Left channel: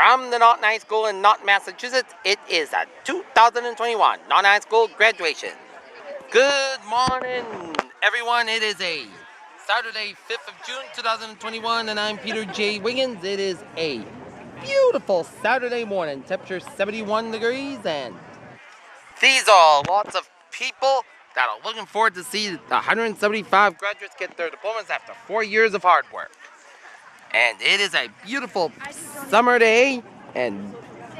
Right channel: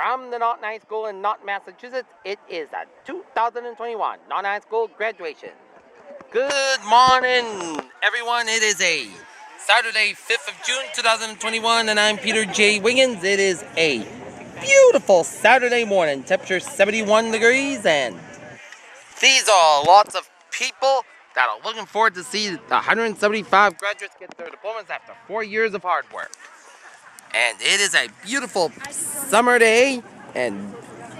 from the Norton High School in Norton, Massachusetts. It is a 2021 Norton High School graduation. Good morning, everyone. It is a Saturday, 5th of June, 2021, and I'm Peter J. Wiggins. It is a beautiful Saturday morning. Temperature 71 degrees, and these are lots of people that are looking forward to see the 175 graduates get their diplomas after 4 years of hard work. And it is a beautiful summer day, and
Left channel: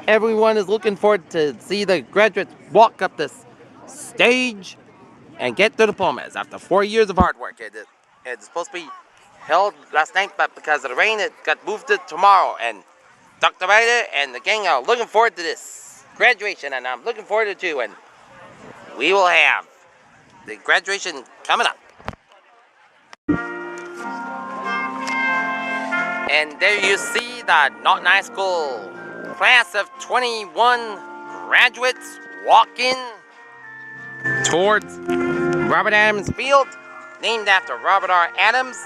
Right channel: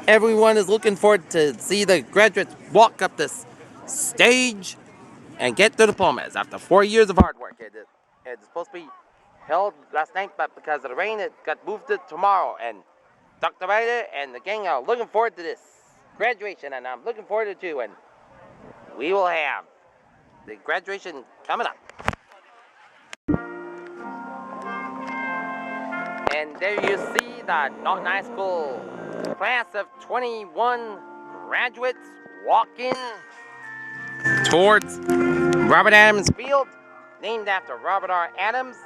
everyone is looking forward to see the graduates walk up this stage and get their diplomas after 4 years of hard work. It's supposed to be held last night, but because of the rain, it got moved to tomorrow. And Dr. Ryder and the gang are looking forward to this graduation, and I'm looking forward to it too. And we will have the graduation coming up. And there you see the Norton High School class of 21 graduates walking towards Robert Adams Field, named after Robert R. Adams,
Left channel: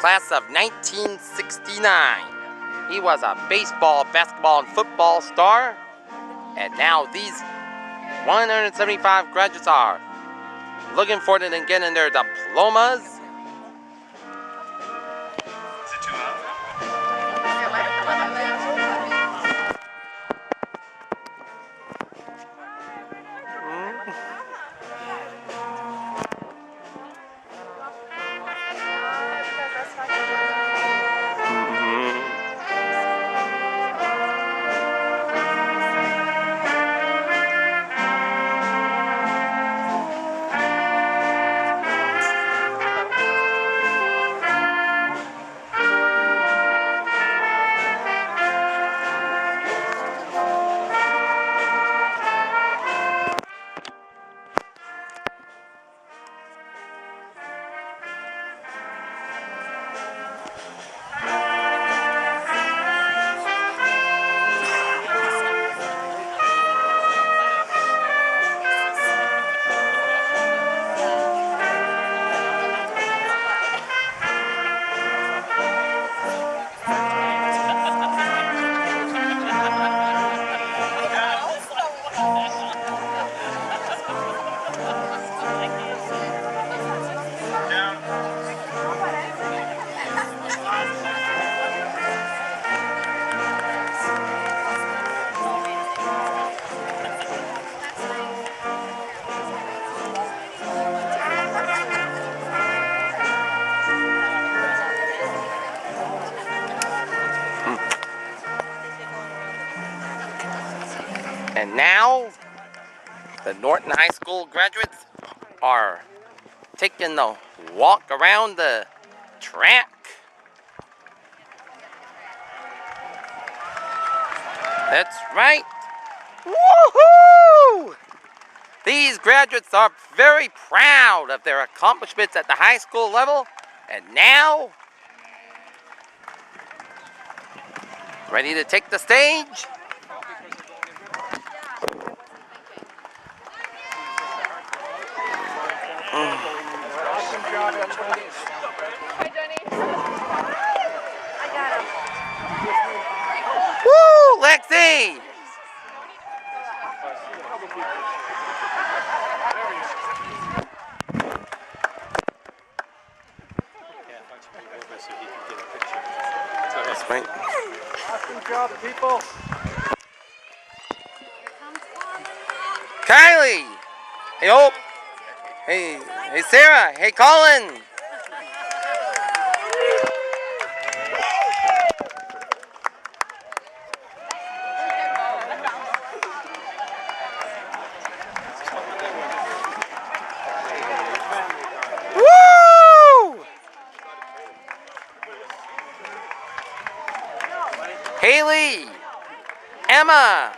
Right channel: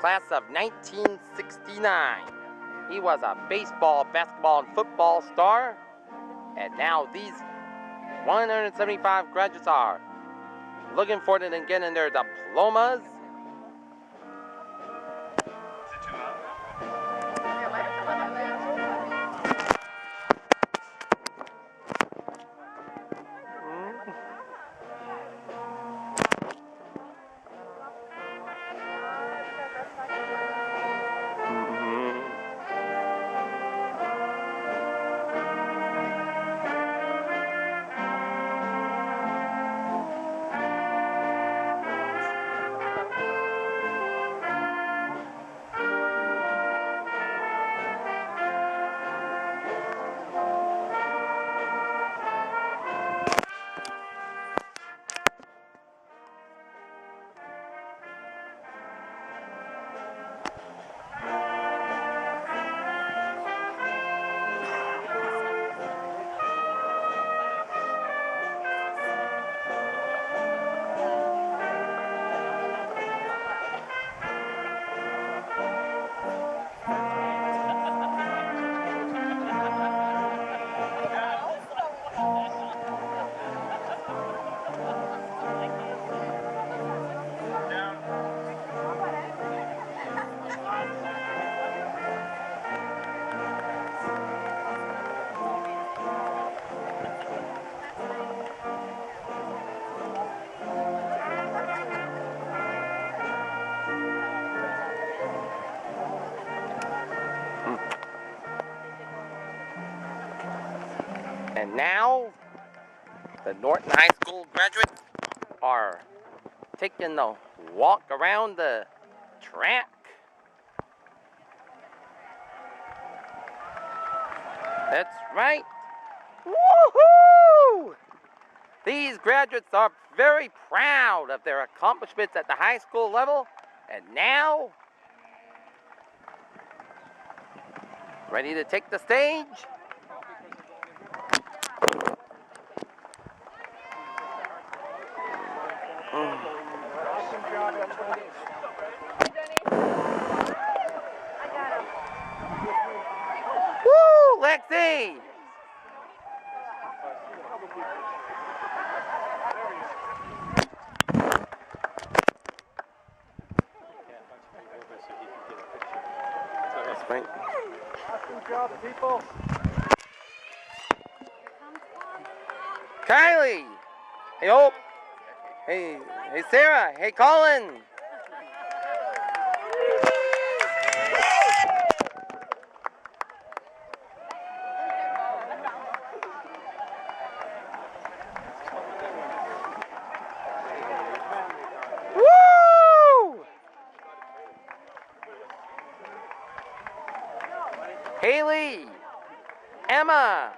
class of 1969. He was a baseball, basketball, and football star, and now these 175 graduates are looking forward to getting their diplomas. And now, the Norton High School graduates are taking the walk around the track. That's right. Woohoo! These graduates are very proud of their accomplishments at the high school level, and now, ready to take the stage. Woo, Lexi! That's right. Awesome job, people. Kylie! Hey, Hope! Hey, Sarah! Hey, Colin! Haley, Emma,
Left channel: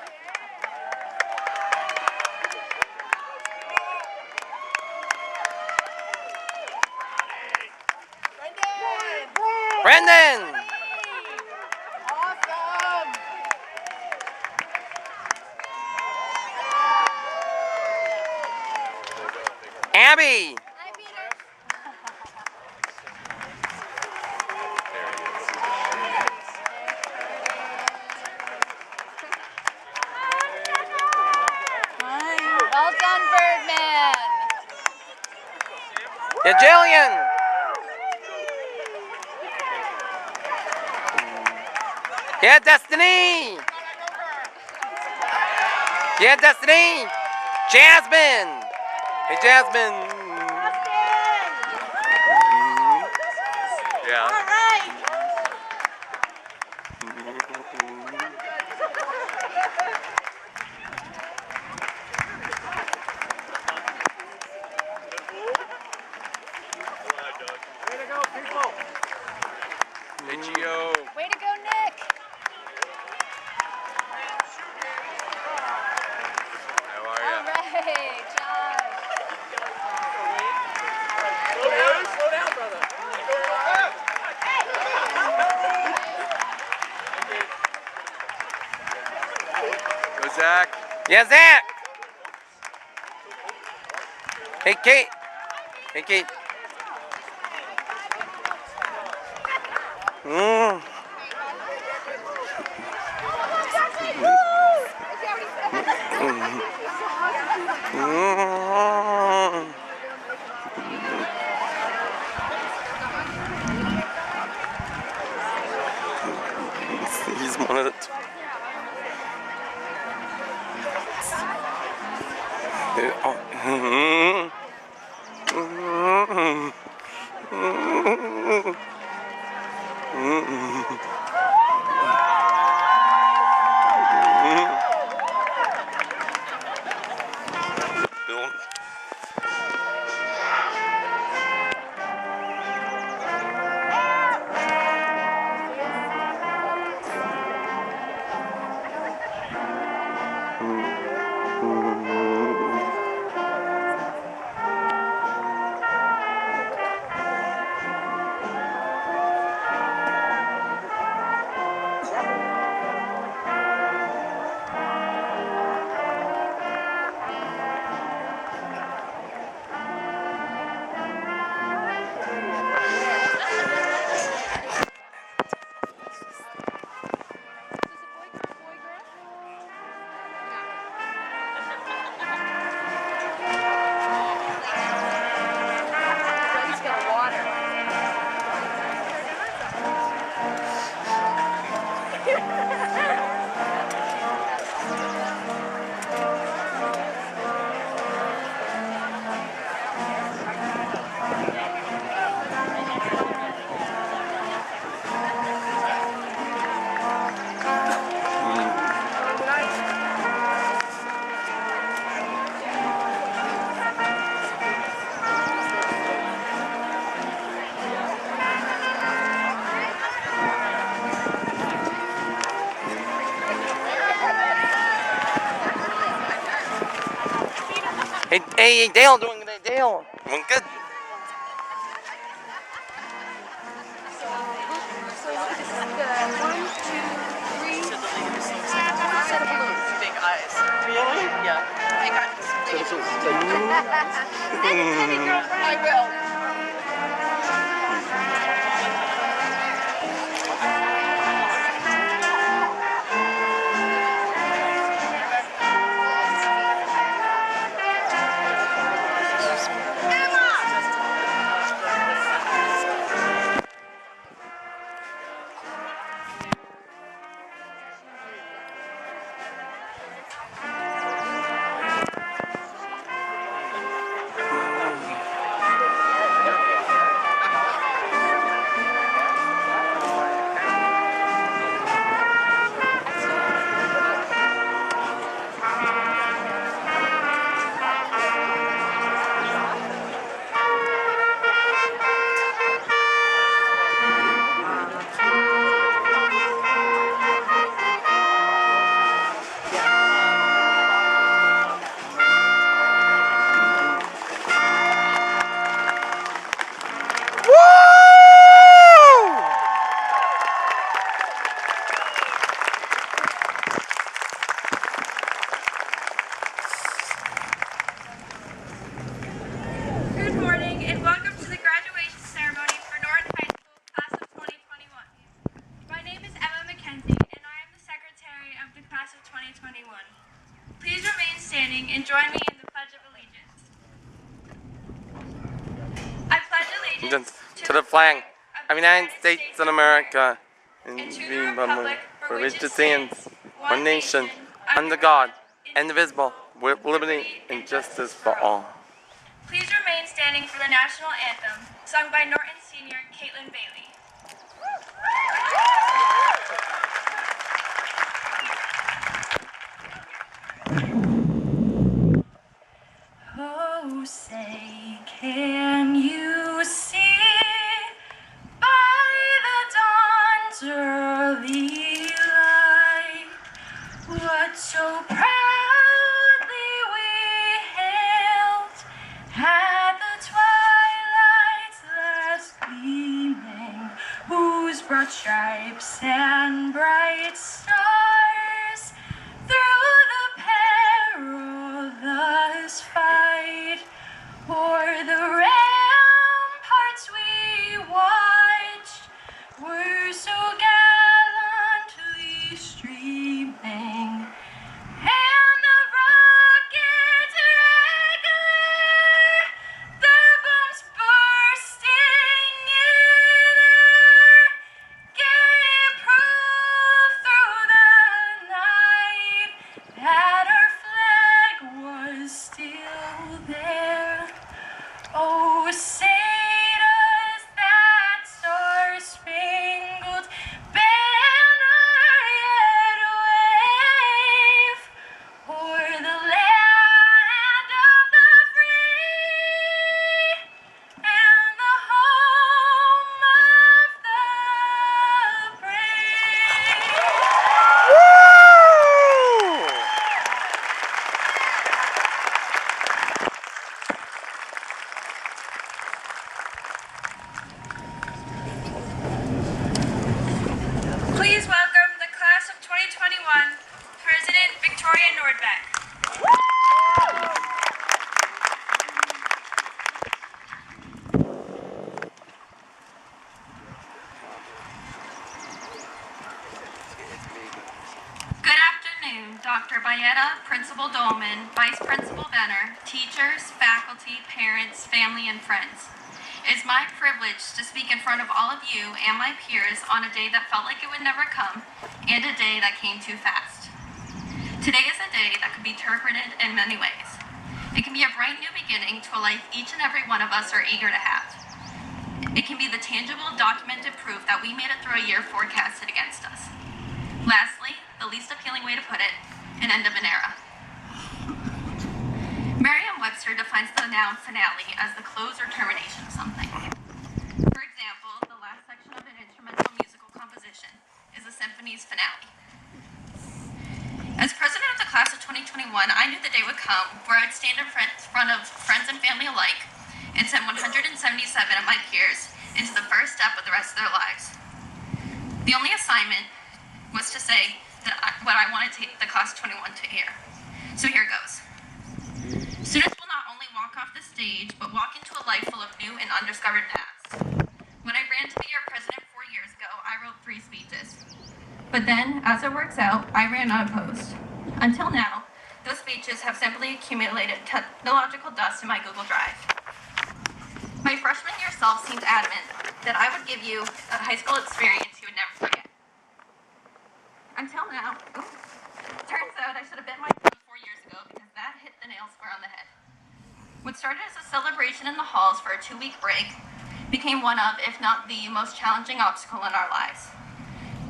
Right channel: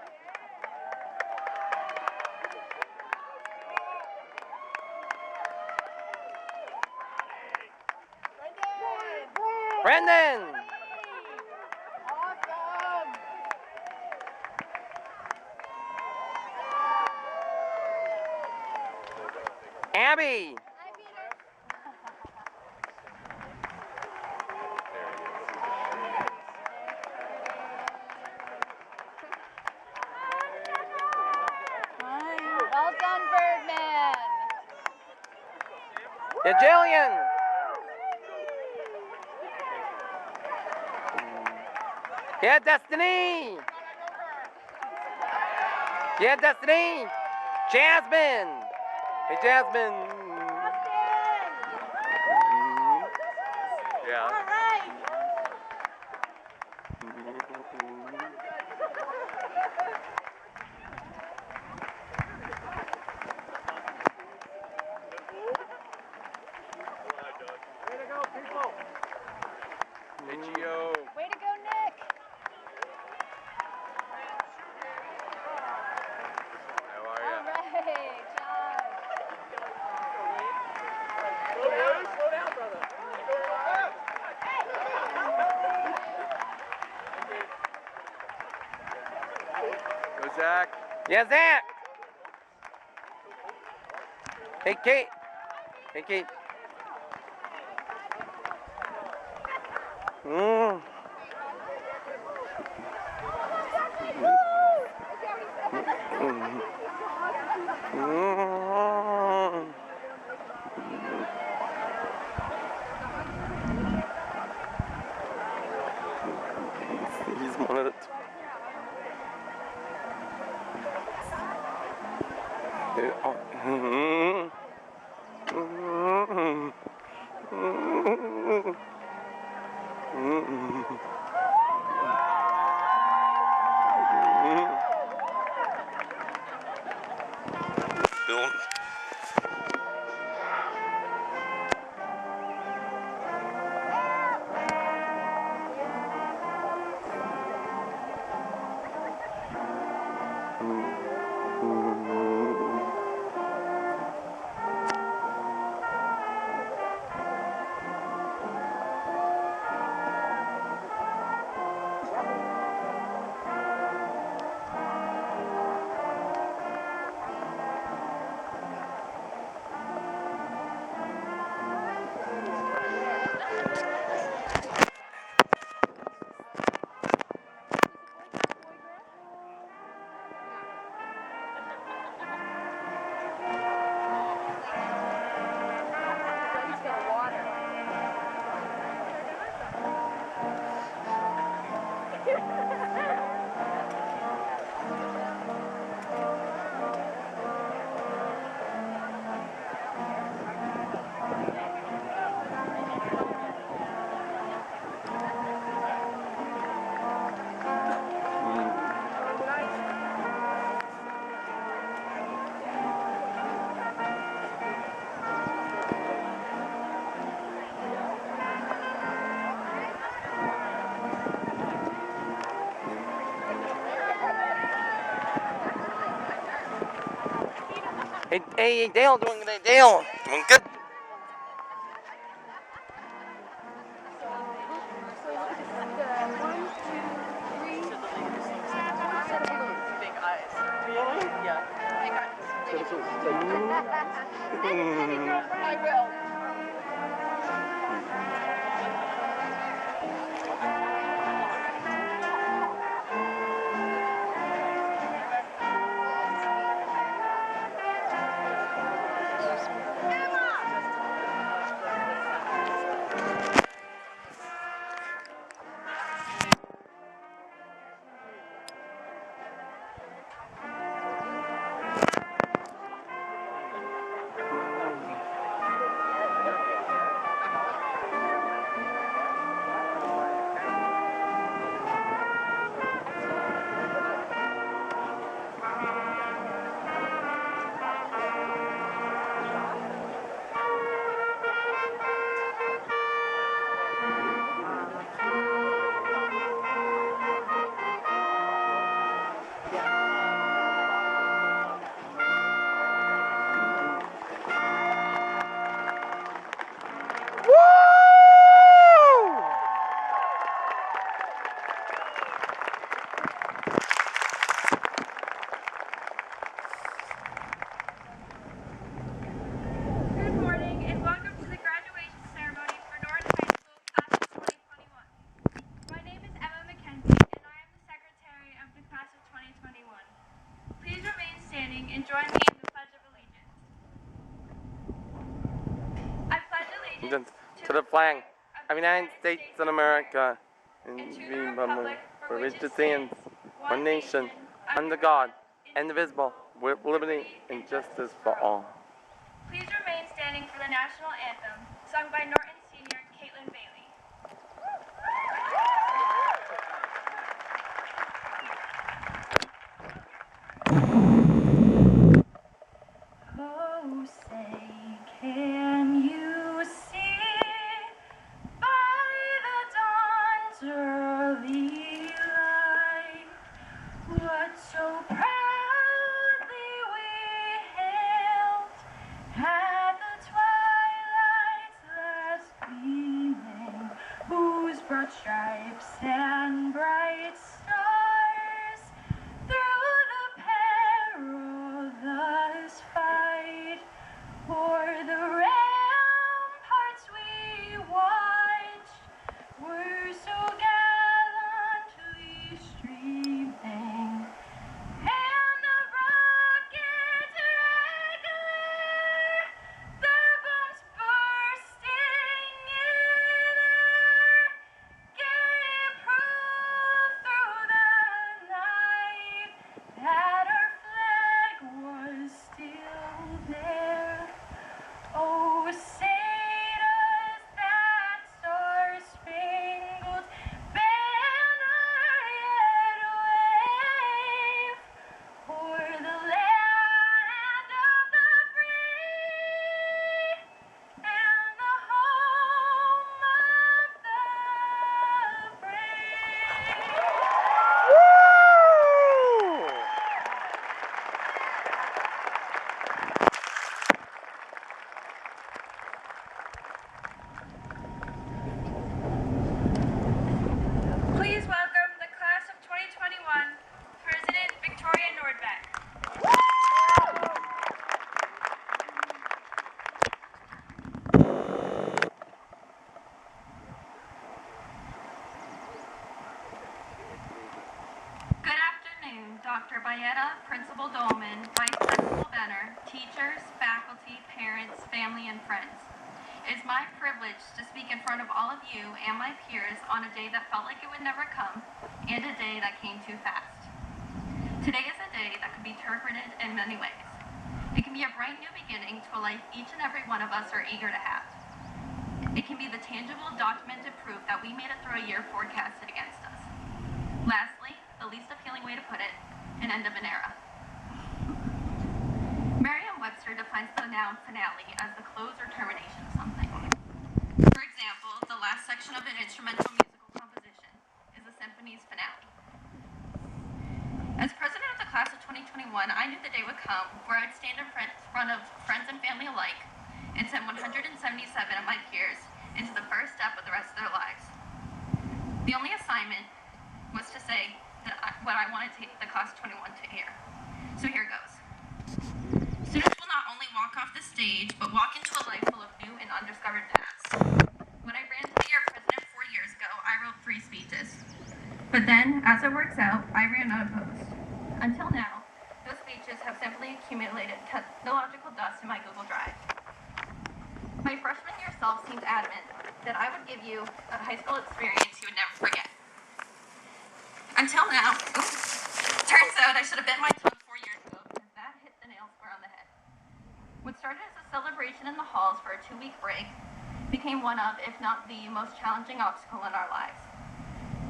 Brendan, Awesome. Abby, Yeah, Jillian. Yeah, Destiny. Yeah, Destiny. Jasmine. Hey, Jasmine. Yeah. All right. Way to go, people. Hey, Gio. Way to go, Nick. How are All ya? right, Josh. Slow down, brother. Go, Zach. Yeah, Zach. Hey, Kate. Hey, Kate. Mm. Mm. He's one of the. Bill. He's got water. Hey, Dale, doing good. Dale, doing good. So this is the 1, 2, 3 set of balloons. Big eyes. Really? Yeah. I got this. Send it to me, girlfriend. I will. to the flag of the United States of America, and to the republic for which it stands, one nation, under God, indivisible, with liberty and justice for all. Please remain standing for the national anthem, sung by Norton Senior Caitlin Bailey. Oh, say, can you see by the dawn's early light what so proudly we hailed at the twilight's last gleaming, whose broad stripes and bright stars through the perilous fight o'er the ramparts we watched were so gallantly streaming, and the rockets regular, the bombs bursting in air, gave proof through the night that our flag was still there. Oh, say does that star-spangled banner yet wave o'er the land of the free and the home of the brave? Please welcome the class of 2021, President Victoria Nordbeck. Good afternoon, Dr. Bayetta, Principal Dolman, Vice Principal Benner, teachers, faculty, parents, family, and friends. It is my privilege to speak in front of all of you and my peers on a day that felt like it would never come, and a day that came too fast. Today is a day that could be interpreted in many ways. It can be a bright new beginning to a life each and every one of us are eager to have. It can be the tangible, documented proof that we made it through a year forecasted against us. Lastly, the least appealing way to put it, an end of an era. Merriam-Webster defines the noun finale as the close or termination of something. For example, the last section of an instrumental musical composition is a symphony's finale. As president of the class of 2021, I knew the day would come where I would stand in front of friends and family alike and send 177 of my peers into the first step of the rest of their lives. The only assignment was to say what I wanted the class of 21 to hear. So here goes. Students will not only walk off the stage, but walk into a life full of new and undiscovered paths. When I ran to be your president 4 years ago, I wrote 3 speeches. But then, as it works out, I ran unopposed. Until now, those speeches have simply accumulated technological dust in my Google Drive. My freshman year self seemed adamant that I would give you a high school experience you would never forget. Until now, turns out I should have bit my tongue 4 years ago because that hit the nail square on the head. What started as a celebration in the halls for a 2-week break became one of, if not the most challenging obstacle in our lives.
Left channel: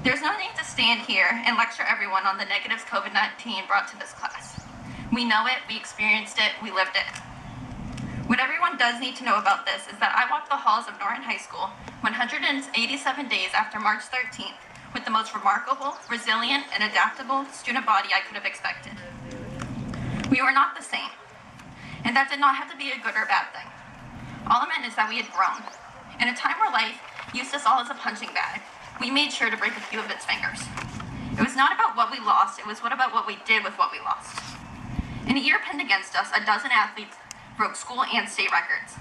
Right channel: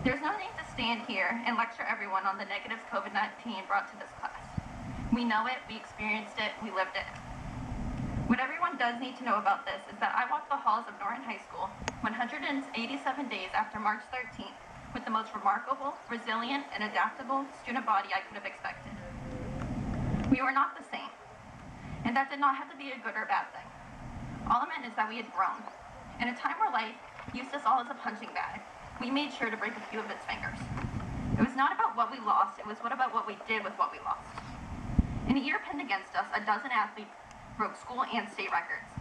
There's no need to stand here and lecture everyone on the negatives COVID-19 brought to this class. We know it, we experienced it, we lived it. What everyone does need to know about this is that I walked the halls of Norton High School 187 days after March 13th with the most remarkable, resilient, and adaptable student body I could have expected. We were not the same, and that did not have to be a good or bad thing. All it meant is that we had grown. In a time where life used us all as a punching bag, we made sure to break a few of its fingers. It was not about what we lost, it was about what we did with what we lost. In a year pinned against us, a dozen athletes broke school and state records.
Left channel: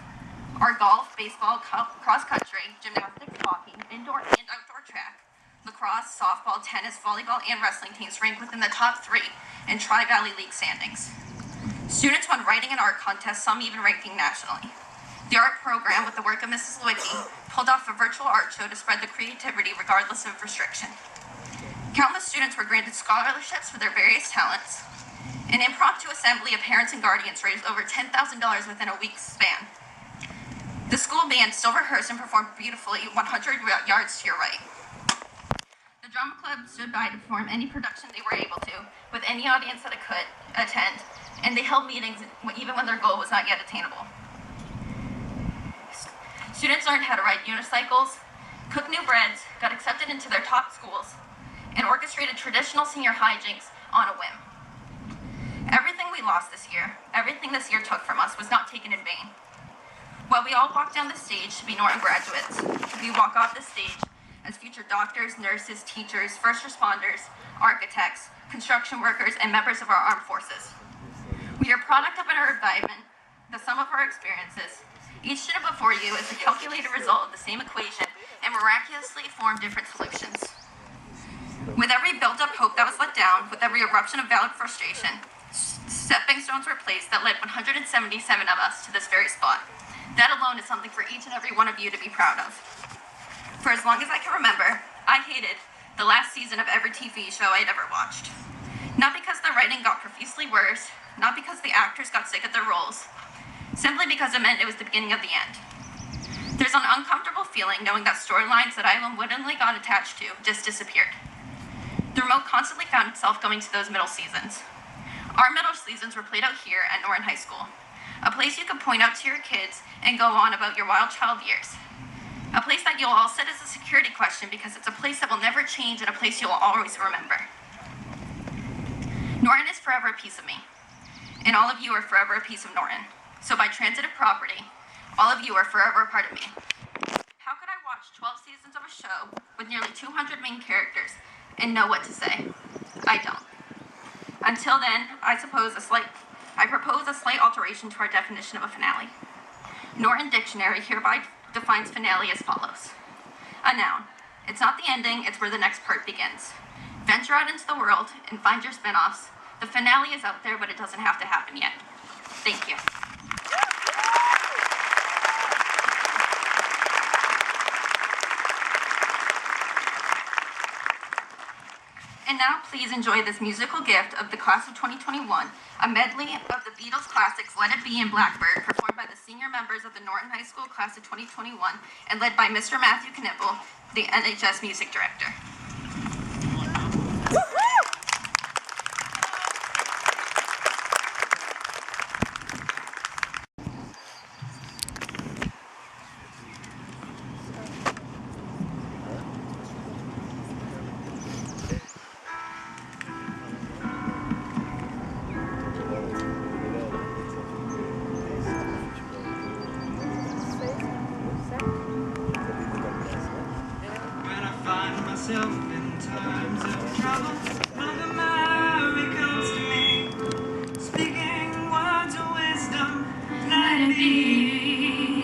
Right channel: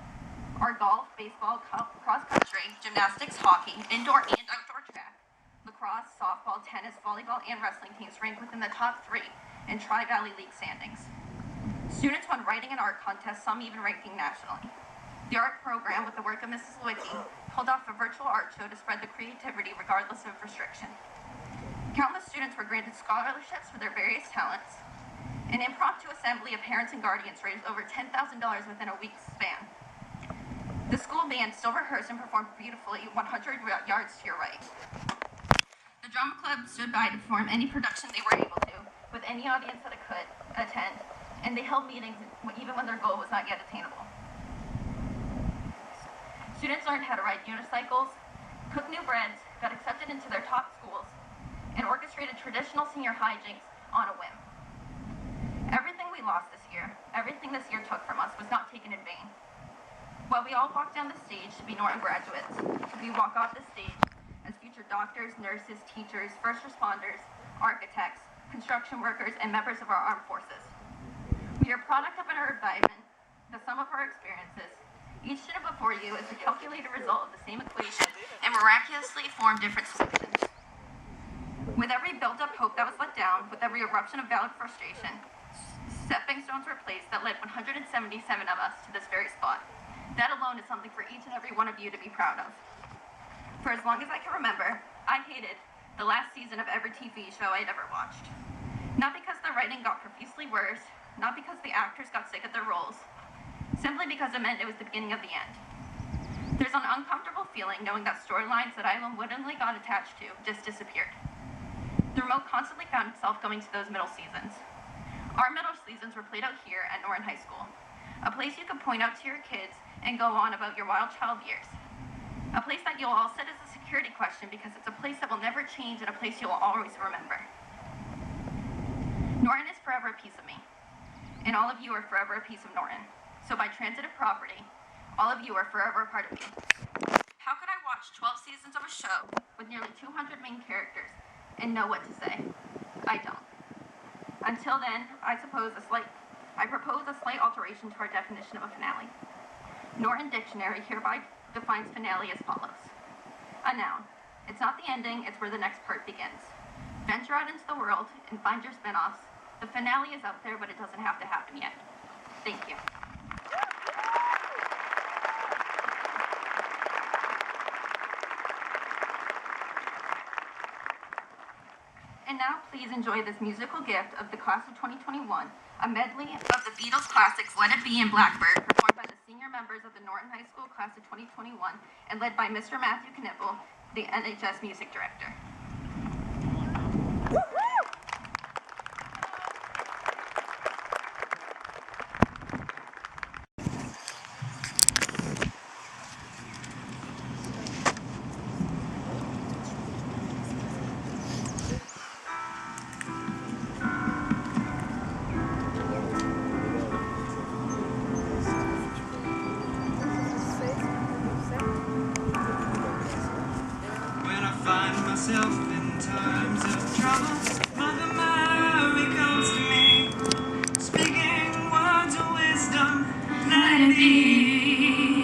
Our golf, baseball, cross-country, gymnastics, hockey, indoor and outdoor track, lacrosse, softball, tennis, volleyball, and wrestling teams ranked within the top 3 in Tri-Valley League standings. Students won writing and art contests, some even ranking nationally. The art program with the work of Mrs. Lewicki pulled off a virtual art show to spread the creativity regardless of restriction. Countless students were granted scholarships for their various talents. An impromptu assembly of parents and guardians raised over $10,000 within a week's span. The school band still rehearsed and performed beautifully 100 yards to your right. The drama club stood by to perform any production they were able to, with any audience that it could attend, and they held meetings even when their goal was not yet attainable. Students learned how to ride unicycles, cook new breads, got accepted into their top schools, and orchestrated traditional senior hijinks on a whim. Everything we lost this year, everything this year took from us was not taken in vain. While we all walk down the stage to be Norton graduates, we walk off the stage as future doctors, nurses, teachers, first responders, architects, construction workers, and members of our armed forces. We are a product of our environment, the sum of our experiences. Each student before you is a calculated result of the same equation and miraculously form different solutions. With every built-up hope that was let down, with every eruption of valid frustration, stepping stones were placed that led 177 of us to this very spot. That alone is something for each and every one of you to be proud of. For as long as I can remember, I hated the last season of every TV show I had ever watched. Not because the writing got profusely worse, not because the actors got sick of their roles, simply because it meant it was the beginning of the end. There's an uncomfortable feeling knowing that storylines that I unwittingly got attached to just disappeared. The remote constantly found itself going to those middle seasons. Our middle seasons were played out here at Norton High School, a place you could point out to your kids and go on about your wild child years. A place that you'll all set as a security question because it's a place that will never change and a place you'll always remember. Norton is forever a piece of me, and all of you are forever a piece of Norton. So by transitive property, all of you are forever a part of me. How could I watch 12 seasons of a show with nearly 200 main characters and know what to say? I don't. Until then, I propose a slight alteration to our definition of a finale. Norton Dictionary hereby defines finale as follows. A noun. It's not the ending, it's where the next part begins. Venture out into the world and find your spin-offs. The finale is out there, but it doesn't have to happen yet. Thank you. And now please enjoy this musical gift of the class of 2021, a medley of the Beatles classics Let It Be and Blackbird, performed by the senior members of the Norton High School class of 2021 and led by Mr. Matthew Knipple, the NHS music director. Myself in times of trouble, Mother Mary comes to me, speaking words of wisdom, let it be.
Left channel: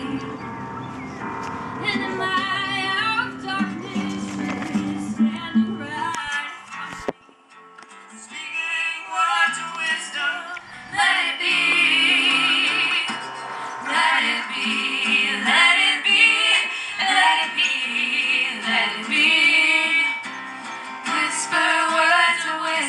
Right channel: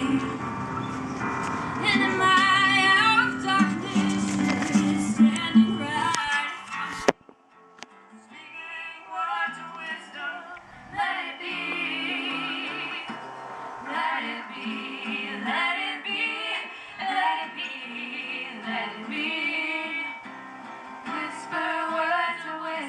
And in my hour of darkness, she's standing right in front of me, speaking words of wisdom, let it be. Let it be, let it be, let it be, let it be. Whisper words of wisdom.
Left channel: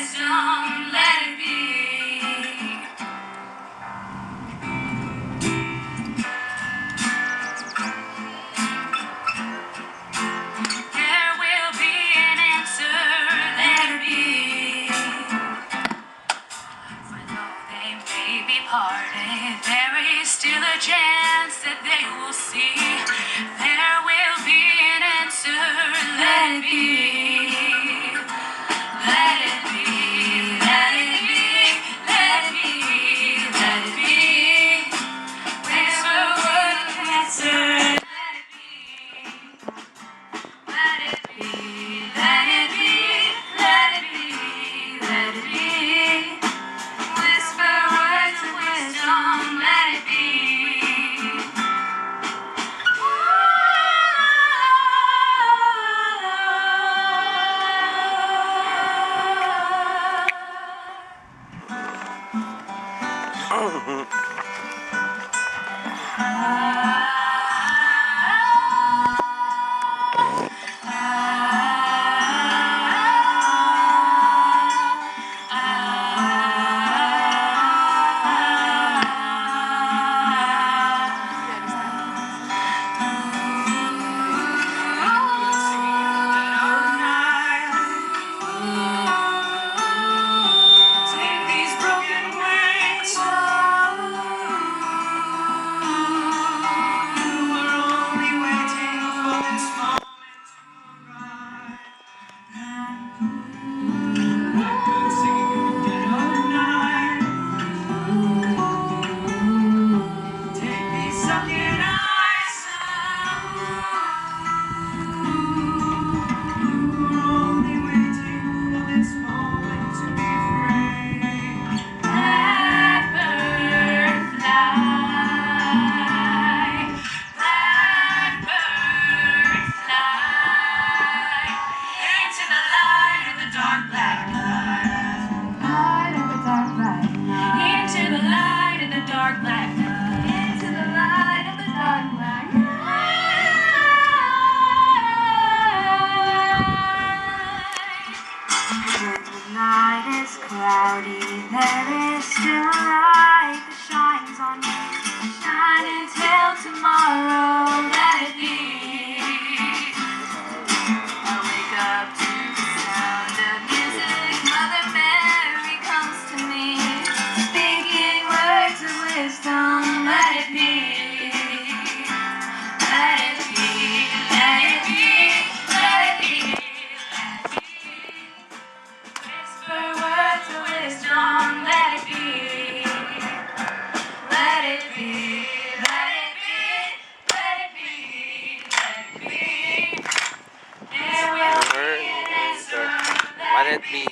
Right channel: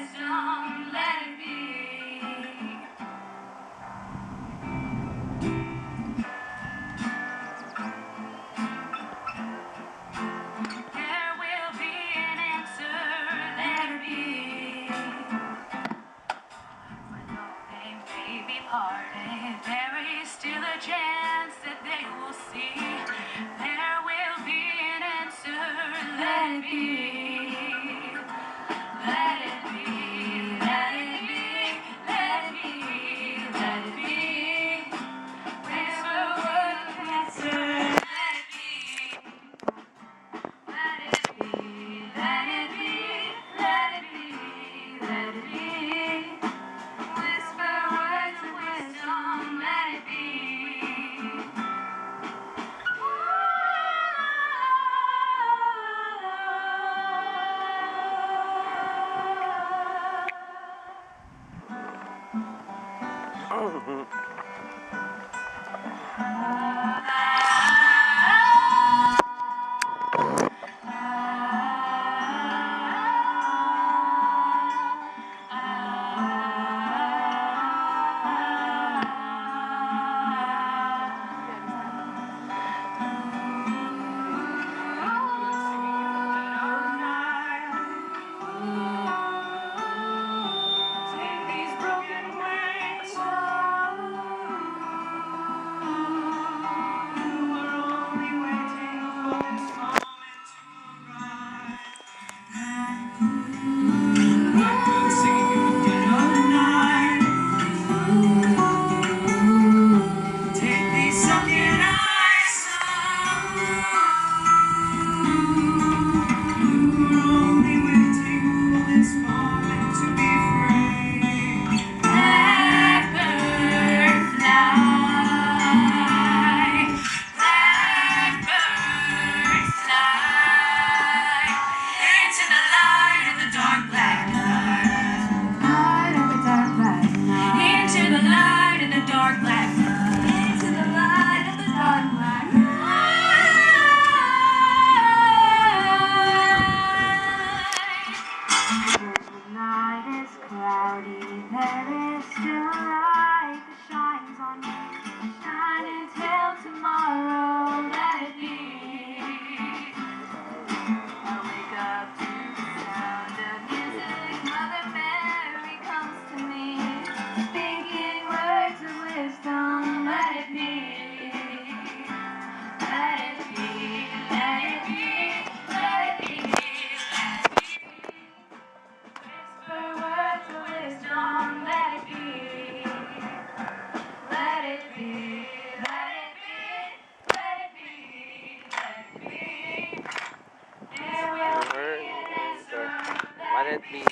it be.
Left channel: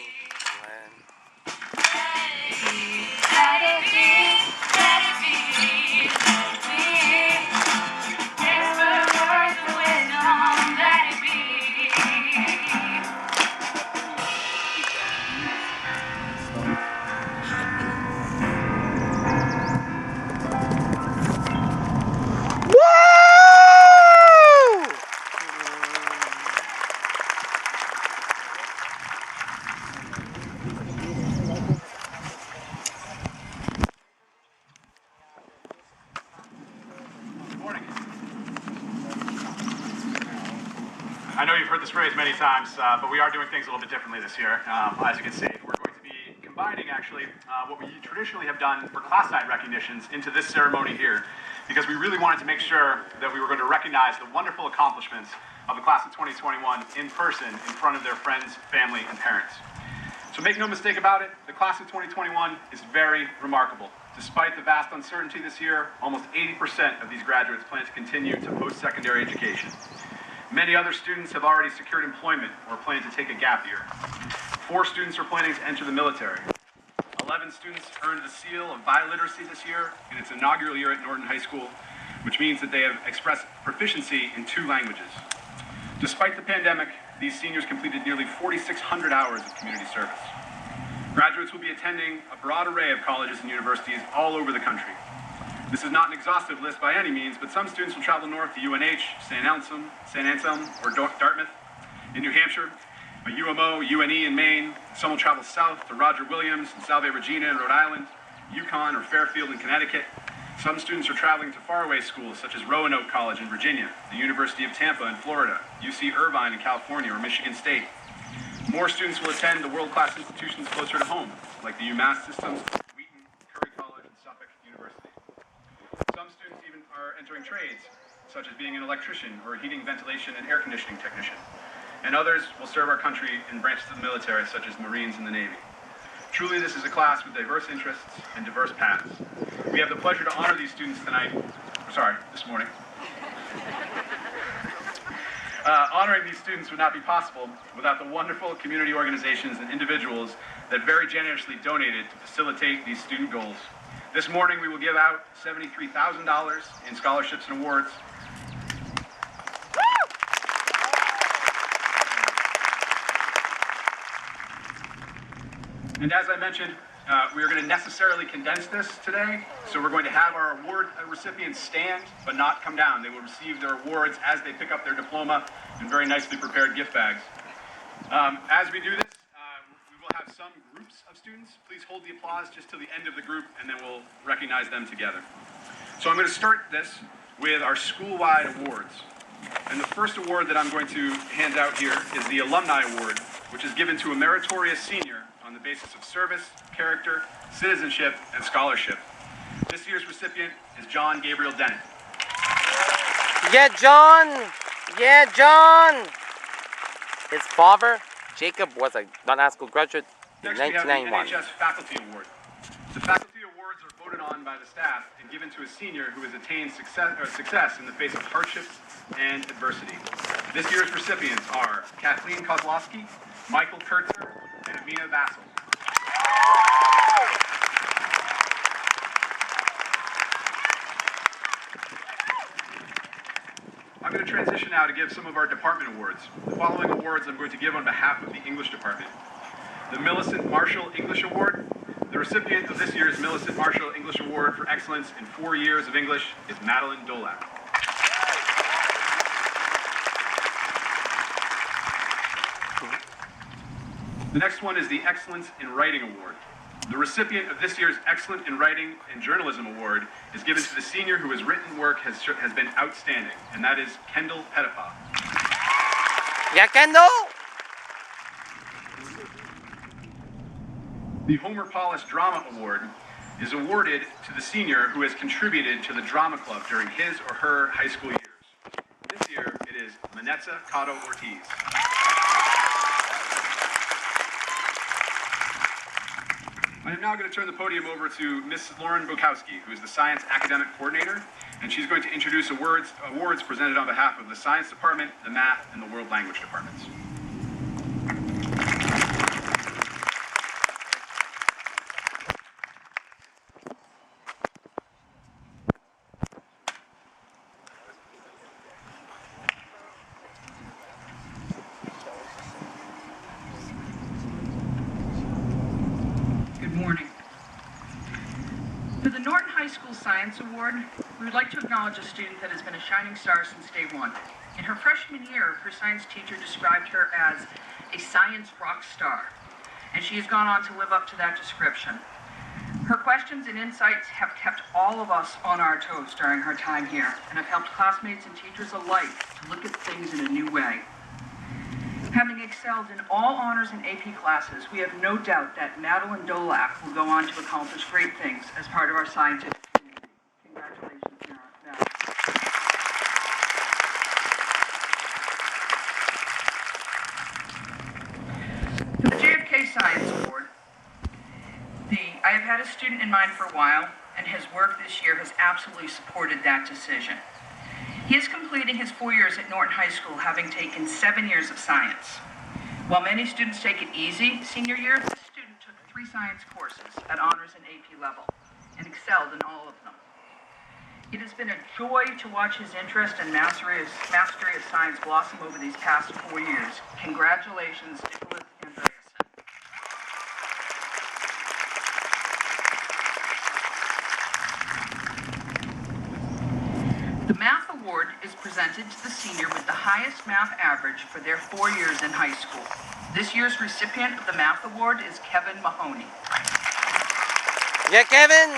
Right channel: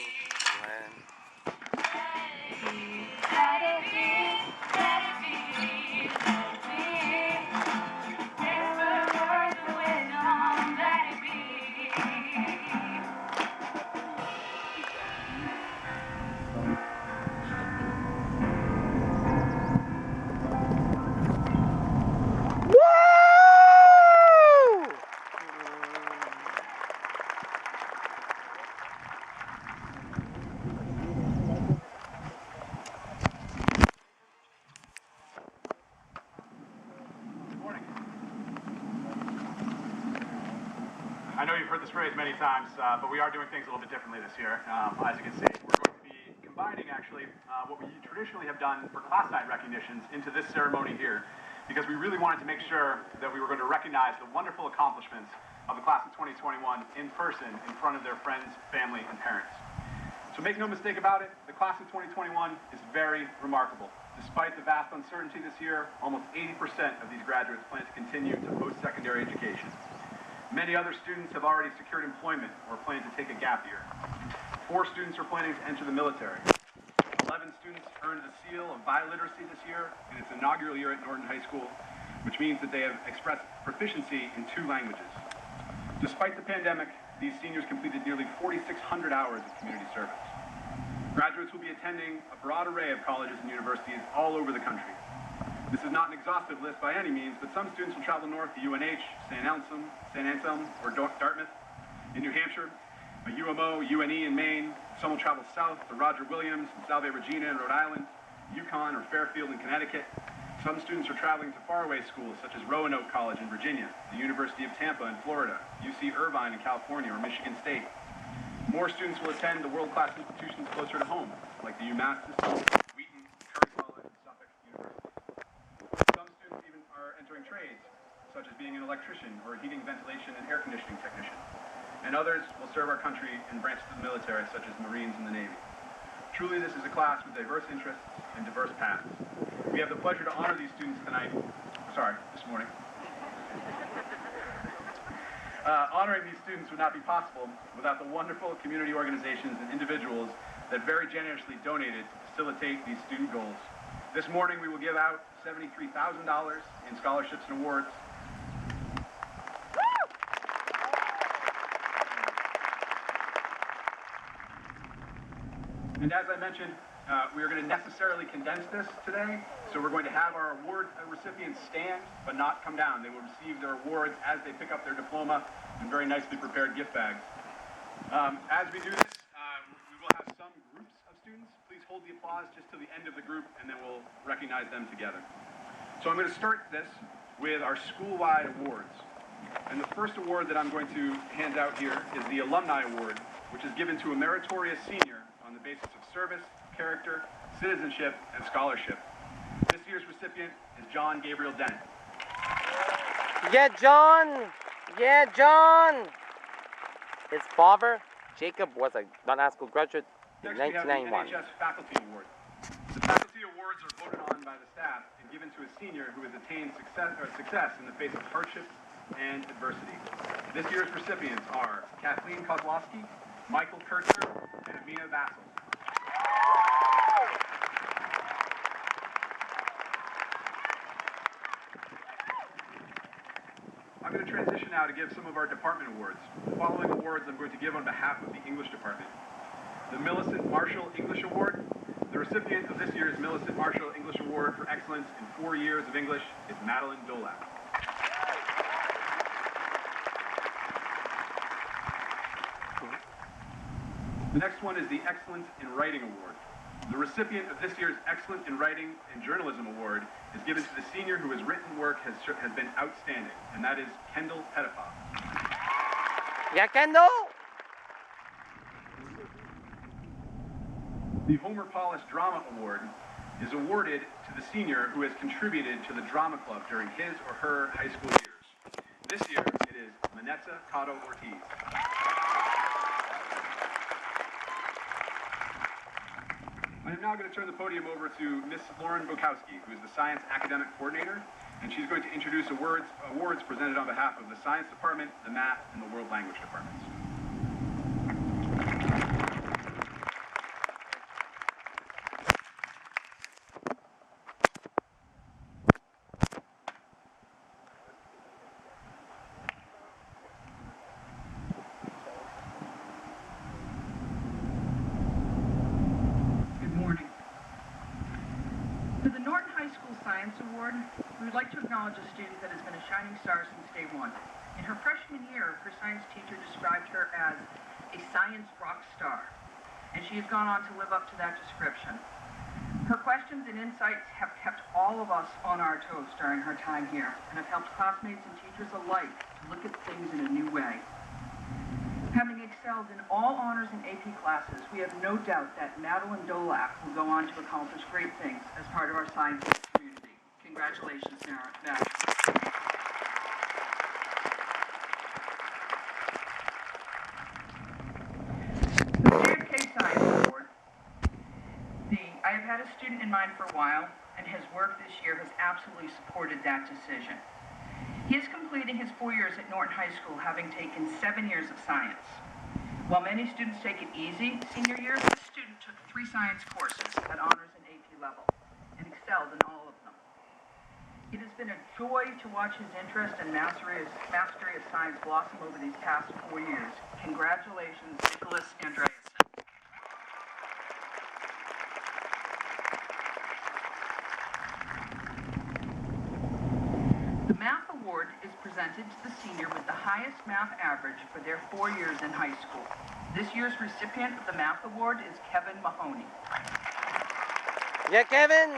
When I know you've heard this phrase many times, but we are doing things a little bit differently this year. As you can see, we're going to be combining actually what we traditionally have done for class night recognitions into this ceremony here, because we really wanted to make sure that we were going to recognize the wonderful accomplishments of the class of 2021 in person in front of their friends, family, and parents. So make no mistake about it, the class of 2021 is very remarkable. Despite the vast uncertainty this year, almost 80% of these graduates plan to continue to post-secondary education. Many other students have already secured employment or plan to take a gap year. 4 students are planning to enter the military. 11 students earned the seal of biliteracy this year in its inaugural year at Norton High School, which means that they have expressed proficiency in 2 languages. Despite the pandemic, these seniors completed nearly 4,600 hours of community service. Graduates will be attending a broad array of colleges and universities all over the country. This is not an exhaustive list by any means, but some students will travel north to UNH, St. Anselm, or Dartmouth in New Hampshire, UMO, UNE in Maine. Some will travel south to Roger Williams and Salve Regina in Rhode Island, Yukon or Fairfield in Connecticut. Some students are traveling to faraway schools such as Roanoke College in Virginia, the University of Tampa in Florida, UC Irvine in California, or Michigan State. More students will attend the world-class institutions closer to home, like the UMass system, Wheaton, Curry College, and Suffolk University. Some students even are entering trades, such as being an electrician or a heating, ventilation, and air conditioning technician. And others will serve our country in branches of the military, such as Marines and the Navy. Truly, this is a class with diverse interests and diverse paths. We have the pleasure to honor these students this morning. Honoring these students would not be possible without the wonderful community organizations and individuals that very generously donated to facilitate these student goals. This morning, we will give out $73,000 in scholarships and awards. And as I mentioned, we are going to necessarily condense this today, so we're going to have our award recipients stand, but not come down. They will receive their awards as they pick up their diploma in very nicely prepared gift bags. As we do this, we will have some groups of students. Please hold the applause just till the end of the group, and then we'll recognize them together. So I'm going to start this with our school-wide awards. And the first award that I'm going to hand out here is the Alumni Award, which is given to a meritorious senior on the basis of service, character, citizenship, and scholarship. This year's recipient is John Gabriel Dennett. yeah, John! Yeah, John! His father, Jacob, was a Norton High School graduate in Next, we have the 1991. NHS Faculty Award. The faculty awards are voted on by the staff and given to a senior who has attained success in the face of hardships and adversity. This year's recipients are Kathleen Kozlowski, Michael Kurtzer, and Miaa Awards. I'm going to transition now to give some of our department awards. The following awards I'm going to give on behalf of the English department. The Millicent Marshall English Award. The recipient of this year's Millicent Marshall English Award for excellence in 4 years of English is Madeline Dolak. The next one is the Excellence in Writing Award. The recipient of this year's Excellent in Writing and Journalism Award is given to the senior whose written work has been outstanding, and that is Kendall Pettipaw. Yeah, Kendall! The Homer Paulus Drama Award is awarded to the senior who has contributed to the drama club during his or her high school years. This year, it is Manetza Cotto Ortiz. I am now going to turn the podium over to Ms. Lauren Bukowski, who is the Science Academic Coordinator, and she's going to introduce awards presented on behalf of the Science Department, the Math, and the World Language Departments. High School Science Award, we would like to acknowledge a student that has been a shining star since day one. In her freshman year, her science teacher described her as a science rock star, and she has gone on to live up to that description. Her questions and insights have kept all of us on our toes during her time here, and have helped classmates and teachers alike to look at things in a new way. Having excelled in all honors and AP classes, we have no doubt that Madeline Dolak will go on to accomplish great things as part of our scientific community. Congratulations, Madeline. For the Jfk Science Award, I have had a student in mind for a while, and his work this year has absolutely supported that decision. He is completing his 4 years at Norton High School, having taken 7 years of science. While many students take it easy senior year, this student took 3 science courses at honors and AP level and excelled in all of them. It has been a joy to watch his interest and mastery of science blossom over these past 4 years. Congratulations, Nicholas Andreasen. The Math Award is presented to the senior with the highest math average for their 4 years in high school. This year's recipient of the Math Award is Kevin Mahoney. Yeah, Kevin!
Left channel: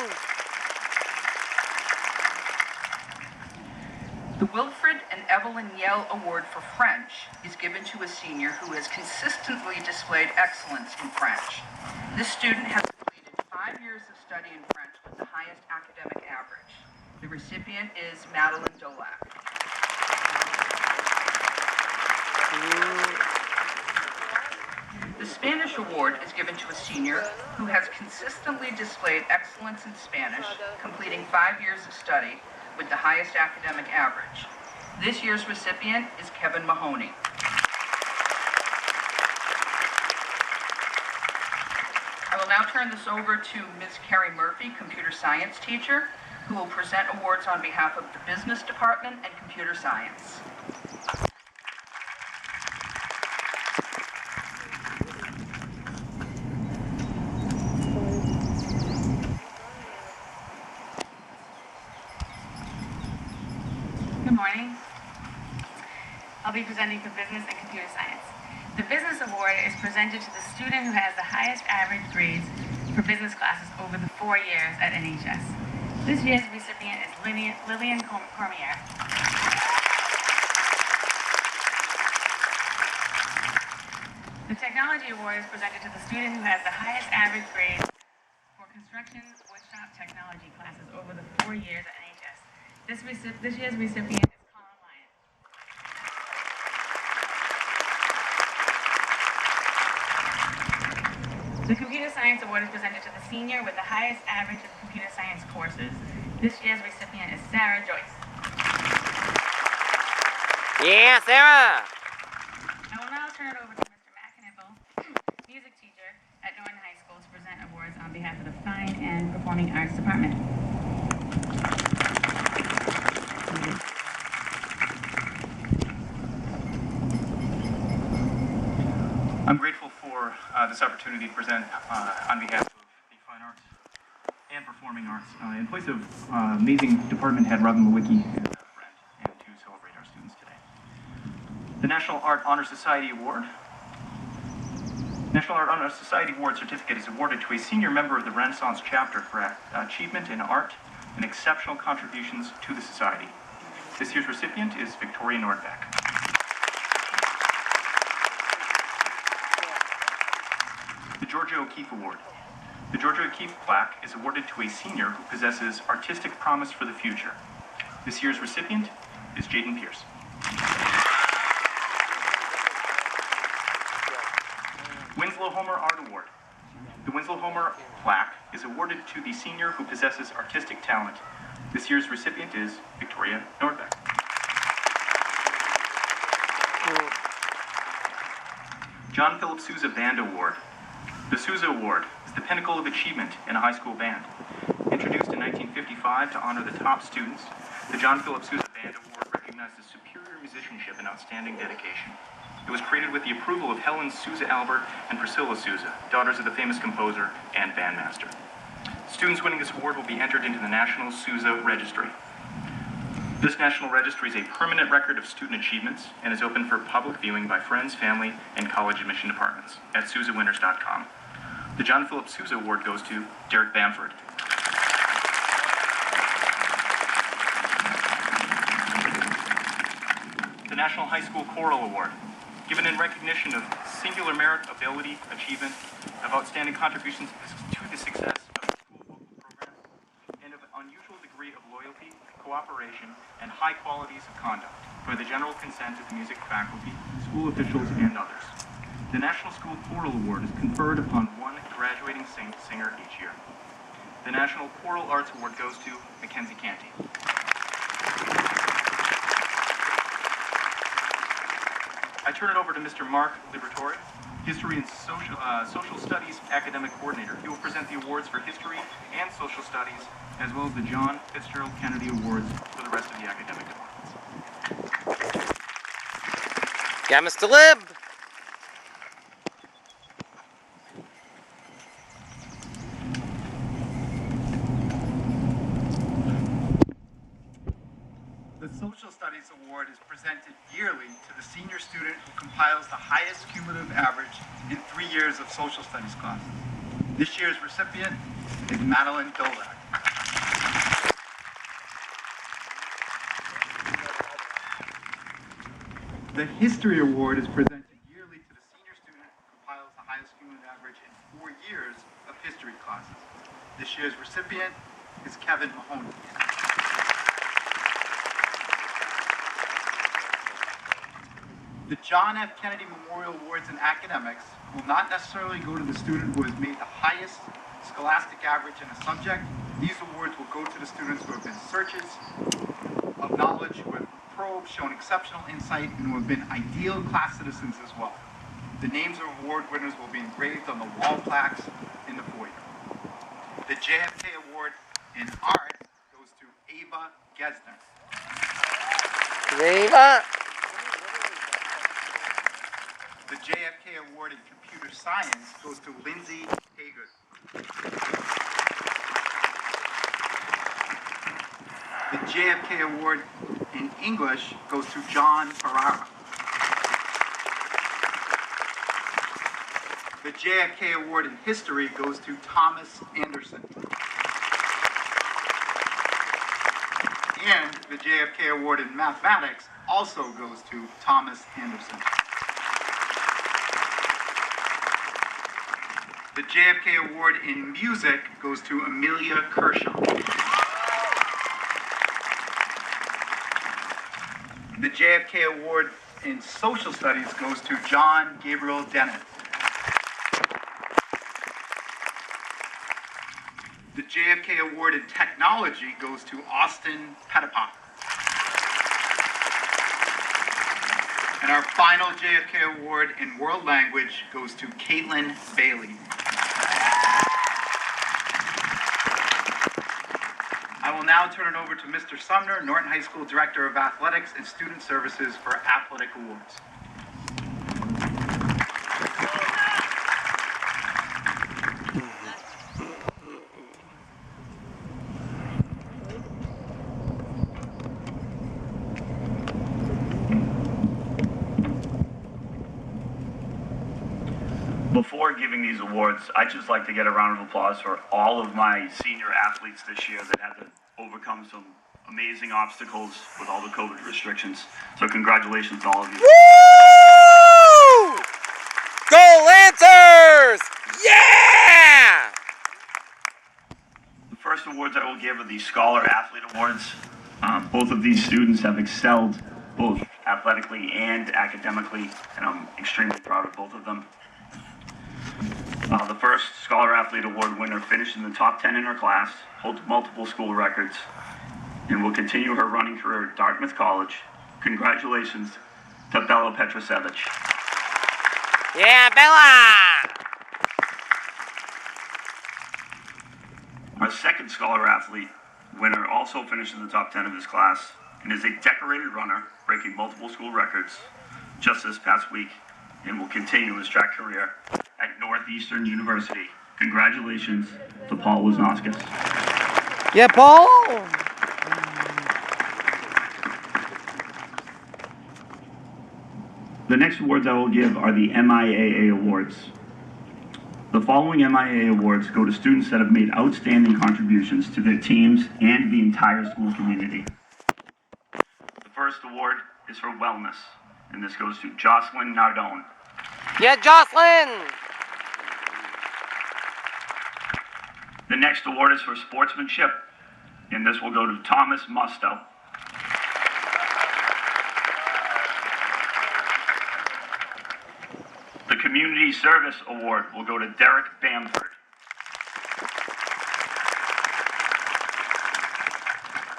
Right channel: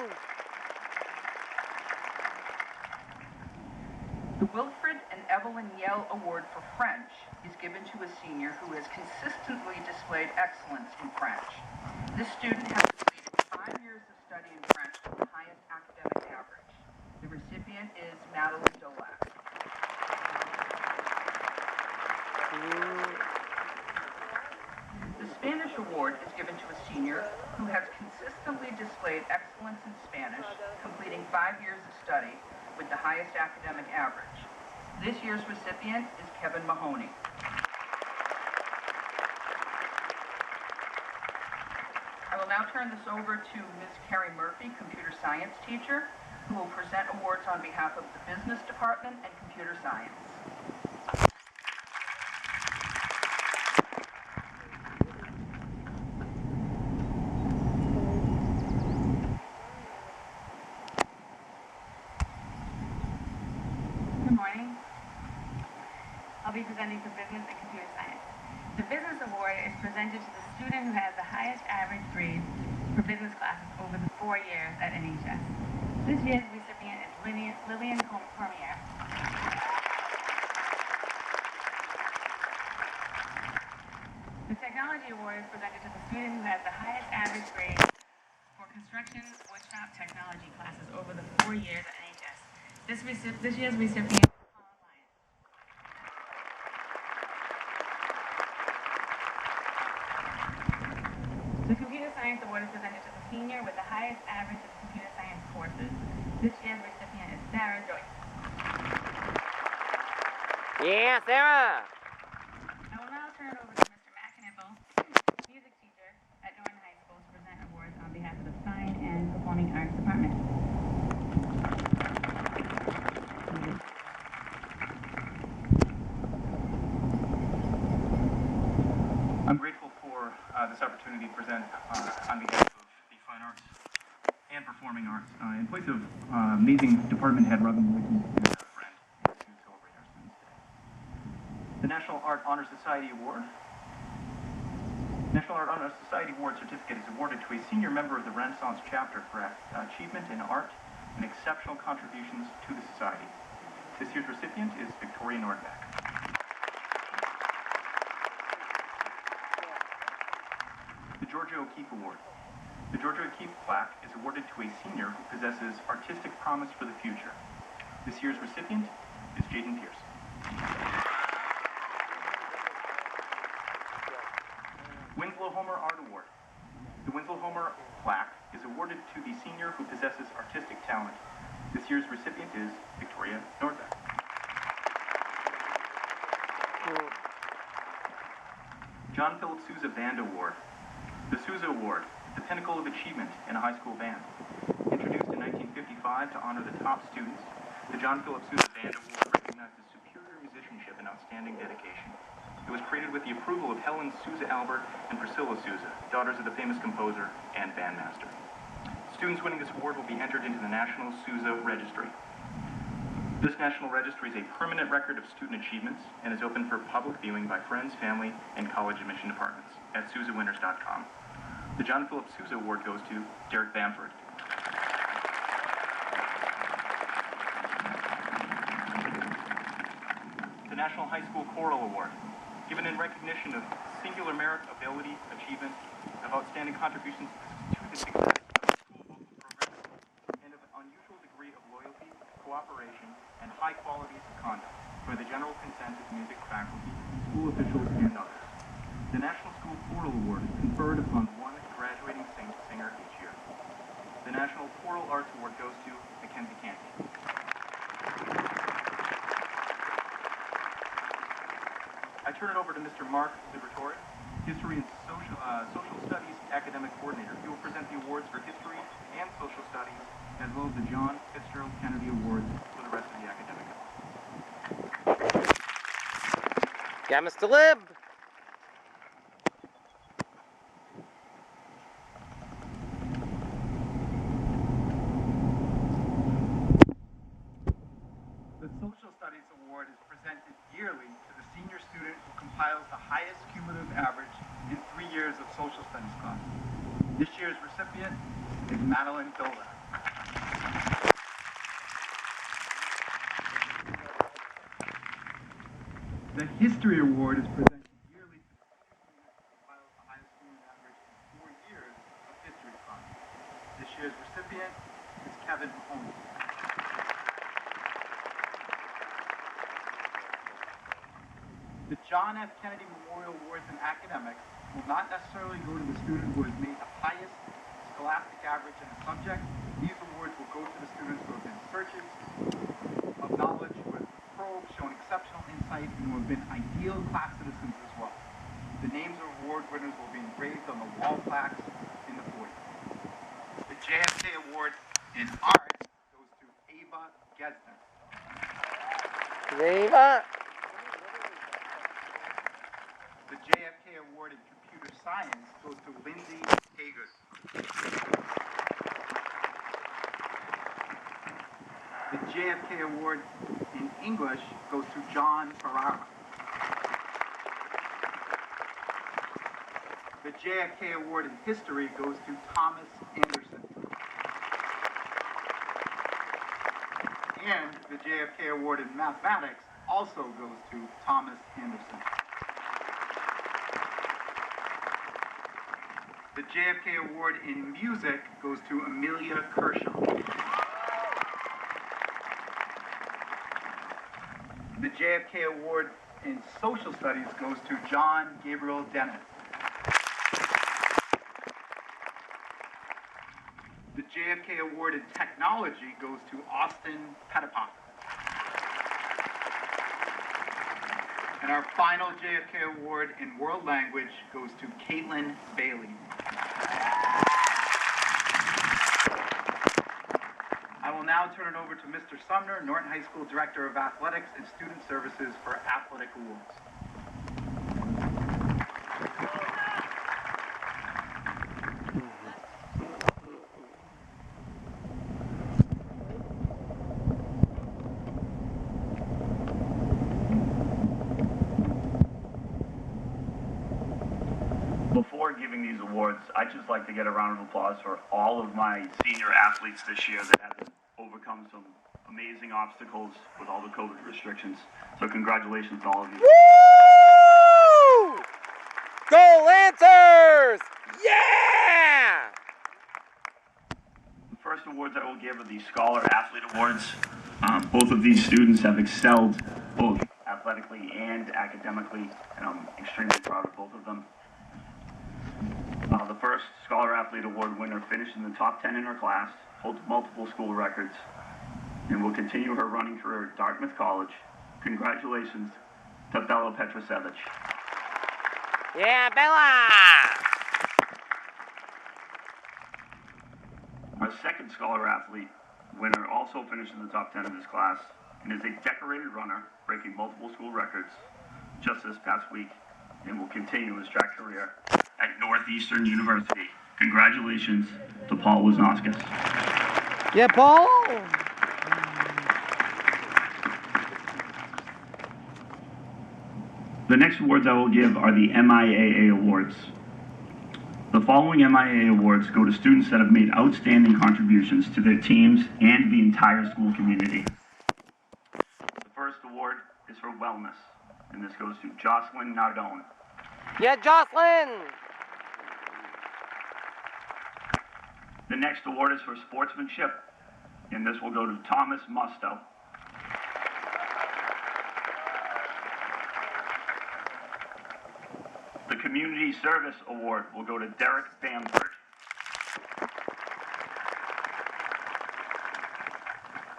The Wilfred and Evelyn Yell Award for French is given to a senior who has consistently displayed excellence in French. This student has completed 5 years of study in French with the highest academic average. The recipient is Madeline Dolak. The Spanish Award is given to a senior who has consistently displayed excellence in Spanish, completing 5 years of study with the highest academic average. This year's recipient is Kevin Mahoney. I will now turn this over to Ms. Carrie Murphy, computer science teacher, who will present awards on behalf of the Business Department and Computer Science. Good morning. I'll be presenting for Business and Computer Science. The Business Award is presented to the student who has the highest average grades for business classes over the 4 years at NHS. This year's recipient is Lillian Cormier. The Technology Award is presented to the student who has the highest average grade for construction woodshop technology classes over the 4 years at NHS. This year's recipient is Colin Lyon. The Computer Science Award is presented to the senior with the highest average of computer science courses. This year's recipient is Sarah Joyce. Yeah, Sarah! I will now turn it over to Mr. Matt Knipple, music teacher at Norton High School, to present awards on behalf of the Fine and Performing Arts Department. I'm grateful for this opportunity to present on behalf of the Fine Arts and Performing Arts in place of amazing department head Robin Lewicki and a friend, and to celebrate our students today. The National Art Honor Society Award. National Art Honor Society Award certificate is awarded to a senior member of the Renaissance chapter for achievement in art and exceptional contributions to the society. This year's recipient is Victoria Nordbeck. The Georgia O'Keeffe Award. The Georgia O'Keeffe plaque is awarded to a senior who possesses artistic promise for the future. This year's recipient is Jaden Pierce. Winslow Homer Art Award. The Winslow Homer plaque is awarded to the senior who possesses artistic talent. This year's recipient is Victoria Nordbeck. John Philip Sousa Band Award. The Sousa Award is the pinnacle of achievement in a high school band. Introduced in 1955 to honor the top students, the John Philip Sousa Band Award recognizes superior musicianship and outstanding dedication. It was created with the approval of Helen Sousa Albert and Priscilla Sousa, daughters of the famous composer and bandmaster. Students winning this award will be entered into the National Sousa Registry. This national registry is a permanent record of student achievements and is open for public viewing by friends, family, and college admission departments at sousawinners.com. The John Philip Sousa Award goes to Derek Bamford. The National High School Choral Award, given in recognition of singular merit, ability, achievement, of outstanding contributions to the success of the school vocal programs, and of an unusual degree of loyalty, cooperation, and high qualities of conduct by the general consent of the music faculty, school officials, and others. The National School Choral Award is conferred upon one graduating singer each year. The National Choral Arts Award goes to Mackenzie Canty. I turn it over to Mr. Mark Liberatore, History and Social Studies Academic Coordinator. He will present the awards for History and Social Studies, as well as the John Fitzgerald Kennedy Awards for the rest of the academic departments. Yeah, Mr. Lib. The Social Studies Award is presented yearly to the senior student who compiles the highest cumulative average in 3 years of social studies classes. This year's recipient is Madeline Dolak. The History Award is presented yearly to the senior student who compiles the highest cumulative average in 4 years of history classes. This year's recipient is Kevin Mahoney. The John F. Kennedy Memorial Awards in Academics will not necessarily go to the student who has made the highest scholastic average in a subject. These awards will go to the students who have been searches of knowledge, who have probed, shown exceptional insight, and who have been ideal class citizens as well. The names of award winners will be engraved on the wall plaques in the foyer. The JFK Award in Art goes to Ava Gesner. Ava. The JFK Award in Computer Science goes to Lindsay Haygood. The JFK Award in English goes to John Ferrara. The JFK Award in History goes to Thomas Anderson. And the JFK Award in Mathematics also goes to Thomas Anderson. The JFK Award in Music goes to Amelia Kershaw. The JFK Award in Social Studies goes to John Gabriel Dennett. The JFK Award in Technology goes to Austin Pettipa. And our final JFK Award in World Language goes to Caitlin Bailey. I will now turn it over to Mr. Sumner, Norton High School Director of Athletics and Student Services for Athletic Awards. Before giving these awards, I'd just like to get a round of applause for all of my senior athletes this year that had to overcome some amazing obstacles with all the COVID restrictions. So congratulations to all of you. Woo! Go Lancers! Yeah! The first awards I will give are the Scholar Athlete Awards. Both of these students have excelled both athletically and academically, and I'm extremely proud of both of them. The first Scholar Athlete Award winner finished in the top 10 in her class, holds multiple school records, and will continue her running career at Dartmouth College. Congratulations to Bella Petrosevich. Yeah, Bella! Our second Scholar Athlete winner also finished in the top 10 of his class and is a decorated runner, breaking multiple school records just this past week, and will continue his track career at Northeastern University. Congratulations to Paul Wisnauskas. Yeah, Paul. The next awards I will give are the Miaa Awards. The following Miaa Awards go to students that have made outstanding contributions to their teams and the entire school community. The first award is for wellness, and this goes to Jocelyn Nardone. Yeah, Jocelyn. The next award is for sportsmanship, and this will go to Thomas Musto. The Community Service Award will go to Derek Bamford.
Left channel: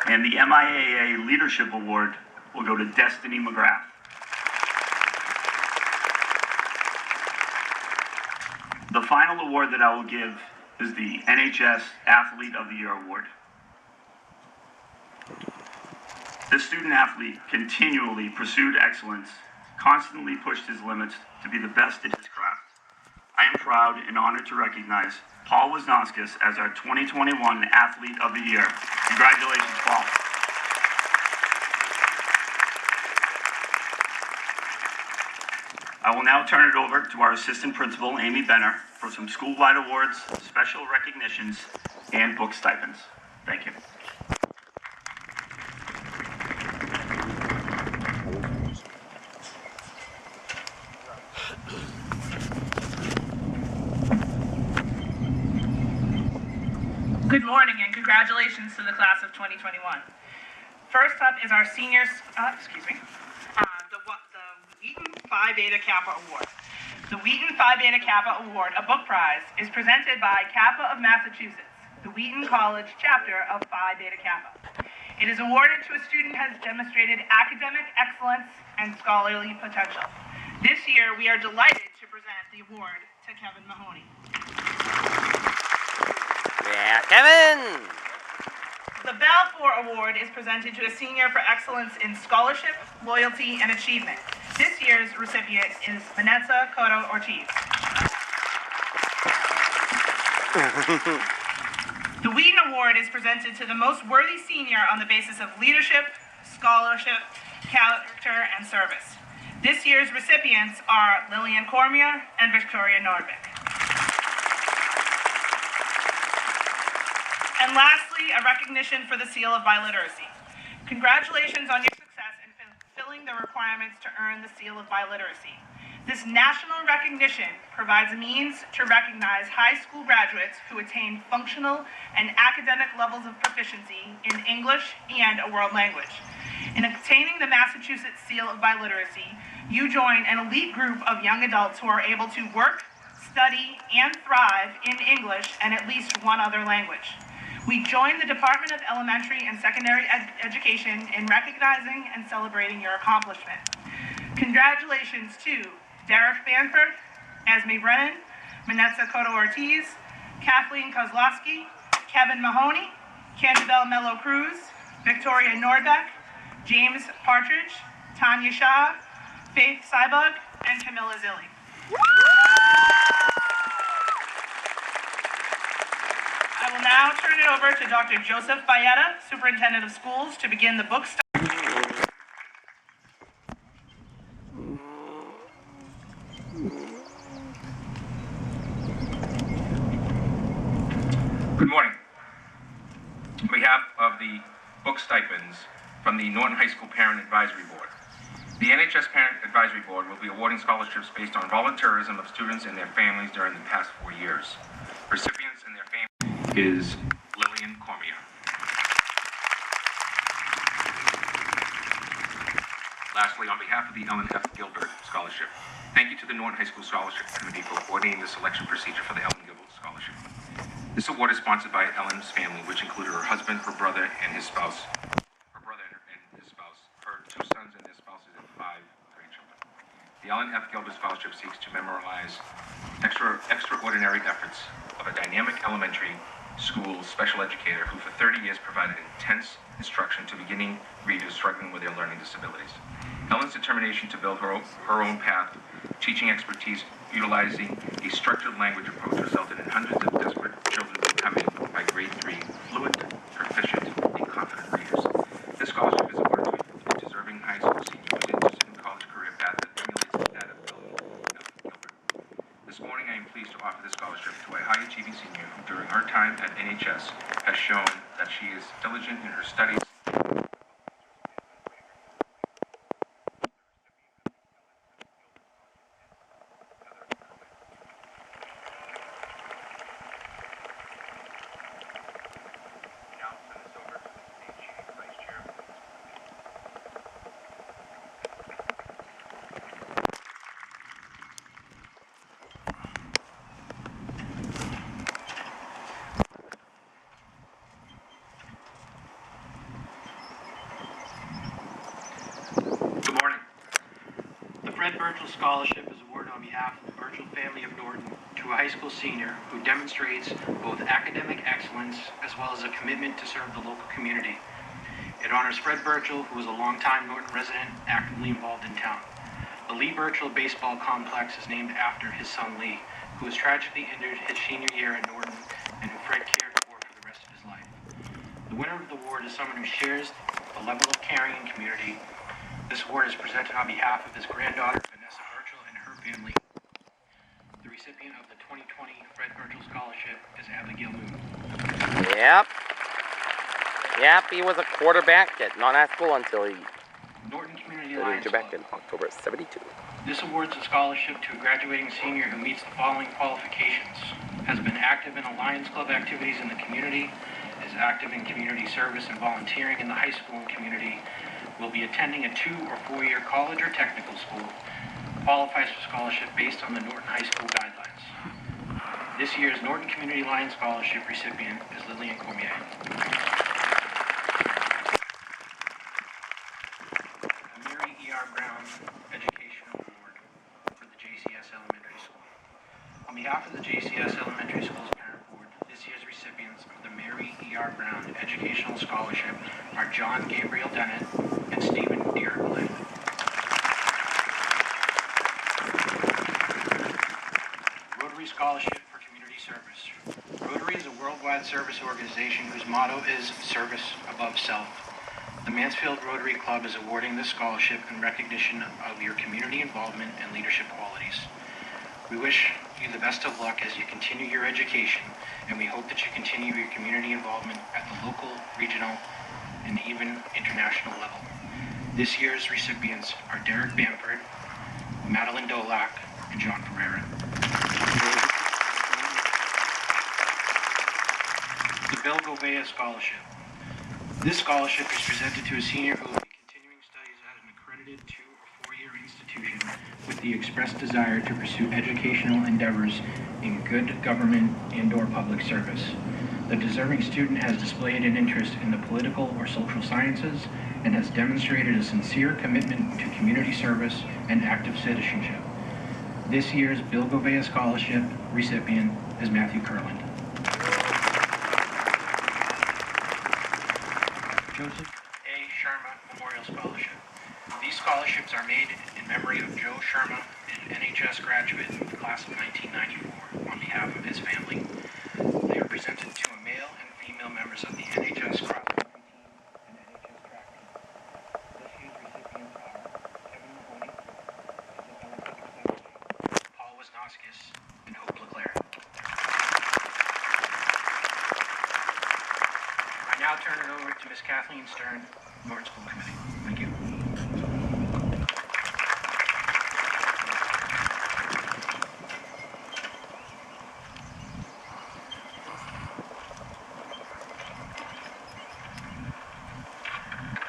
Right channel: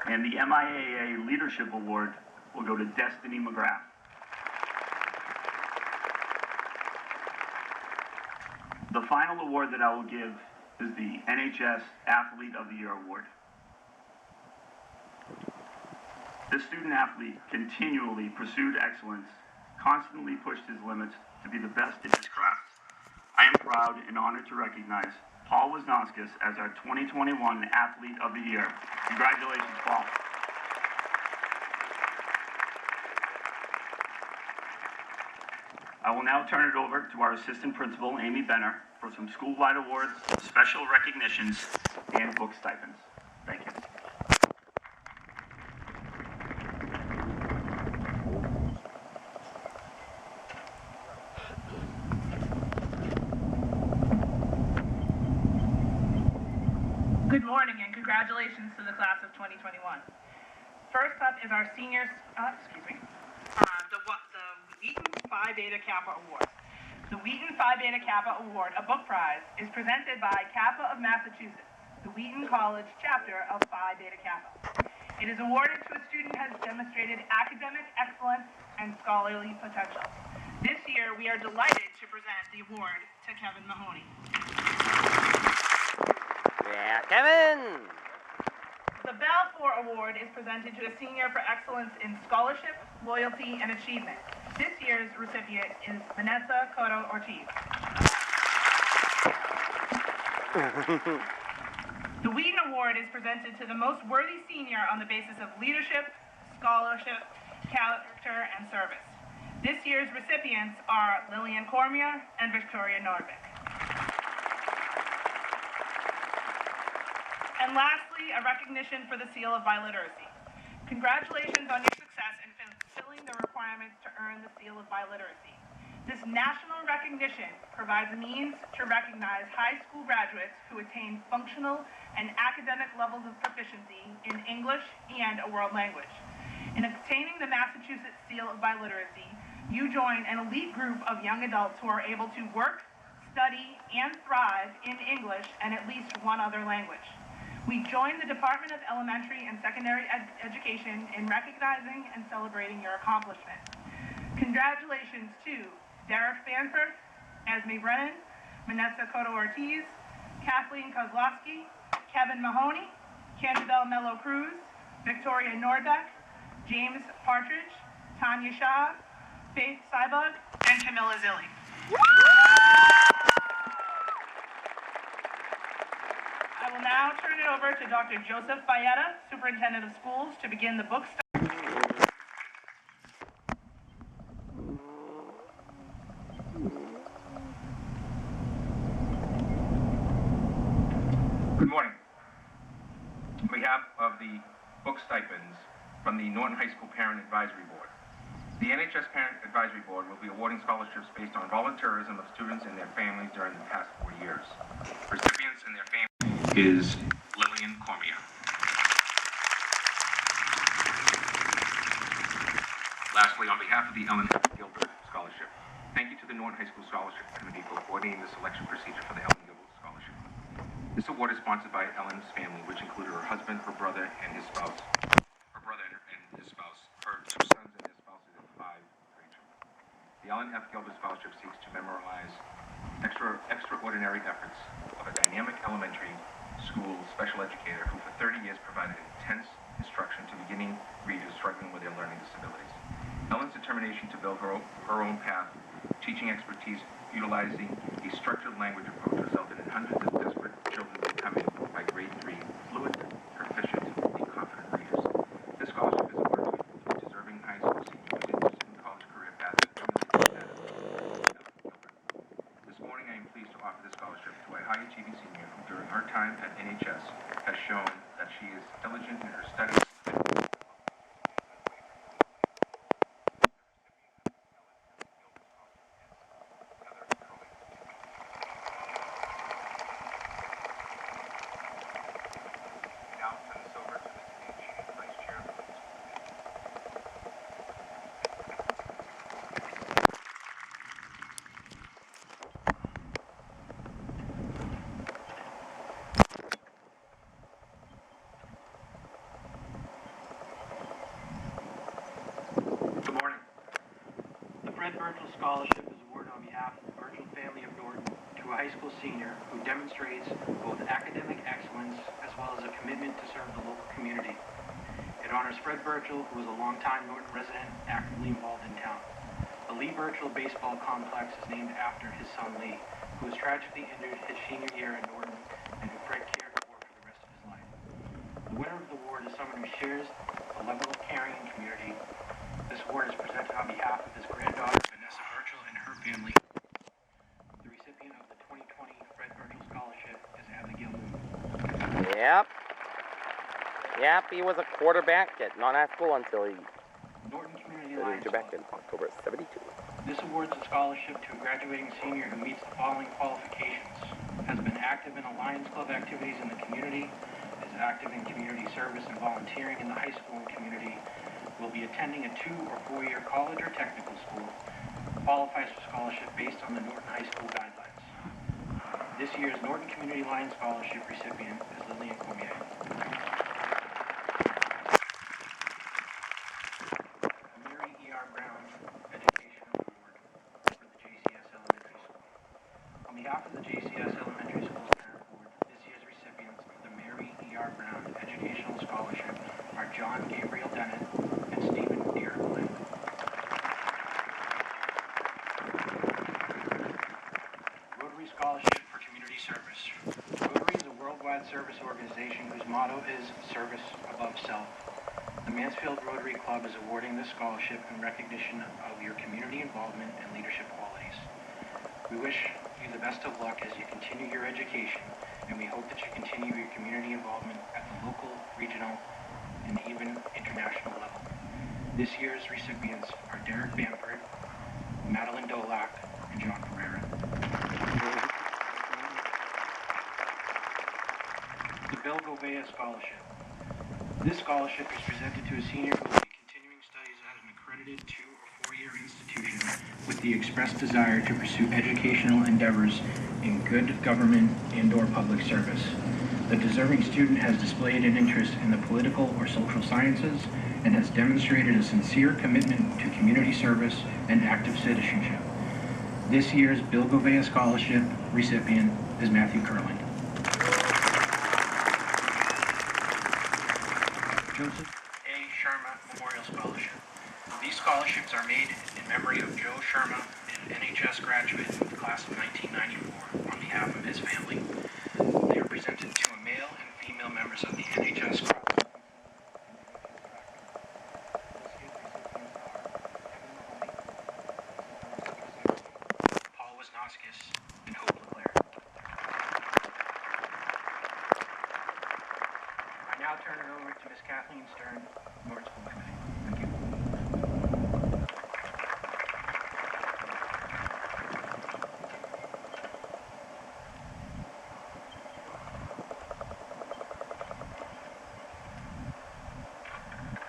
And the Miaa Leadership Award will go to Destiny McGrath. The final award that I will give is the NHS Athlete of the Year Award. This student athlete continually pursued excellence, constantly pushed his limits to be the best at his craft. I am proud and honored to recognize Paul Wisnauskas as our 2021 Athlete of the Year. Congratulations, Paul. I will now turn it over to our Assistant Principal, Amy Benner, for some school-wide awards, special recognitions, and book stipends. Thank you. Good morning and congratulations to the class of 2021. First up is our seniors, the Wheaton Phi Beta Kappa Award. The Wheaton Phi Beta Kappa Award, a book prize, is presented by Kappa of Massachusetts, the Wheaton College chapter of Phi Beta Kappa. It is awarded to a student who has demonstrated academic excellence and scholarly potential. This year, we are delighted to present the award to Kevin Mahoney. Yeah, Kevin. The Balfour Award is presented to a senior for excellence in scholarship, loyalty, and achievement. This year's recipient is Vanessa Cotto Ortiz. The Wheaton Award is presented to the most worthy senior on the basis of leadership, scholarship, character, and service. This year's recipients are Lillian Cormier and Victoria Nordvik. And lastly, a recognition for the Seal of Biliteracy. Congratulations on your success in fulfilling the requirements to earn the Seal of Biliteracy. This national recognition provides a means to recognize high school graduates who attain functional and academic levels of proficiency in English and a world language. In obtaining the Massachusetts Seal of Biliteracy, you join an elite group of young adults who are able to work, study, and thrive in English and at least one other language. We join the Department of Elementary and Secondary Education in recognizing and celebrating your accomplishment. Congratulations to Derek Banford, Esme Brennan, Vanessa Cotto Ortiz, Kathleen Kozlowski, Kevin Mahoney, Cantabelle Mello Cruz, Victoria Nordbeck, James Partridge, Tanya Shaw, Faith Sybug, and Camilla Zilli. I will now turn it over to Dr. Joseph Bayetta, Superintendent of Schools, to begin the book study. Good morning. On behalf of the book stipends from the Norton High School Parent Advisory Board, the NHS Parent Advisory Board will be awarding scholarships based on volunteerism of students and their families during the past 4 years. Recipients and their families is Lillian Cormier. Lastly, on behalf of the Ellen F. Gilbert Scholarship, thank you to the Norton High School Scholarship Committee for coordinating the selection procedure for the Ellen Gilbert Scholarship. This award is sponsored by Ellen's family, which included her husband, her brother, and his spouse, her 2 sons and their spouses, and 5 grandchildren. The Ellen F. Gilbert Scholarship seeks to memorialize extraordinary efforts of a dynamic elementary school special educator who for 30 years provided intense instruction to beginning readers struggling with their learning disabilities. Ellen's determination to build her own path teaching expertise utilizing a structured language approach resulted in hundreds of desperate children becoming, by grade 3, fluent, proficient, and confident readers. This scholarship is awarded to a deserving high school senior who is interested in college career path that emulates that of Gilbert. This morning, I am pleased to offer this scholarship to a high-achieving senior who, during her time at NHS, has shown that she is diligent in her studies. Now turn this over to Mr. Dave G, Vice Chair. Good morning. The Fred Virgil Scholarship is awarded on behalf of the Virgil family of Norton to a high school senior who demonstrates both academic excellence as well as a commitment to serve the local community. It honors Fred Virgil, who was a longtime Norton resident actively involved in town. The Lee Virgil Baseball Complex is named after his son Lee, who was tragically injured his senior year at Norton and who Fred cared for the rest of his life. The winner of the award is someone who shares the level of caring and community. This award is presented on behalf of his granddaughter, Vanessa Virgil, and her family. The recipient of the 2020 Fred Virgil Scholarship is Abigail Moon. Yep, he was a quarterback at Norton High School until he Norton Community Lions back Club. in October '72. This awards a scholarship to a graduating senior who meets the following qualifications: has been active in a Lions Club activities in the community, is active in community service and volunteering in the high school and community, will be attending a 2- or 4-year college or technical school, qualifies for scholarship based on the Norton High School guidelines. This year's Norton Community Lions Scholarship recipient is Lillian Cormier. The Mary E.R. Brown Education Award for the JCS Elementary School. On behalf of the JCS Elementary School's parent board, this year's recipients of the Mary E.R. Brown Educational Scholarship are John Gabriel Dennett and Stephen Dearblay. Rotary Scholarship for Community Service. Rotary is a worldwide service organization whose motto is service above self. The Mansfield Rotary Club is awarding this scholarship in recognition of your community involvement and leadership qualities. We wish you the best of luck as you continue your education, and we hope that you continue your community involvement at the local, regional, and even international level. This year's recipients are Derek Bamford, Madeline Dolak, and John Ferreira. The Bill Govea Scholarship. This scholarship is presented to a senior who will be continuing studies at an accredited 2- or 4-year institution with the express desire to pursue educational endeavors in good government and/or public service. The deserving student has displayed an interest in the political or social sciences and has demonstrated a sincere commitment to community service and active citizenship. This year's Bill Govea Scholarship recipient is Matthew Kurland. Joseph A. Sharma Memorial Scholarship. These scholarships are made in memory of Joe Sharma, an NHS graduate of the class of 1994, on behalf of his family. They are presented to a male and female members of the NHS cross and NHS track. This year's recipients are Kevin Woody, Isabella Petrosevsky, Paul Wisnoskis, and Hope Leclerc. I now turn it over to Ms. Kathleen Stern, Norton School Committee. Thank you.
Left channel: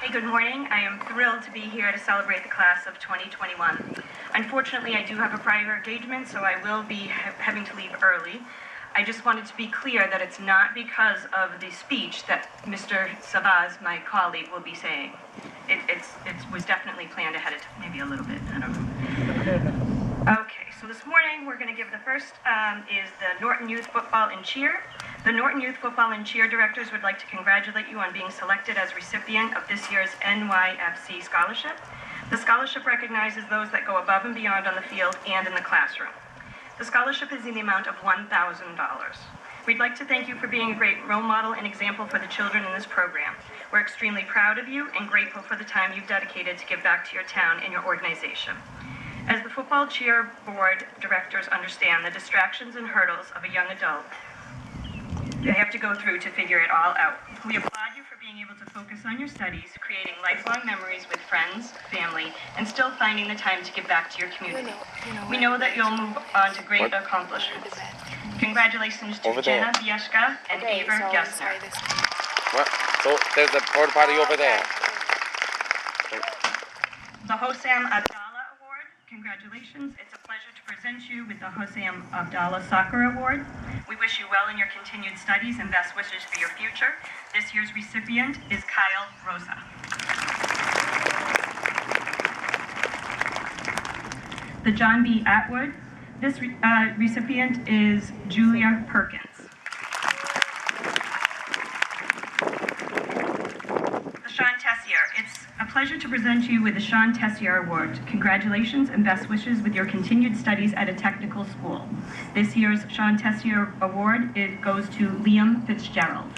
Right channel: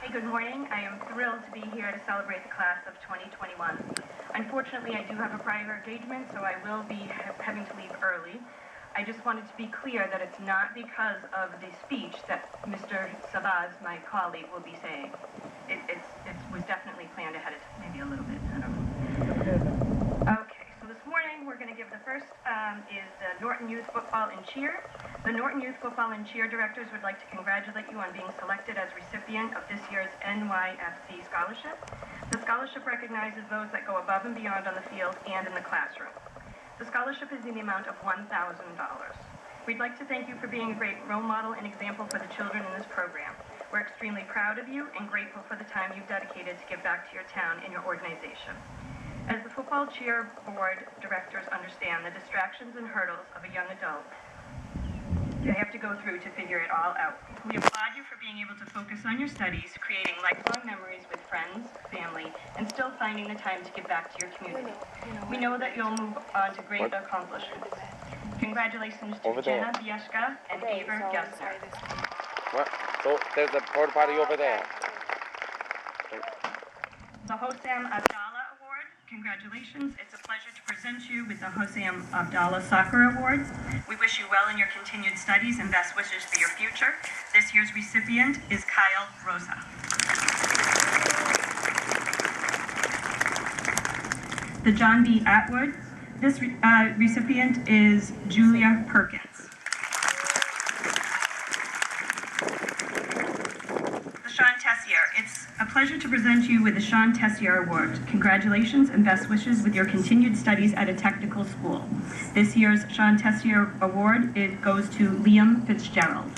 Good morning. I am thrilled to be here to celebrate the class of 2021. Unfortunately, I do have a prior engagement, so I will be having to leave early. I just wanted to be clear that it's not because of the speech that Mr. Sabaz, my colleague, will be saying. It was definitely planned ahead of time, maybe a little bit, I don't know. Okay, so this morning we're going to give the first is the Norton Youth Football and Cheer. The Norton Youth Football and Cheer directors would like to congratulate you on being selected as recipient of this year's NYFC Scholarship. The scholarship recognizes those that go above and beyond on the field and in the classroom. The scholarship is in the amount of $1,000. We'd like to thank you for being a great role model and example for the children in this program. We're extremely proud of you and grateful for the time you've dedicated to give back to your town and your organization. As the football cheer board directors understand the distractions and hurdles of a young adult they have to go through to figure it all out. We applaud you for being able to focus on your studies, creating lifelong memories with friends, family, and still finding the time to give back to your community. We know that you'll move on to great accomplishments. Congratulations to Jenna Jfk and Aver Gessner. What? So there's a porta potty over there. The Hoseam Abdallah Award. Congratulations. It's a pleasure to present you with the Hoseam Abdallah Soccer Award. We wish you well in your continued studies and best wishes for your future. This year's recipient is Kyle Rosa. The John B. Atwood. This recipient is Julia Perkins. Testier. It's a pleasure to present you with the Testier Award. Congratulations and best wishes with your continued studies at a technical school. This year's Testier Award goes to Liam Fitzgerald.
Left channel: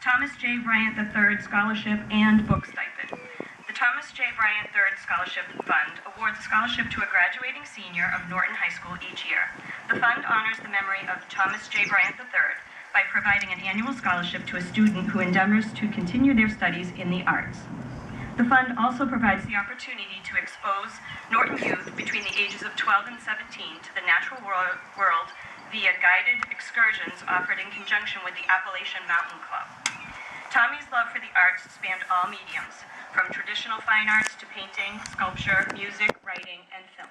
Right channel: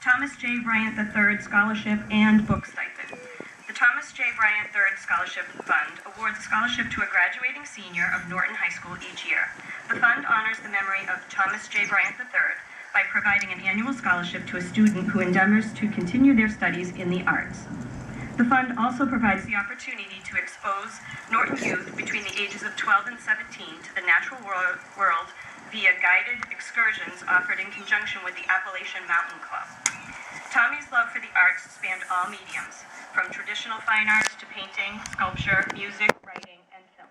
Thomas J. Bryant III Scholarship and Book Stipend. The Thomas J. Bryant III Scholarship Fund awards a scholarship to a graduating senior of Norton High School each year. The fund honors the memory of Thomas J. Bryant III by providing an annual scholarship to a student who endeavors to continue their studies in the arts. The fund also provides the opportunity to expose Norton youth between the ages of 12 and 17 to the natural world via guided excursions offered in conjunction with the Appalachian Mountain Club. Tommy's love for the arts spanned all mediums, from traditional fine arts to painting, sculpture, music, writing, and film.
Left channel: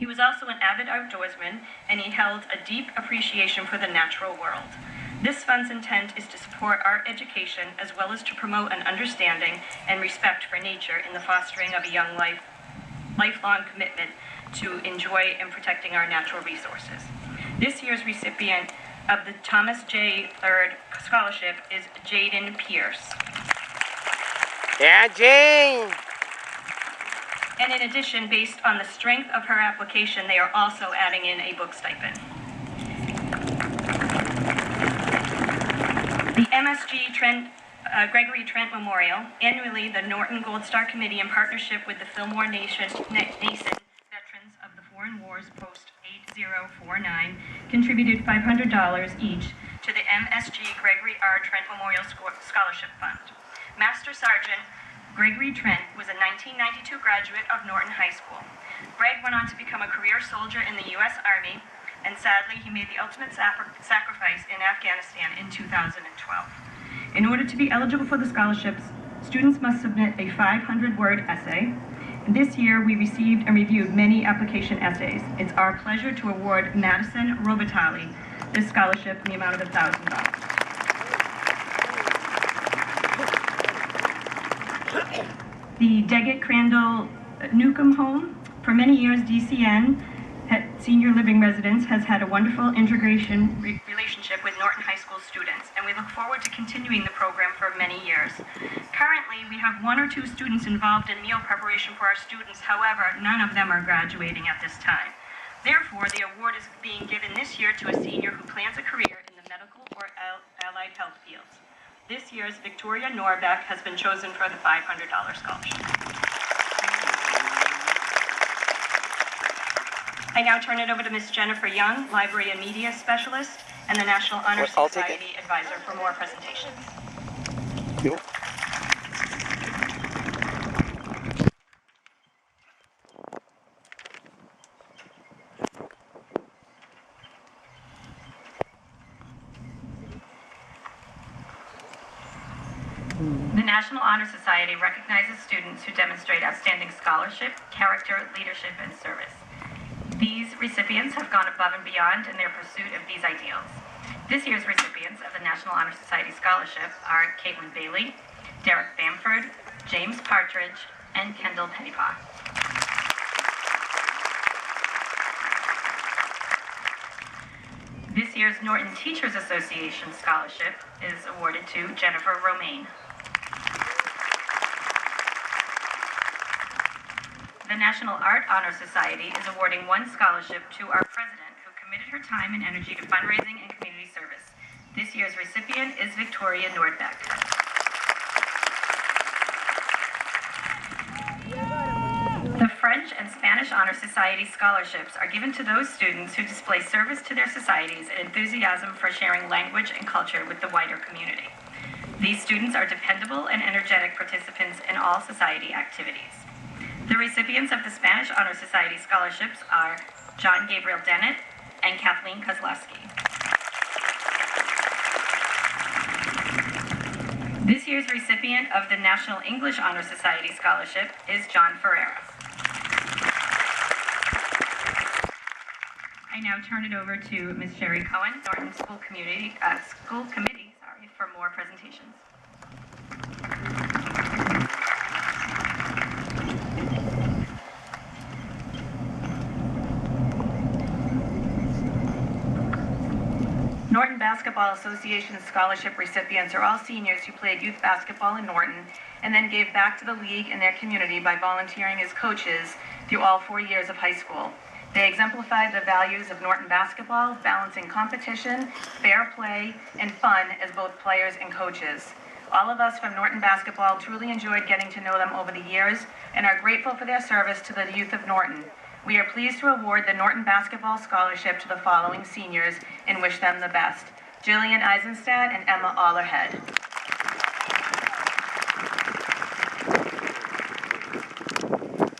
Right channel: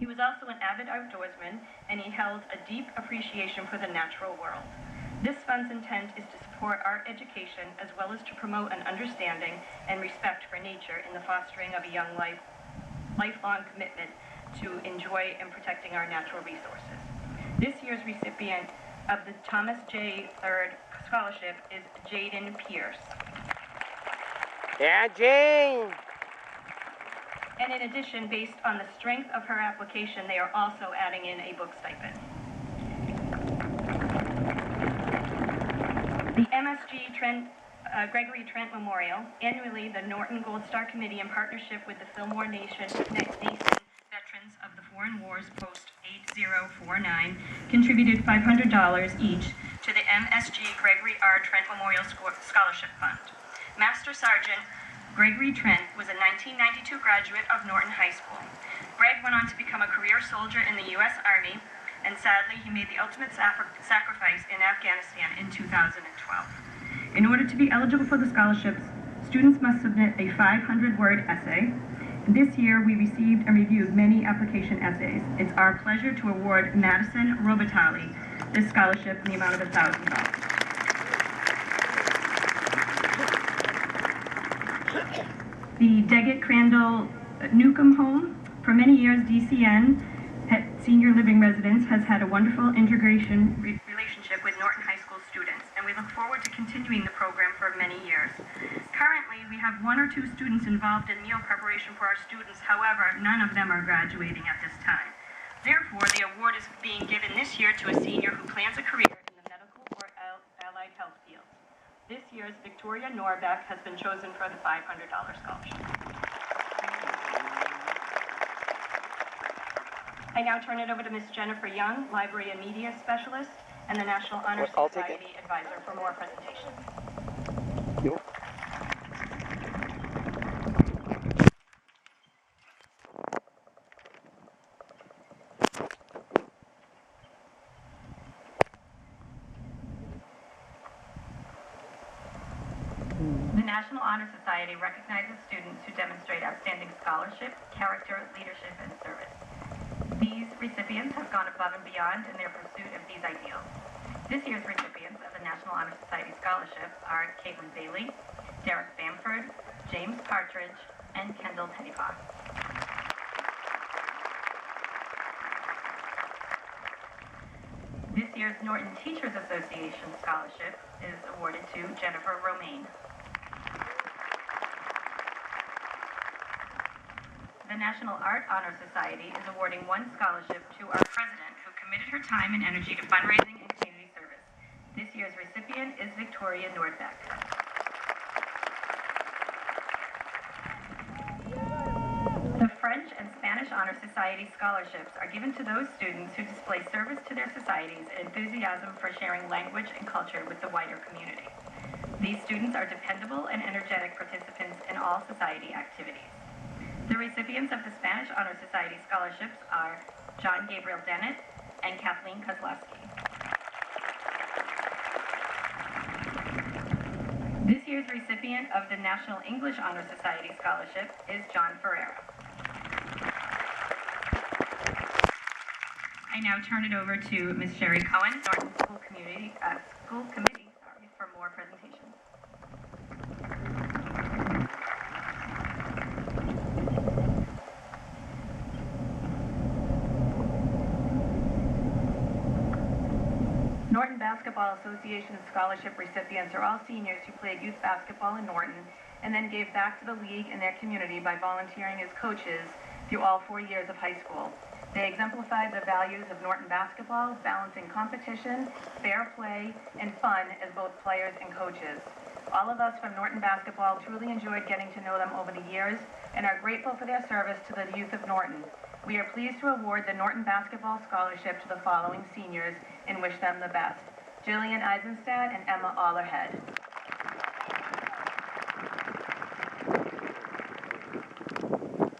He was also an avid outdoorsman, and he held a deep appreciation for the natural world. This fund's intent is to support art education as well as to promote an understanding and respect for nature in the fostering of a young lifelong commitment to enjoy and protecting our natural resources. This year's recipient of the Thomas J. III Scholarship is Jaden Pierce. Yeah, Jane! And in addition, based on the strength of her application, they are also adding in a book stipend. The MSG Gregory Trent Memorial. Annually, the Norton Gold Star Committee, in partnership with the Fillmore Nason Veterans of the Foreign Wars Post-8049, contributed $500 each to the MSG Gregory R. Trent Memorial Scholarship Fund. Master Sergeant Gregory Trent was a 1992 graduate of Norton High School. Greg went on to become a career soldier in the U.S. Army, and sadly, he made the ultimate sacrifice in Afghanistan in 2012. In order to be eligible for the scholarships, students must submit a 500-word essay. This year, we received and reviewed many application essays. It's our pleasure to award Madison Robitaille this scholarship in the amount of $1,000. The Deggett Crandall Newcomb Home. For many years, DCN Senior Living Residence has had a wonderful integration relationship with Norton High School students, and we look forward to continuing the program for many years. Currently, we have 1 or 2 students involved in meal preparation for our students. However, none of them are graduating at this time. Therefore, the award is being given this year to a senior who plans a career in the medical or allied health fields. This year's Victoria Norbeck has been chosen for the $500 scholarship. I now turn it over to Ms. Jennifer Young, Library and Media Specialist, and the National Honor Society Advisor for more presentations. Yep. The National Honor Society recognizes students who demonstrate outstanding scholarship, character, leadership, and service. These recipients have gone above and beyond in their pursuit of these ideals. This year's recipients of the National Honor Society Scholarship are Caitlin Bailey, Derek Bamford, James Partridge, and Kendall Pettipaw. This year's Norton Teachers Association Scholarship is awarded to Jennifer Romaine. The National Art Honor Society is awarding one scholarship to our president, who committed her time and energy to fundraising and community service. This year's recipient is Victoria Nordbeck. The French and Spanish Honor Society scholarships are given to those students who display service to their societies and enthusiasm for sharing language and culture with the wider community. These students are dependable and energetic participants in all society activities. The recipients of the Spanish Honor Society scholarships are John Gabriel Dennett and Kathleen Kozlowski. This year's recipient of the National English Honor Society scholarship is John Ferreira. I now turn it over to Ms. Sherry Cohen, Norton School Committee, for more presentations. Norton Basketball Association scholarship recipients are all seniors who played youth basketball in Norton and then gave back to the league and their community by volunteering as coaches through all 4 years of high school. They exemplify the values of Norton basketball, balancing competition, fair play, and fun as both players and coaches. All of us from Norton basketball truly enjoyed getting to know them over the years and are grateful for their service to the youth of Norton. We are pleased to award the Norton Basketball Scholarship to the following seniors and wish them the best: Jillian Eisenstadt and Emma Allerhead.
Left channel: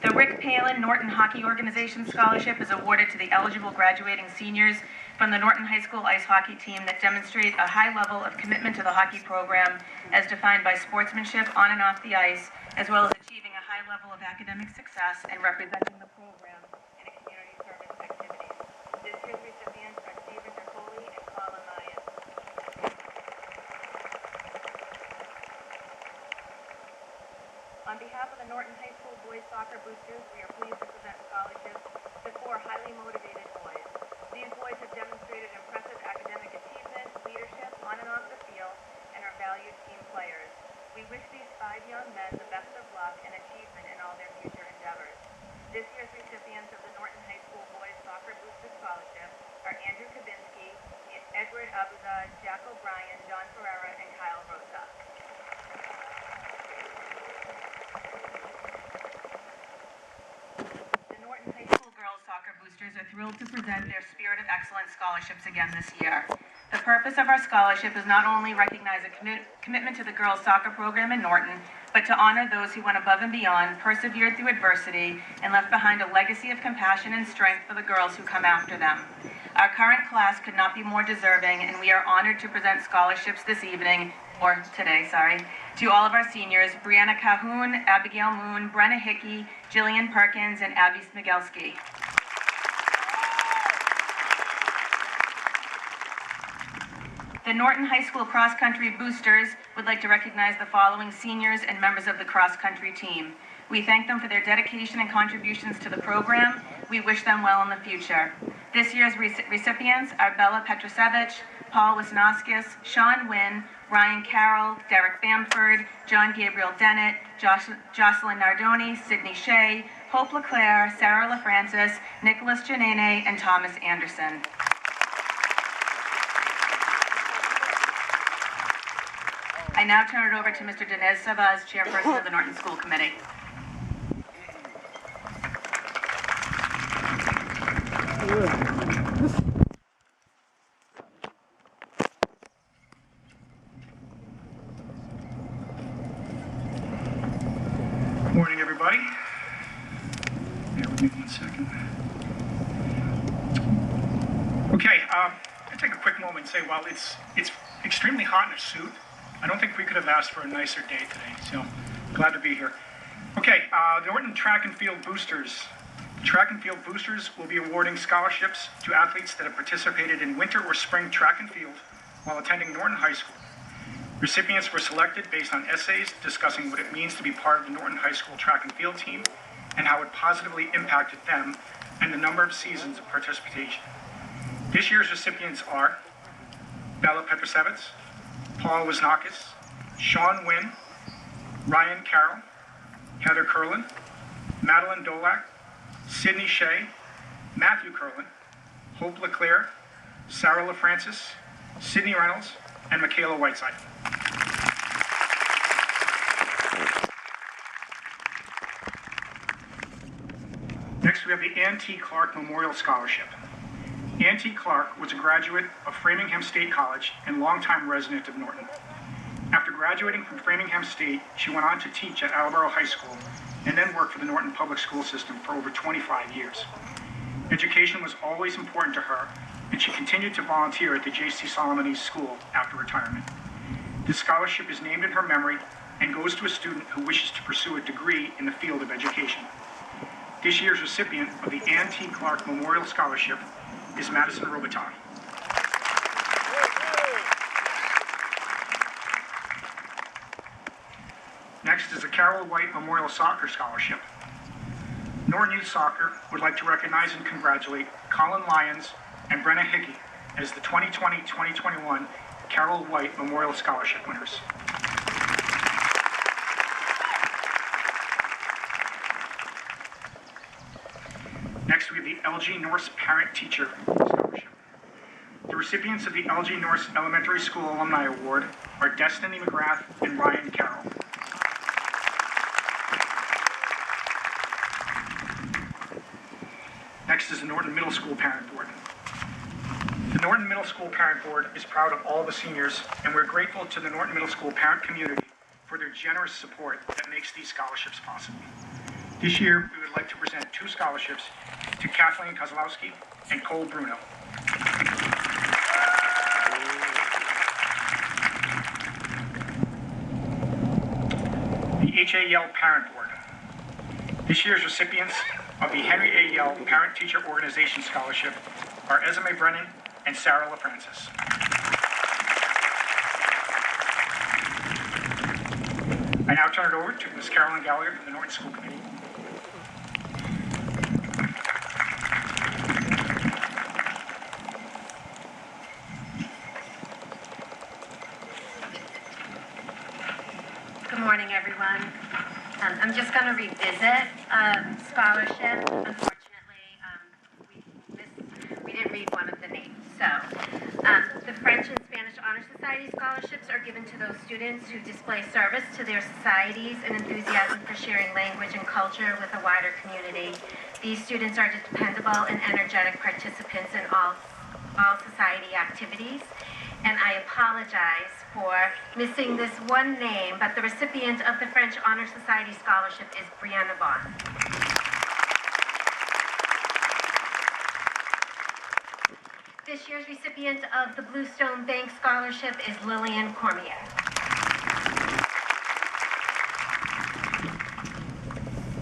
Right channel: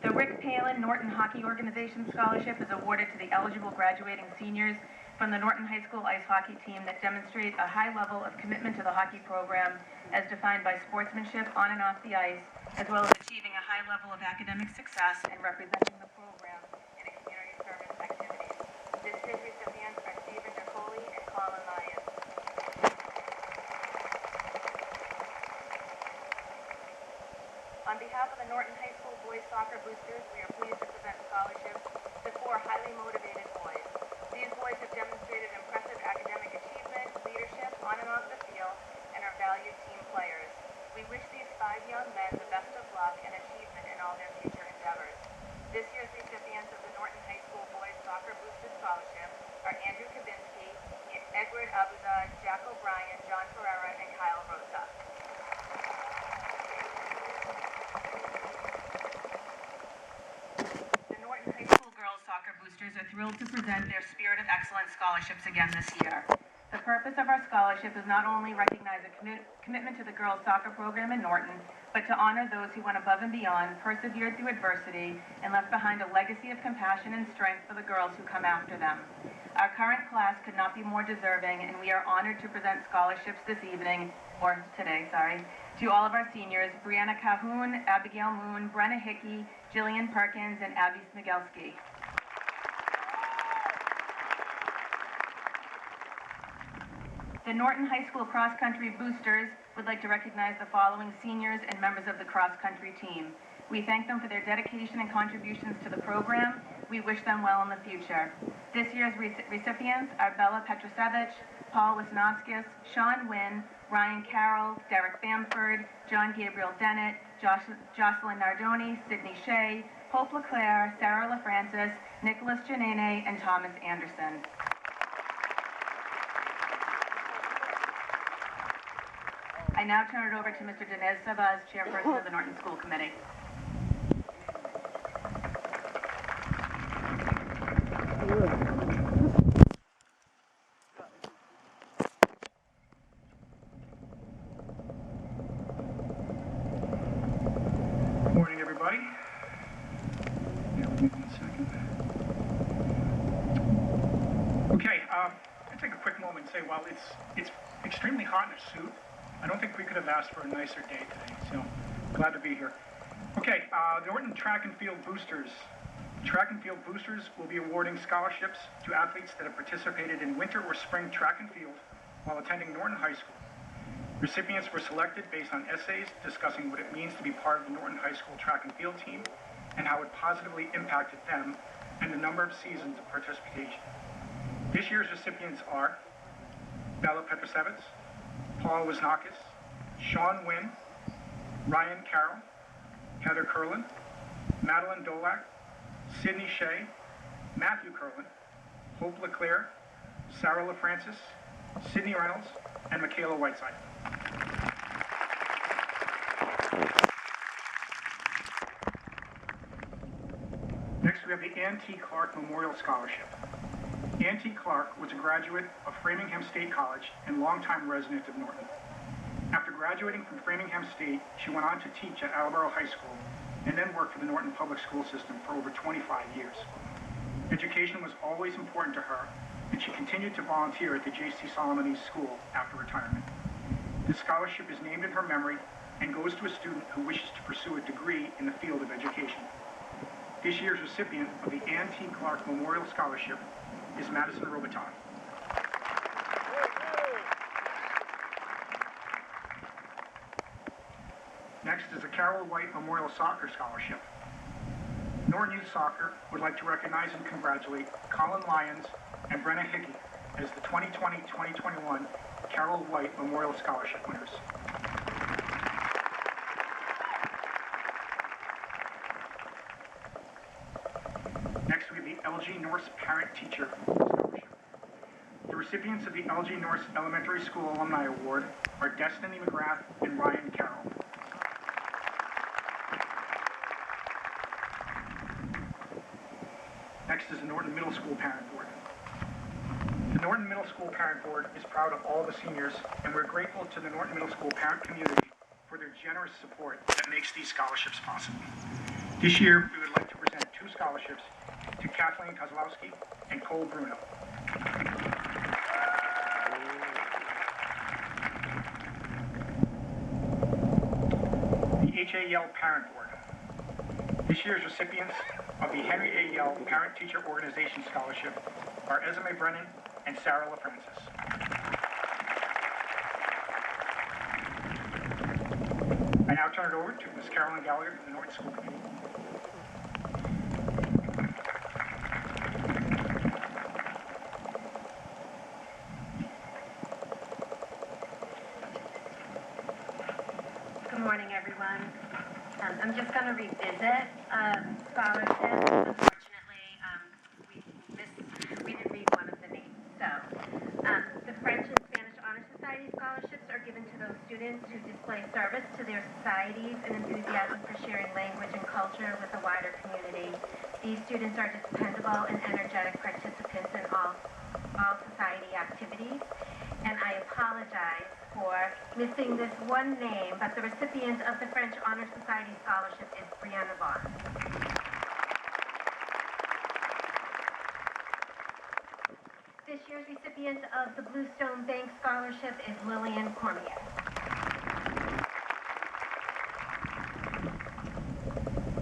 The Rick Palin Norton Hockey Organization Scholarship is awarded to the eligible graduating seniors from the Norton High School ice hockey team that demonstrate a high level of commitment to the hockey program as defined by sportsmanship on and off the ice, as well as achieving a high level of academic success and representing the program in a community service activity. This year's recipients are Stephen Nicoli and Colin Lyons. On behalf of the Norton High School Boys Soccer Boosters, we are pleased to present scholarships to 4 highly motivated boys. These boys have demonstrated impressive academic achievement, leadership on and off the field, and are valued team players. We wish these 5 young men the best of luck and achievement in all their future endeavors. This year's recipients of the Norton High School Boys Soccer Booster Scholarship are Andrew Kabinski, Edward Abdallah, Jack O'Brien, John Ferreira, and Kyle Rosa. The Norton High School Girls Soccer Boosters are thrilled to present their Spirit of Excellence scholarships again this year. The purpose of our scholarship is not only recognize a commitment to the girls' soccer program in Norton, but to honor those who went above and beyond, persevered through adversity, and left behind a legacy of compassion and strength for the girls who come after them. Our current class could not be more deserving, and we are honored to present scholarships this evening, or today, to all of our seniors: Brianna Cahoon, Abigail Moon, Brenna Hickey, Jillian Perkins, and Abby Smigelski. The Norton High School Cross Country Boosters would like to recognize the following seniors and members of the cross country team. We thank them for their dedication and contributions to the program. We wish them well in the future. This year's recipients are Bella Petrosevich, Paul Wisnoskis, Sean Wynn, Ryan Carroll, Derek Bamford, John Gabriel Dennett, Jocelyn Nardoni, Sydney Shea, Hope LeClaire, Sarah LaFrancis, Nicholas Janene, and Thomas Anderson. I now turn it over to Mr. Dinesh Savaz, Chairperson of the Norton School Committee. Morning, everybody. Bear with me 1 second. Okay, I'll take a quick moment and say, while it's extremely hot in a suit, I don't think we could have asked for a nicer day today, so glad to be here. Okay, the Norton Track and Field Boosters. The Track and Field Boosters will be awarding scholarships to athletes that have participated in winter or spring track and field while attending Norton High School. Recipients were selected based on essays discussing what it means to be part of the Norton High School track and field team and how it positively impacted them and the number of seasons of participation. This year's recipients are Bella Petrosevitz, Paul Wisnakis, Sean Wynn, Ryan Carroll, Heather Curlin, Madeline Dolak, Sydney Shea, Matthew Curlin, Hope LeClaire, Sarah LaFrancis, Sydney Reynolds, and Michaela Whiteside. Next, we have the Ann T. Clark Memorial Scholarship. Ann T. Clark was a graduate of Framingham State College and longtime resident of Norton. After graduating from Framingham State, she went on to teach at Attleboro High School and then worked for the Norton Public School System for over 25 years. Education was always important to her, and she continued to volunteer at the J.C. Solomon School after retirement. This scholarship is named in her memory and goes to a student who wishes to pursue a degree in the field of education. This year's recipient of the Ann T. Clark Memorial Scholarship is Madison Robiton. Next is the Carol White Memorial Soccer Scholarship. Norton Youth Soccer would like to recognize and congratulate Colin Lyons and Brenna Hickey as the 2020-2021 Carol White Memorial Scholarship winners. Next, we have the LG Norse Parent Teacher Scholarship. The recipients of the LG Norse Elementary School Alumni Award are Destiny McGrath and Ryan Carroll. Next is the Norton Middle School Parent Board. The Norton Middle School Parent Board is proud of all the seniors, and we're grateful to the Norton Middle School parent community for their generous support that makes these scholarships possible. This year, we would like to present 2 scholarships to Kathleen Kozlowski and Cole Bruno. The H.A. Yell Parent Board. This year's recipients of the Henry A. Yell Parent Teacher Organization Scholarship are Esme Brennan and Sarah LaFrancis. I now turn it over to Ms. Carolyn Gallagher from the Norton School Committee. Good morning, everyone. I'm just going to revisit scholarship. Unfortunately, we didn't read one of the names. So, the French and Spanish Honor Society scholarships are given to those students who display service to their societies and enthusiasm for sharing language and culture with a wider community. These students are dependable and energetic participants in all society activities. And I apologize for missing this one name, but the recipient of the French Honor Society Scholarship is Brianna Vaughn. This year's recipient of the Bluestone Bank Scholarship is Lillian Cormier.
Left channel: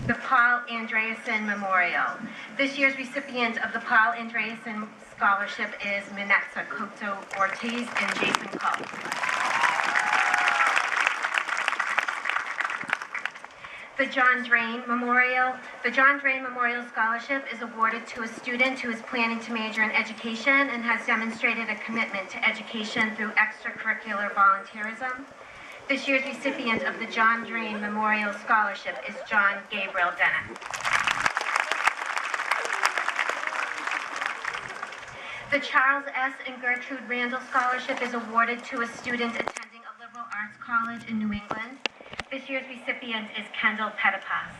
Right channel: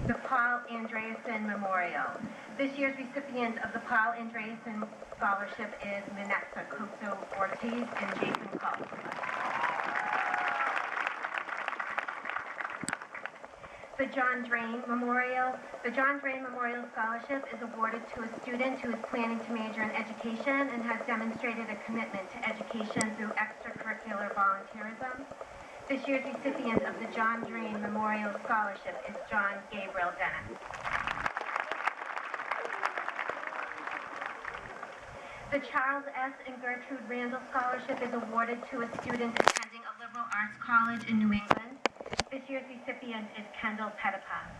The Paul Andreasen Memorial. This year's recipient of the Paul Andreasen Scholarship is Minetza Koto Ortiz and Jason Cole. The John Drain Memorial. The John Drain Memorial Scholarship is awarded to a student who is planning to major in education and has demonstrated a commitment to education through extracurricular volunteerism. This year's recipient of the John Drain Memorial Scholarship is John Gabriel Dennett. The Charles S. and Gertrude Randall Scholarship is awarded to a student attending a liberal arts college in New England. This year's recipient is Kendall Pettipas.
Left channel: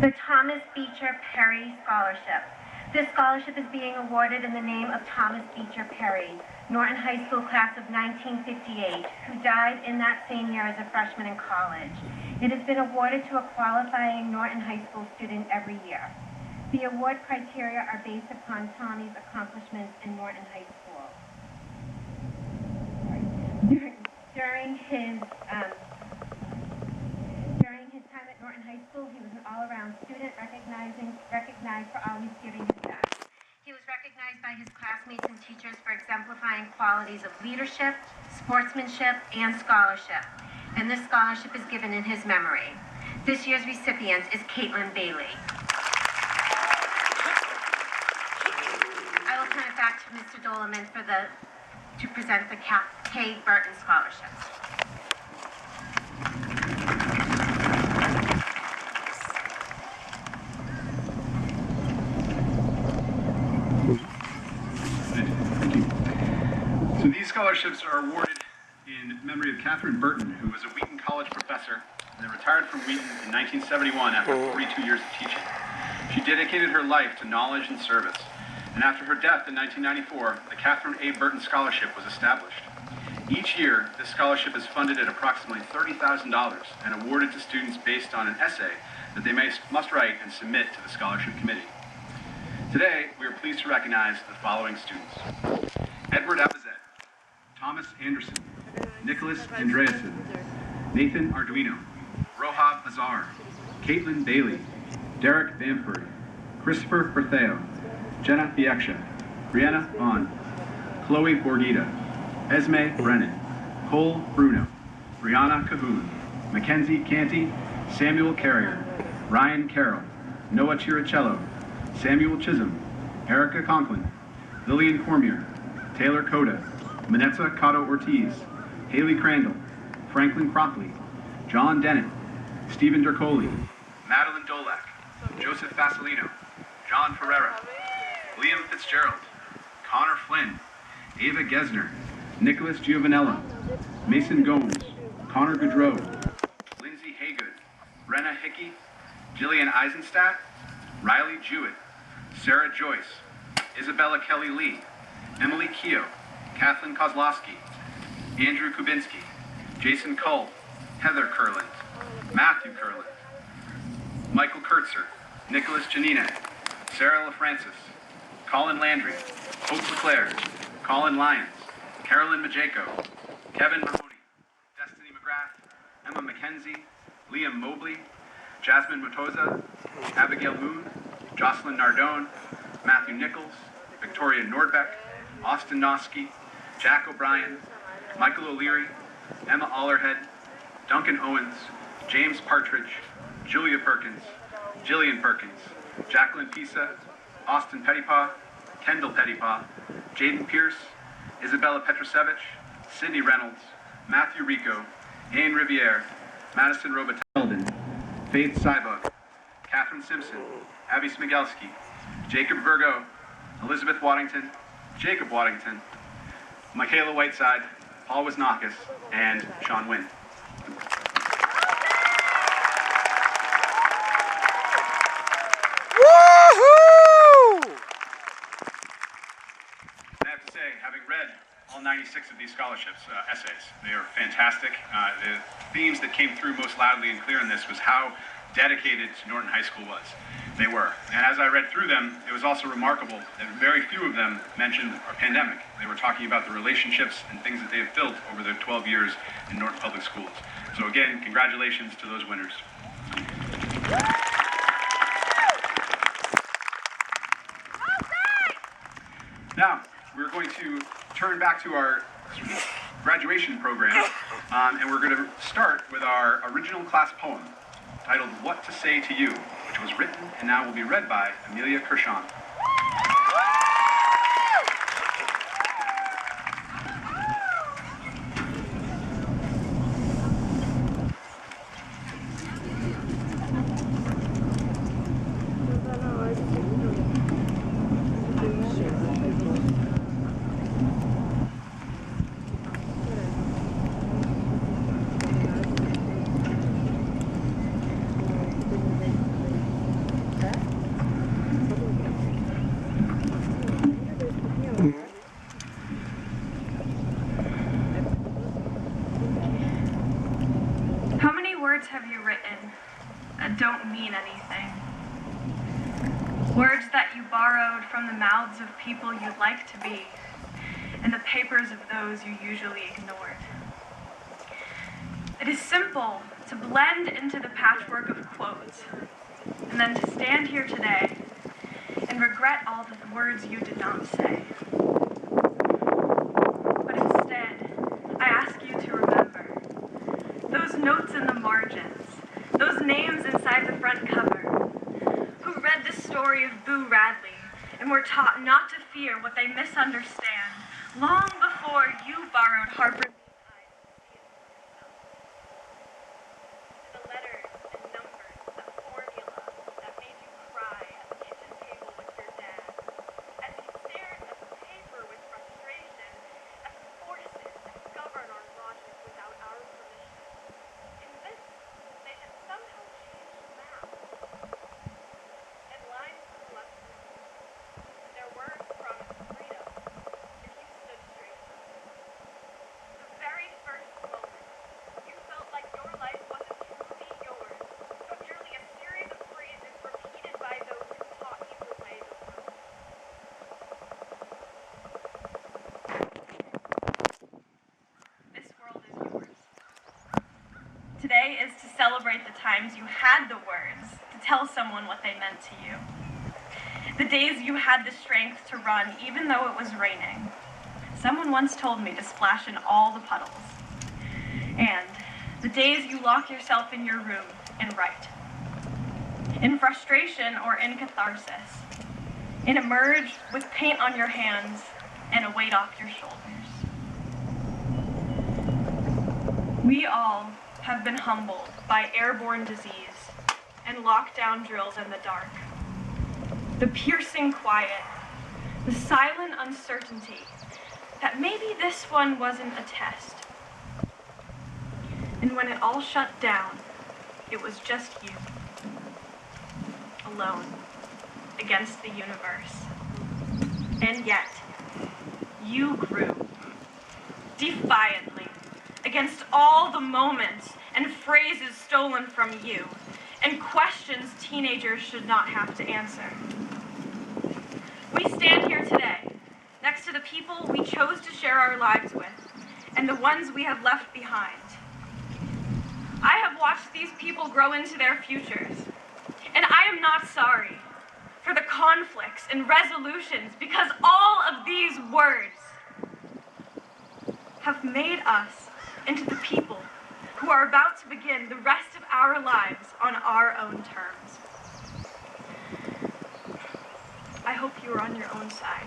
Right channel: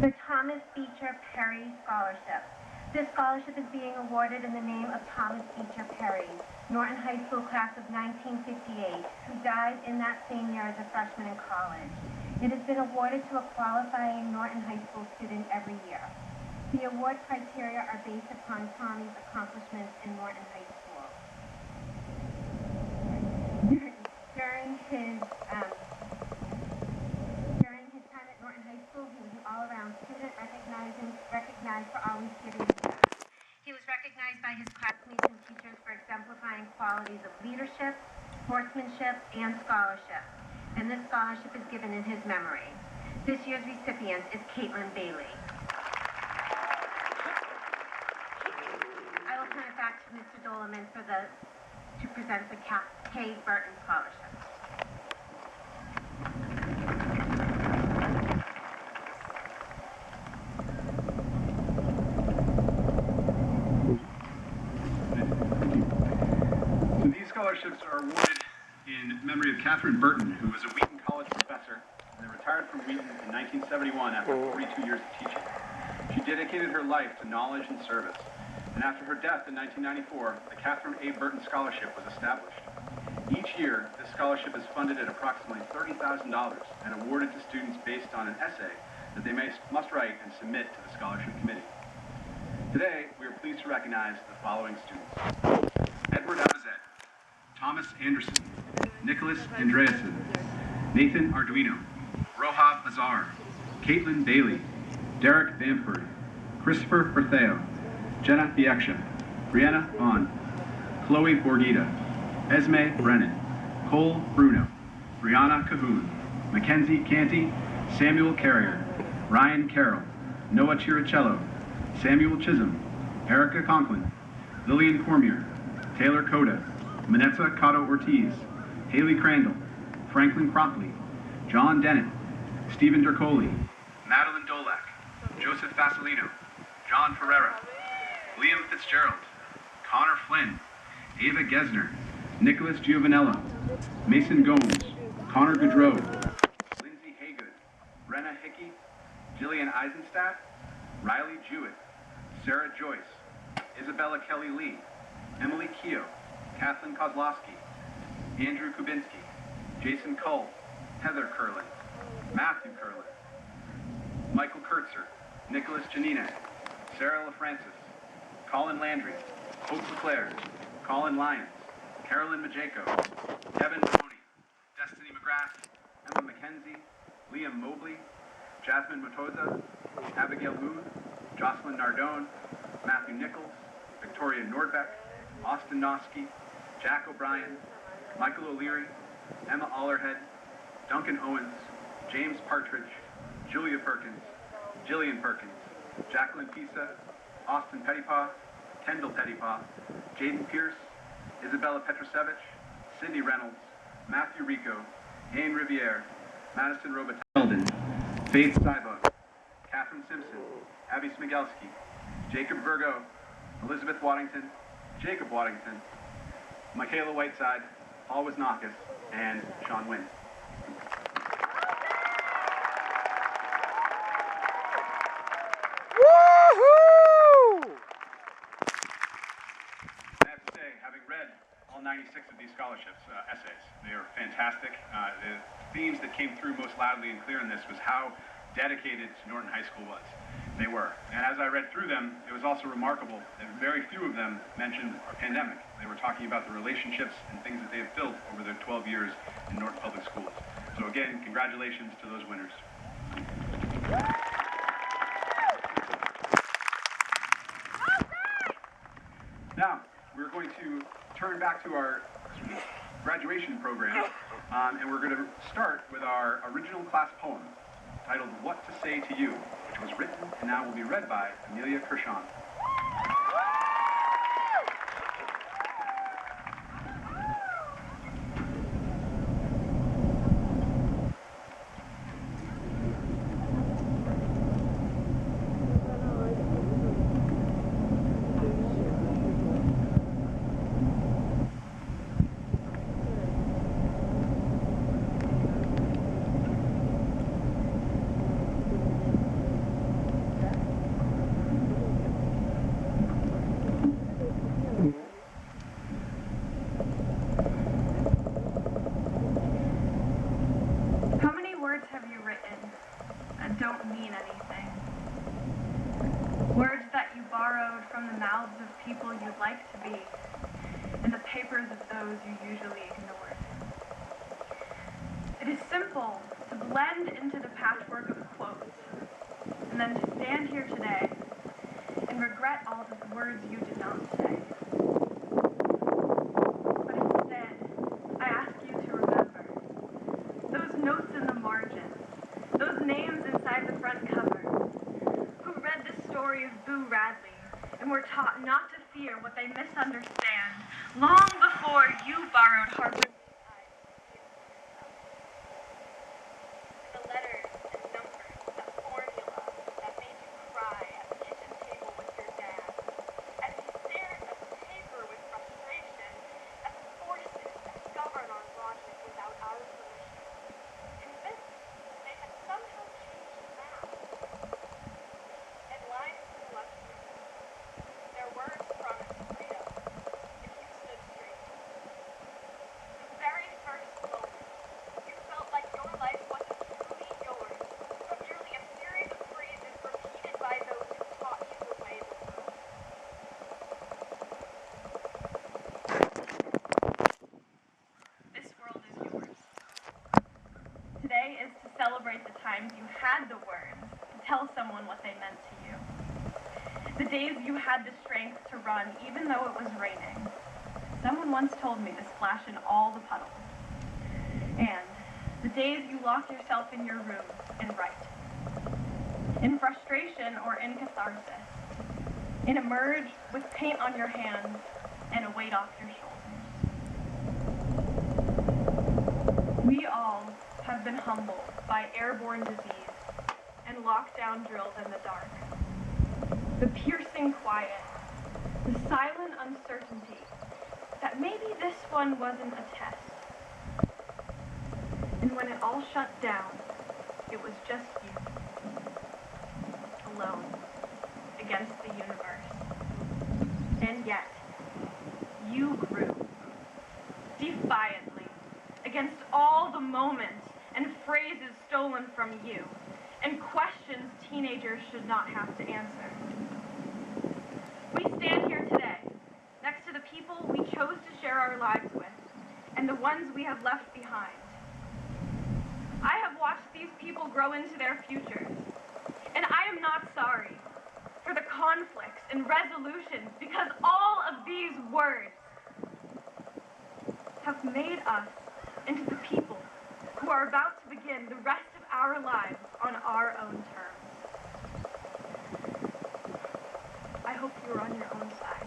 The Thomas Beecher Perry Scholarship. This scholarship is being awarded in the name of Thomas Beecher Perry, Norton High School class of 1958, who died in that same year as a freshman in college. It has been awarded to a qualifying Norton High School student every year. The award criteria are based upon Tommy's accomplishments in Norton High School. During his time at Norton High School, he was an all-around student recognized for always giving his best. He was recognized by his classmates and teachers for exemplifying qualities of leadership, sportsmanship, and scholarship. And this scholarship is given in his memory. This year's recipient is Caitlin Bailey. Mr. Doleman to present the K. Burton Scholarships. Thank you. So these scholarships are awarded in memory of Catherine Burton, who was a Wheaton College professor and retired from Wheaton in 1971 after 42 years of teaching. She dedicated her life to knowledge and service, and after her death in 1994, the Catherine A. Burton Scholarship was established. Each year, this scholarship is funded at approximately $30,000 and awarded to students based on an essay that they must write and submit to the scholarship committee. Today, we are pleased to recognize the following students: Edward Abazet, Thomas Anderson, Nicholas Andreasen, Nathan Arduino, Rohab Azar, Caitlin Bailey, Derek Bamford, Christopher Bertheo, Jenna Biekcia, Brianna Vaughn, Chloe Borgita, Esme Brennan, Cole Bruno, Brianna Cahoon, Mackenzie Canty, Samuel Carrier, Ryan Carroll, Noah Chiricello, Samuel Chisholm, Erica Conklin, Lillian Cormier, Taylor Coda, Manetza Cotto Ortiz, Haley Crandall, Franklin Crockley, John Dennett, Stephen Dercoli, Madeline Dolak, Joseph Fasolino, John Ferreira, Liam Fitzgerald, Connor Flynn, Ava Gesner, Nicholas Giovanello, Mason Gomes, Connor Goudreau, Lindsay Haygood, Brenna Hickey, Jillian Eisenstadt, Riley Jewett, Sarah Joyce, Isabella Kelly Lee, Emily Keogh, Kathleen Kozlowski, Andrew Kubinski, Jason Cull, Heather Kurland, Matthew Kurland, Michael Kurtzer, Nicholas Janine, Sarah LaFrancis, Colin Landry, Hope LeClaire, Colin Lyons, Carolyn Majeko, Kevin Mahoney, Destiny McGrath, Emma McKenzie, Liam Mobley, Jasmine Motoza, Abigail Moon, Jocelyn Nardone, Matthew Nichols, Victoria Nordbeck, Austin Noski, Jack O'Brien, Michael O'Leary, Emma Allerhead, Duncan Owens, James Partridge, Julia Perkins, Jillian Perkins, Jacqueline Pisa, Austin Pettipaw, Kendall Pettipaw, Jaden Pierce, Isabella Petrosevich, Sydney Reynolds, Matthew Rico, Ian Riviere, Madison Robateldin, Faith Sybug, Catherine Simpson, Abby Smigelski, Jacob Virgo, Elizabeth Waddington, Jacob Waddington, Michaela Whiteside, Paul Wisnakis, and Sean Wynn. Woohoo! I have to say, having read all 96 of these scholarships essays, they are fantastic. The themes that came through most loudly and clear in this was how dedicated Norton High School was. They were. And as I read through them, it was also remarkable that very few of them mentioned a pandemic. They were talking about the relationships and things that they have built over their 12 years in Norton Public Schools. So again, congratulations to those winners. Now, we're going to turn back to our graduation program, and we're going to start with our original class poem, titled What to Say to You, which was written and now will be read by Amelia Kershon. How many words have you written that don't mean anything? Words that you borrowed from the mouths of people you'd like to be and the papers of those you usually ignored. It is simple to blend into the patchwork of quotes and then to stand here today and regret all the words you did not say. But instead, I ask you to remember those notes in the margins, those names inside the front cover, who read the story of Boo Radley and were taught not to fear fear what they misunderstand, long before you borrowed Harper's eyes. The letters and numbers, the formula that made you cry at the kitchen table with your dad, as you stared at the paper with frustration, at the forces that govern our logic without our permission, convinced they had somehow changed math. And lines to the left, their words promised freedom if you stood straight. The very first moment, you felt like your life wasn't truly yours, but merely a series of phrases repeated by those who taught you the way of the world. This world is yours. Today is to celebrate the times you had the words to tell someone what they meant to you. The days you had the strength to run even though it was raining. Someone once told me to splash in all the puddles. And the days you lock yourself in your room and write. In frustration or in catharsis. And emerge with paint on your hands and a weight off your shoulders. We all have been humbled by airborne disease and lockdown drills in the dark. The piercing quiet, the silent uncertainty that maybe this one wasn't a test. And when it all shut down, it was just you, alone, against the universe. And yet, you grew, defiantly, against all the moments and phrases stolen from you, and questions teenagers should not have to answer. We stand here today, next to the people we chose to share our lives with, and the ones we have left behind. I have watched these people grow into their futures, and I am not sorry for the conflicts and resolutions, because all of these words have made us into the people who are about to begin the rest of our lives on our own terms. I hope you are on your own side,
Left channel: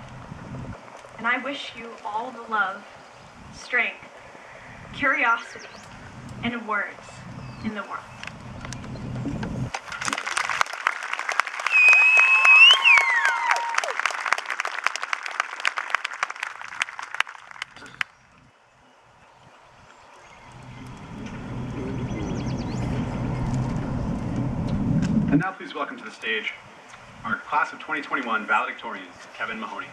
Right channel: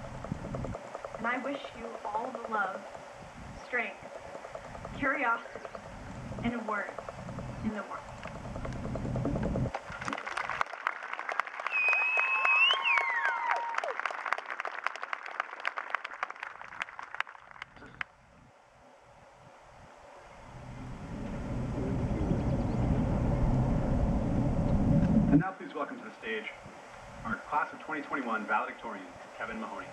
and I wish you all the love, strength, curiosity, and words in the world. And now please welcome to the stage our class of 2021 valedictorian, Kevin Mahoney.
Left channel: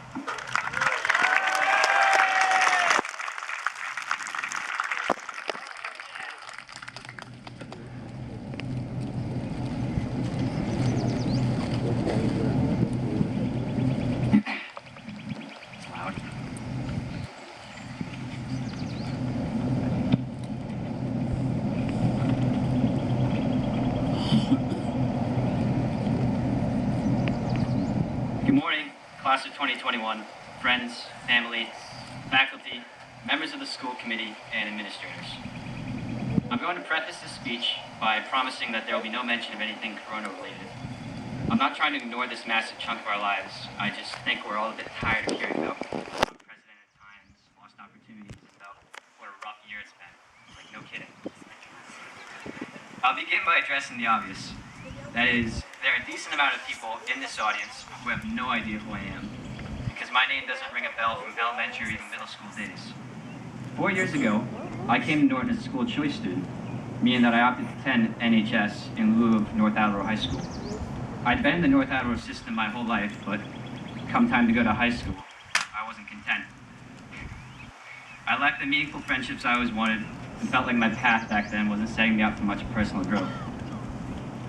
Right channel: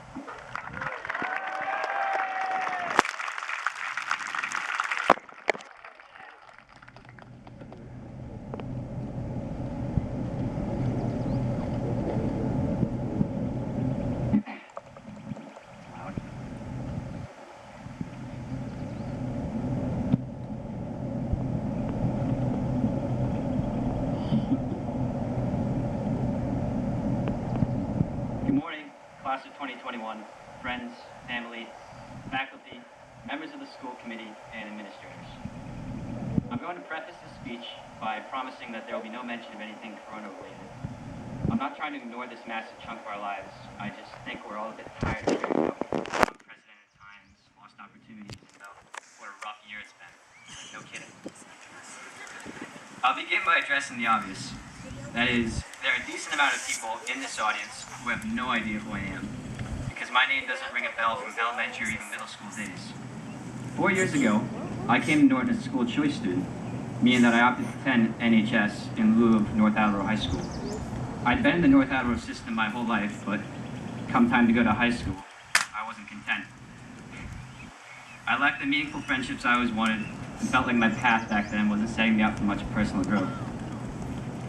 Good morning, class of 2021, friends, family, faculty, members of the school committee, and administrators. I'm going to preface this speech by promising that there will be no mention of anything corona-related. I'm not trying to ignore this massive chunk of our lives. I just think we're all a bit tired of hearing about unprecedented times, lost opportunities, and about what a rough year it's been. Like, no kidding. I'll begin by addressing the obvious. That is, there are a decent amount of people in this audience who have no idea who I am, because my name doesn't ring a bell from elementary or even middle school days. 4 years ago, I came to Norton as a school choice student, meaning that I opted to attend NHS in lieu of North Attleboro High School. I'd been in the North Attleboro system my whole life, but come time to go to high school, I wasn't content. I lacked the meaningful friendships I always wanted, and felt like my path back then wasn't setting me up for much personal growth.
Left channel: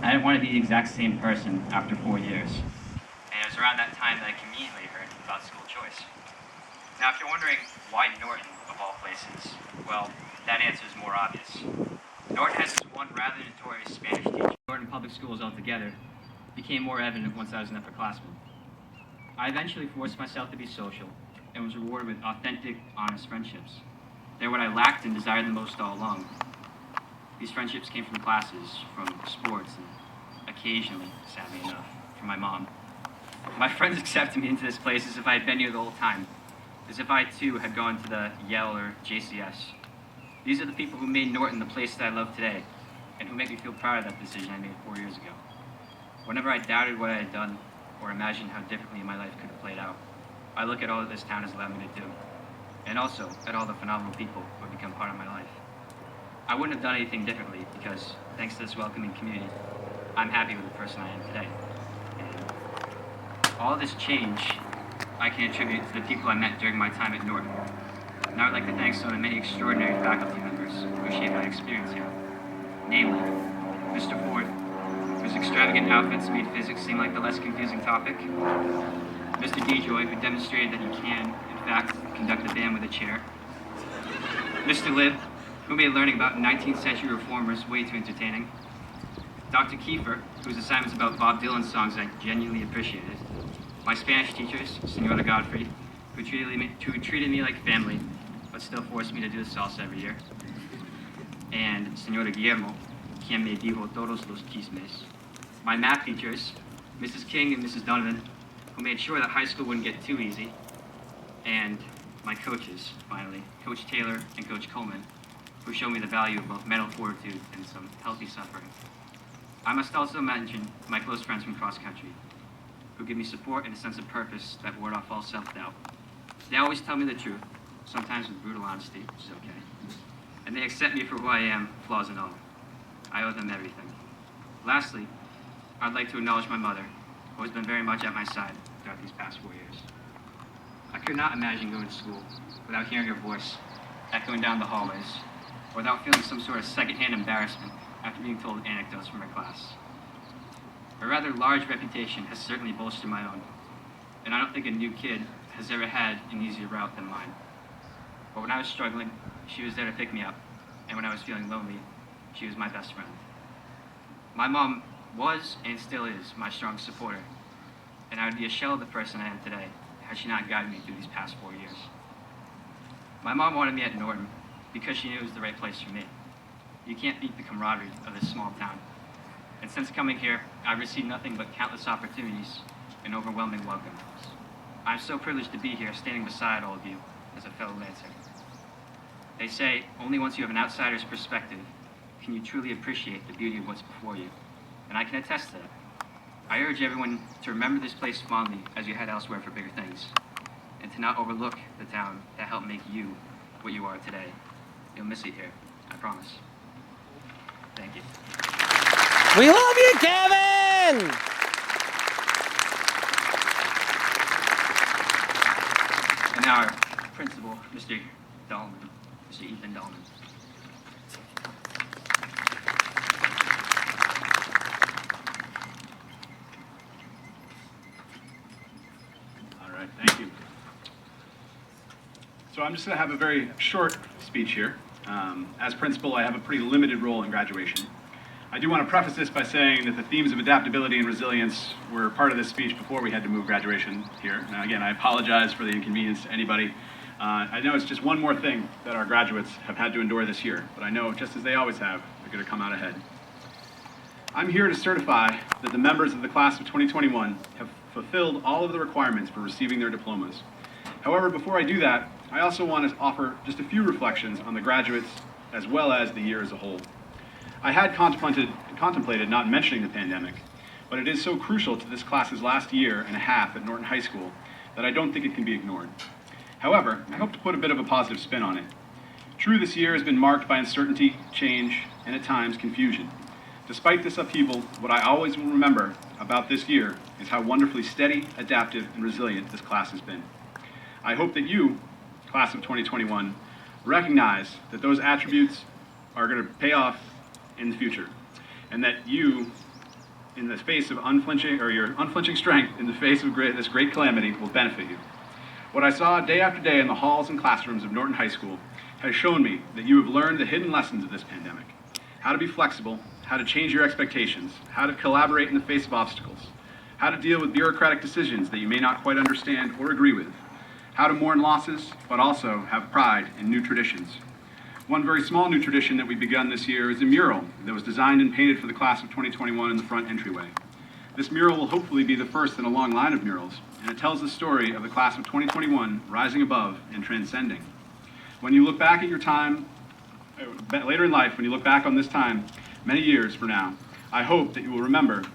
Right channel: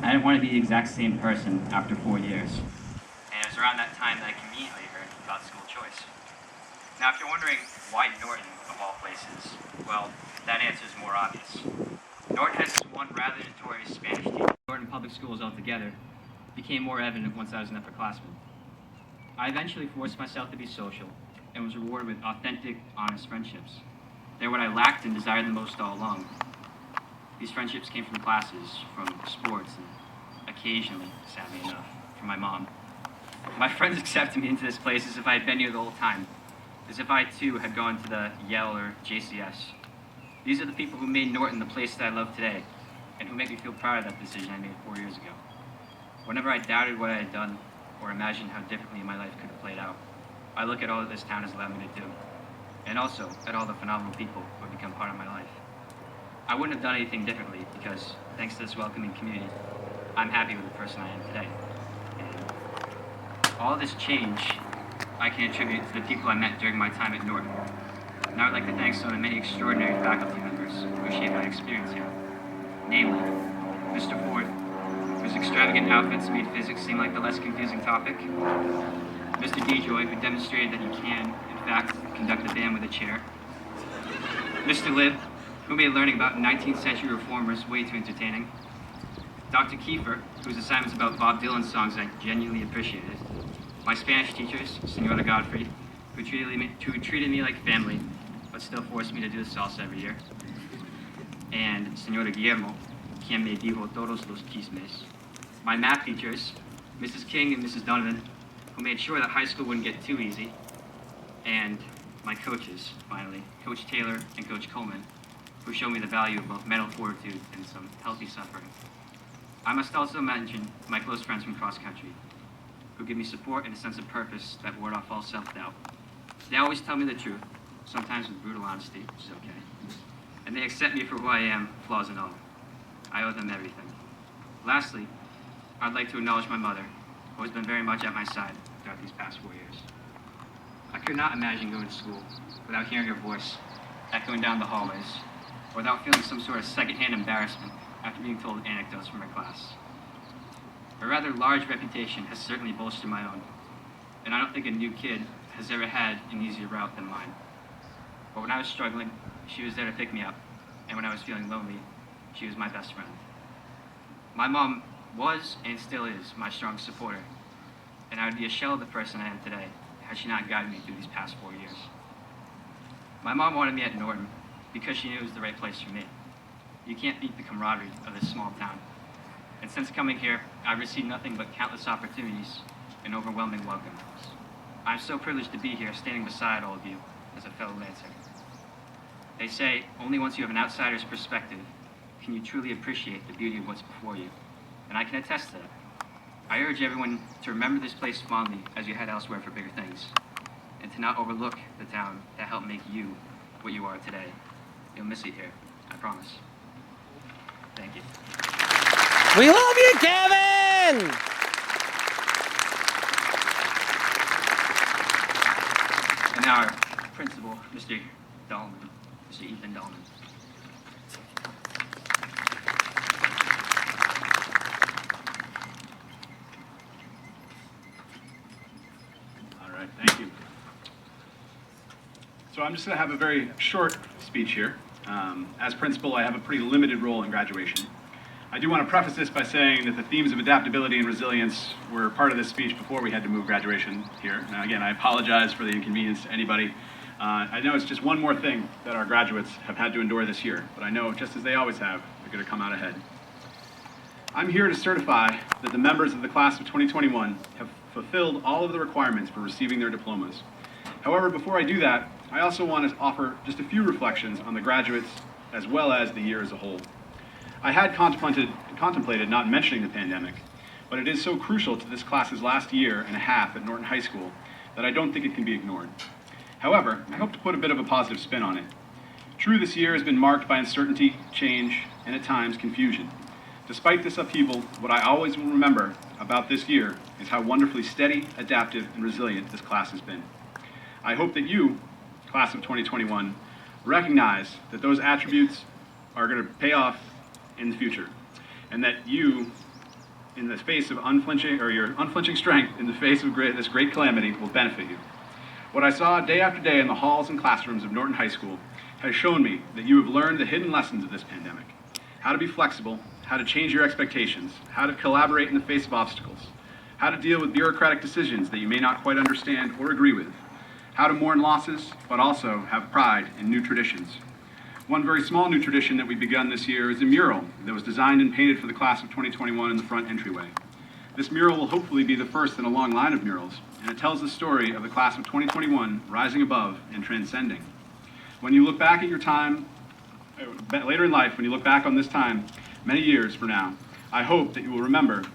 I didn't want to be the exact same person after 4 years. And it was around that time that I conveniently heard about school choice. Now, if you're wondering why Norton, of all places, well, that answer is more obvious. Norton has this one rather notorious Spanish teacher. Norton public schools altogether became more evident once I was an upperclassman. I eventually forced myself to be social and was rewarded with authentic, honest friendships. They're what I lacked and desired the most all along. These friendships came from classes, from sports, and occasionally, sadly enough, from my mom. My friends accepted me into this place as if I had been here the whole time, as if I too had gone to the Yale or JCS. These are the people who made Norton the place that I love today, and who make me feel proud of that decision I made 4 years ago. Whenever I doubted what I had done, or imagined how differently my life could have played out, I look at all that this town has allowed me to do, and also at all the phenomenal people who have become part of my life. I wouldn't have done anything differently because, thanks to this welcoming community, I'm happy with the person I am today. And all this change I can attribute to the people I met during my time at Norton. And I would like to thank some of the many extraordinary faculty members who shaped my experience here. Namely, Mr. Ford, whose extravagant outfits made physics seem like the less confusing topic. Mr. DeJoy, who demonstrated that he can, in fact, conduct a band with a chair. Mr. Libb, who made learning about 19th century reformers way too entertaining. Dr. Kiefer, whose assignments about Bob Dylan songs I genuinely appreciated. My Spanish teachers, Senora Godfrey, who treated me like family, but still forced me to do the salsa every year. And Senora Guillermo, quien me dijo todos los chismes. My math teachers, Mrs. King and Mrs. Donovan, who made sure that high school wouldn't get too easy. And my coaches, finally, Coach Taylor and Coach Coleman, who showed me the value of both mental fortitude and some healthy suffering. I must also mention my close friends from cross country, who give me support and a sense of purpose that ward off all self-doubt. They always tell me the truth, sometimes with brutal honesty, which is okay. And they accept me for who I am, flaws and all. I owe them everything. Lastly, I'd like to acknowledge my mother, who has been very much at my side throughout these past 4 years. I could not imagine going to school without hearing her voice echoing down the hallways, or without feeling some sort of secondhand embarrassment after being told anecdotes from her class. Her rather large reputation has certainly bolstered my own, and I don't think a new kid has ever had an easier route than mine. But when I was struggling, she was there to pick me up, and when I was feeling lonely, she was my best friend. My mom was and still is my strong supporter, and I would be a shell of the person I am today had she not guided me through these past 4 years. My mom wanted me at Norton because she knew it was the right place for me. You can't beat the camaraderie of this small town. And since coming here, I've received nothing but countless opportunities and overwhelming welcomes. I'm so privileged to be here standing beside all of you as a fellow Lancer. They say only once you have an outsider's perspective can you truly appreciate the beauty of what's before you. And I can attest to that. I urge everyone to remember this place fondly as you head elsewhere for bigger things, and to not overlook the town that helped make you what you are today. You'll miss it here, I promise. Thank you. We love you, Kevin! And now our principal, Mr. Dahlman, Mr. Ethan Dahlman. All right, thank you. So I'm just going to have a very short speech here. As principal, I have a pretty limited role in graduation. I do want to preface this by saying that the themes of adaptability and resilience were part of this speech before we had to move graduation here. Now again, I apologize for the inconvenience to anybody. I know it's just one more thing that our graduates have had to endure this year, but I know, just as they always have, they're going to come out ahead. I'm here to certify that the members of the class of 2021 have fulfilled all of the requirements for receiving their diplomas. However, before I do that, I also want to offer just a few reflections on the graduates as well as the year as a whole. I had contemplated not mentioning the pandemic, but it is so crucial to this class's last year and a half at Norton High School that I don't think it can be ignored. However, I hope to put a bit of a positive spin on it. True, this year has been marked by uncertainty, change, and at times confusion. Despite this upheaval, what I always will remember about this year is how wonderfully steady, adaptive, and resilient this class has been. I hope that you, class of 2021, recognize that those attributes are going to pay off in the future, and that you, in the face of your unflinching strength in the face of this great calamity, will benefit you. What I saw day after day in the halls and classrooms of Norton High School has shown me that you have learned the hidden lessons of this pandemic. How to be flexible, how to change your expectations, how to collaborate in the face of obstacles, how to deal with bureaucratic decisions that you may not quite understand or agree with, how to mourn losses, but also have pride in new traditions. One very small new tradition that we've begun this year is a mural that was designed and painted for the class of 2021 in the front entryway. This mural will hopefully be the first in a long line of murals, and it tells the story of the class of 2021 rising above and transcending. When you look back at your time, later in life, when you look back on this time, many years from now, I hope that you will remember,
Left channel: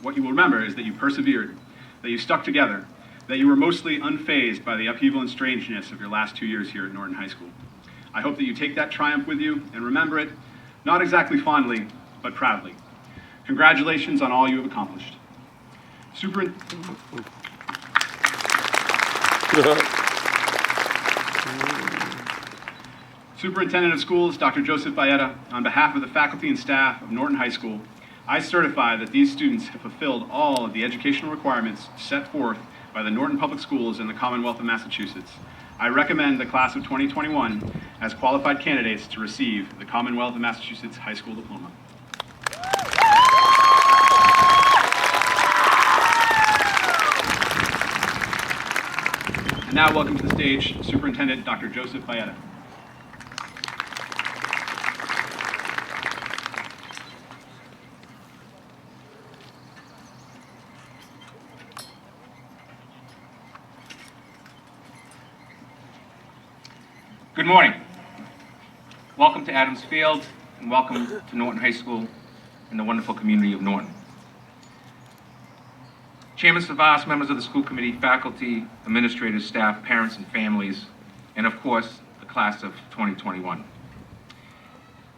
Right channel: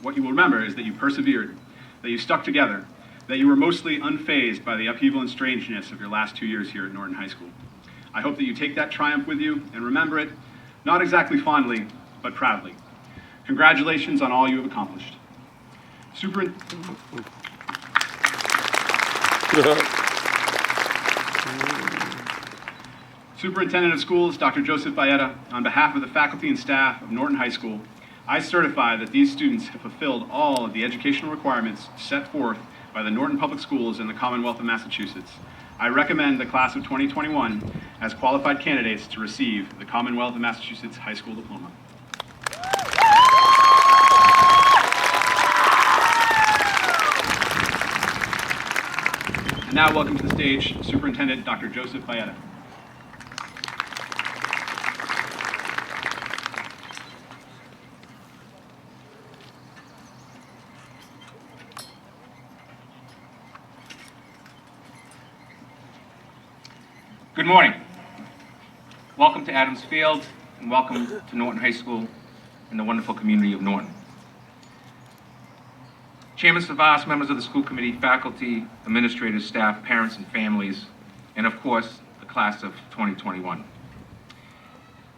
what you will remember is that you persevered, that you stuck together, that you were mostly unfazed by the upheaval and strangeness of your last 2 years here at Norton High School. I hope that you take that triumph with you and remember it, not exactly fondly, but proudly. Congratulations on all you have accomplished. Superintendent of Schools, Dr. Joseph Baeta, on behalf of the faculty and staff of Norton High School, I certify that these students have fulfilled all of the educational requirements set forth by the Norton Public Schools in the Commonwealth of Massachusetts. I recommend the class of 2021 as qualified candidates to receive the Commonwealth of Massachusetts High School Diploma. And now welcome to the stage Superintendent Dr. Joseph Baeta. Good morning. Welcome to Adams Field, and welcome to Norton High School and the wonderful community of Norton. Chairman Savas, members of the school committee, faculty, administrators, staff, parents, and families, and of course, the class of 2021.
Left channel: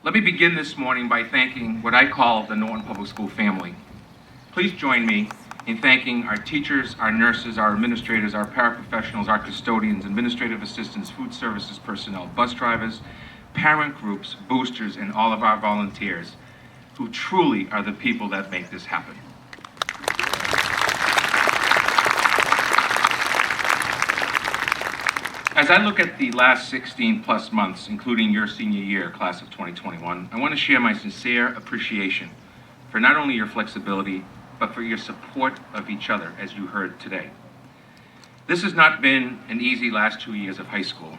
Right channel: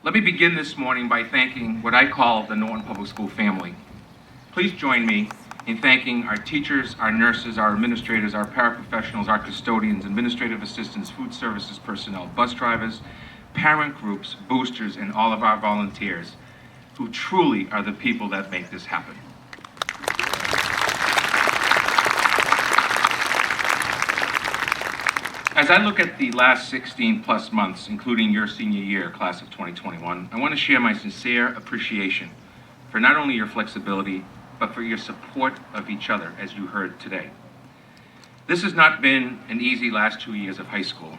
Let me begin this morning by thanking what I call the Norton Public School family. Please join me in thanking our teachers, our nurses, our administrators, our paraprofessionals, our custodians, administrative assistants, food services personnel, bus drivers, parent groups, boosters, and all of our volunteers, who truly are the people that make this happen. As I look at the last 16 plus months, including your senior year, class of 2021, I want to share my sincere appreciation for not only your flexibility, but for your support of each other, as you heard today. This has not been an easy last 2 years of high school.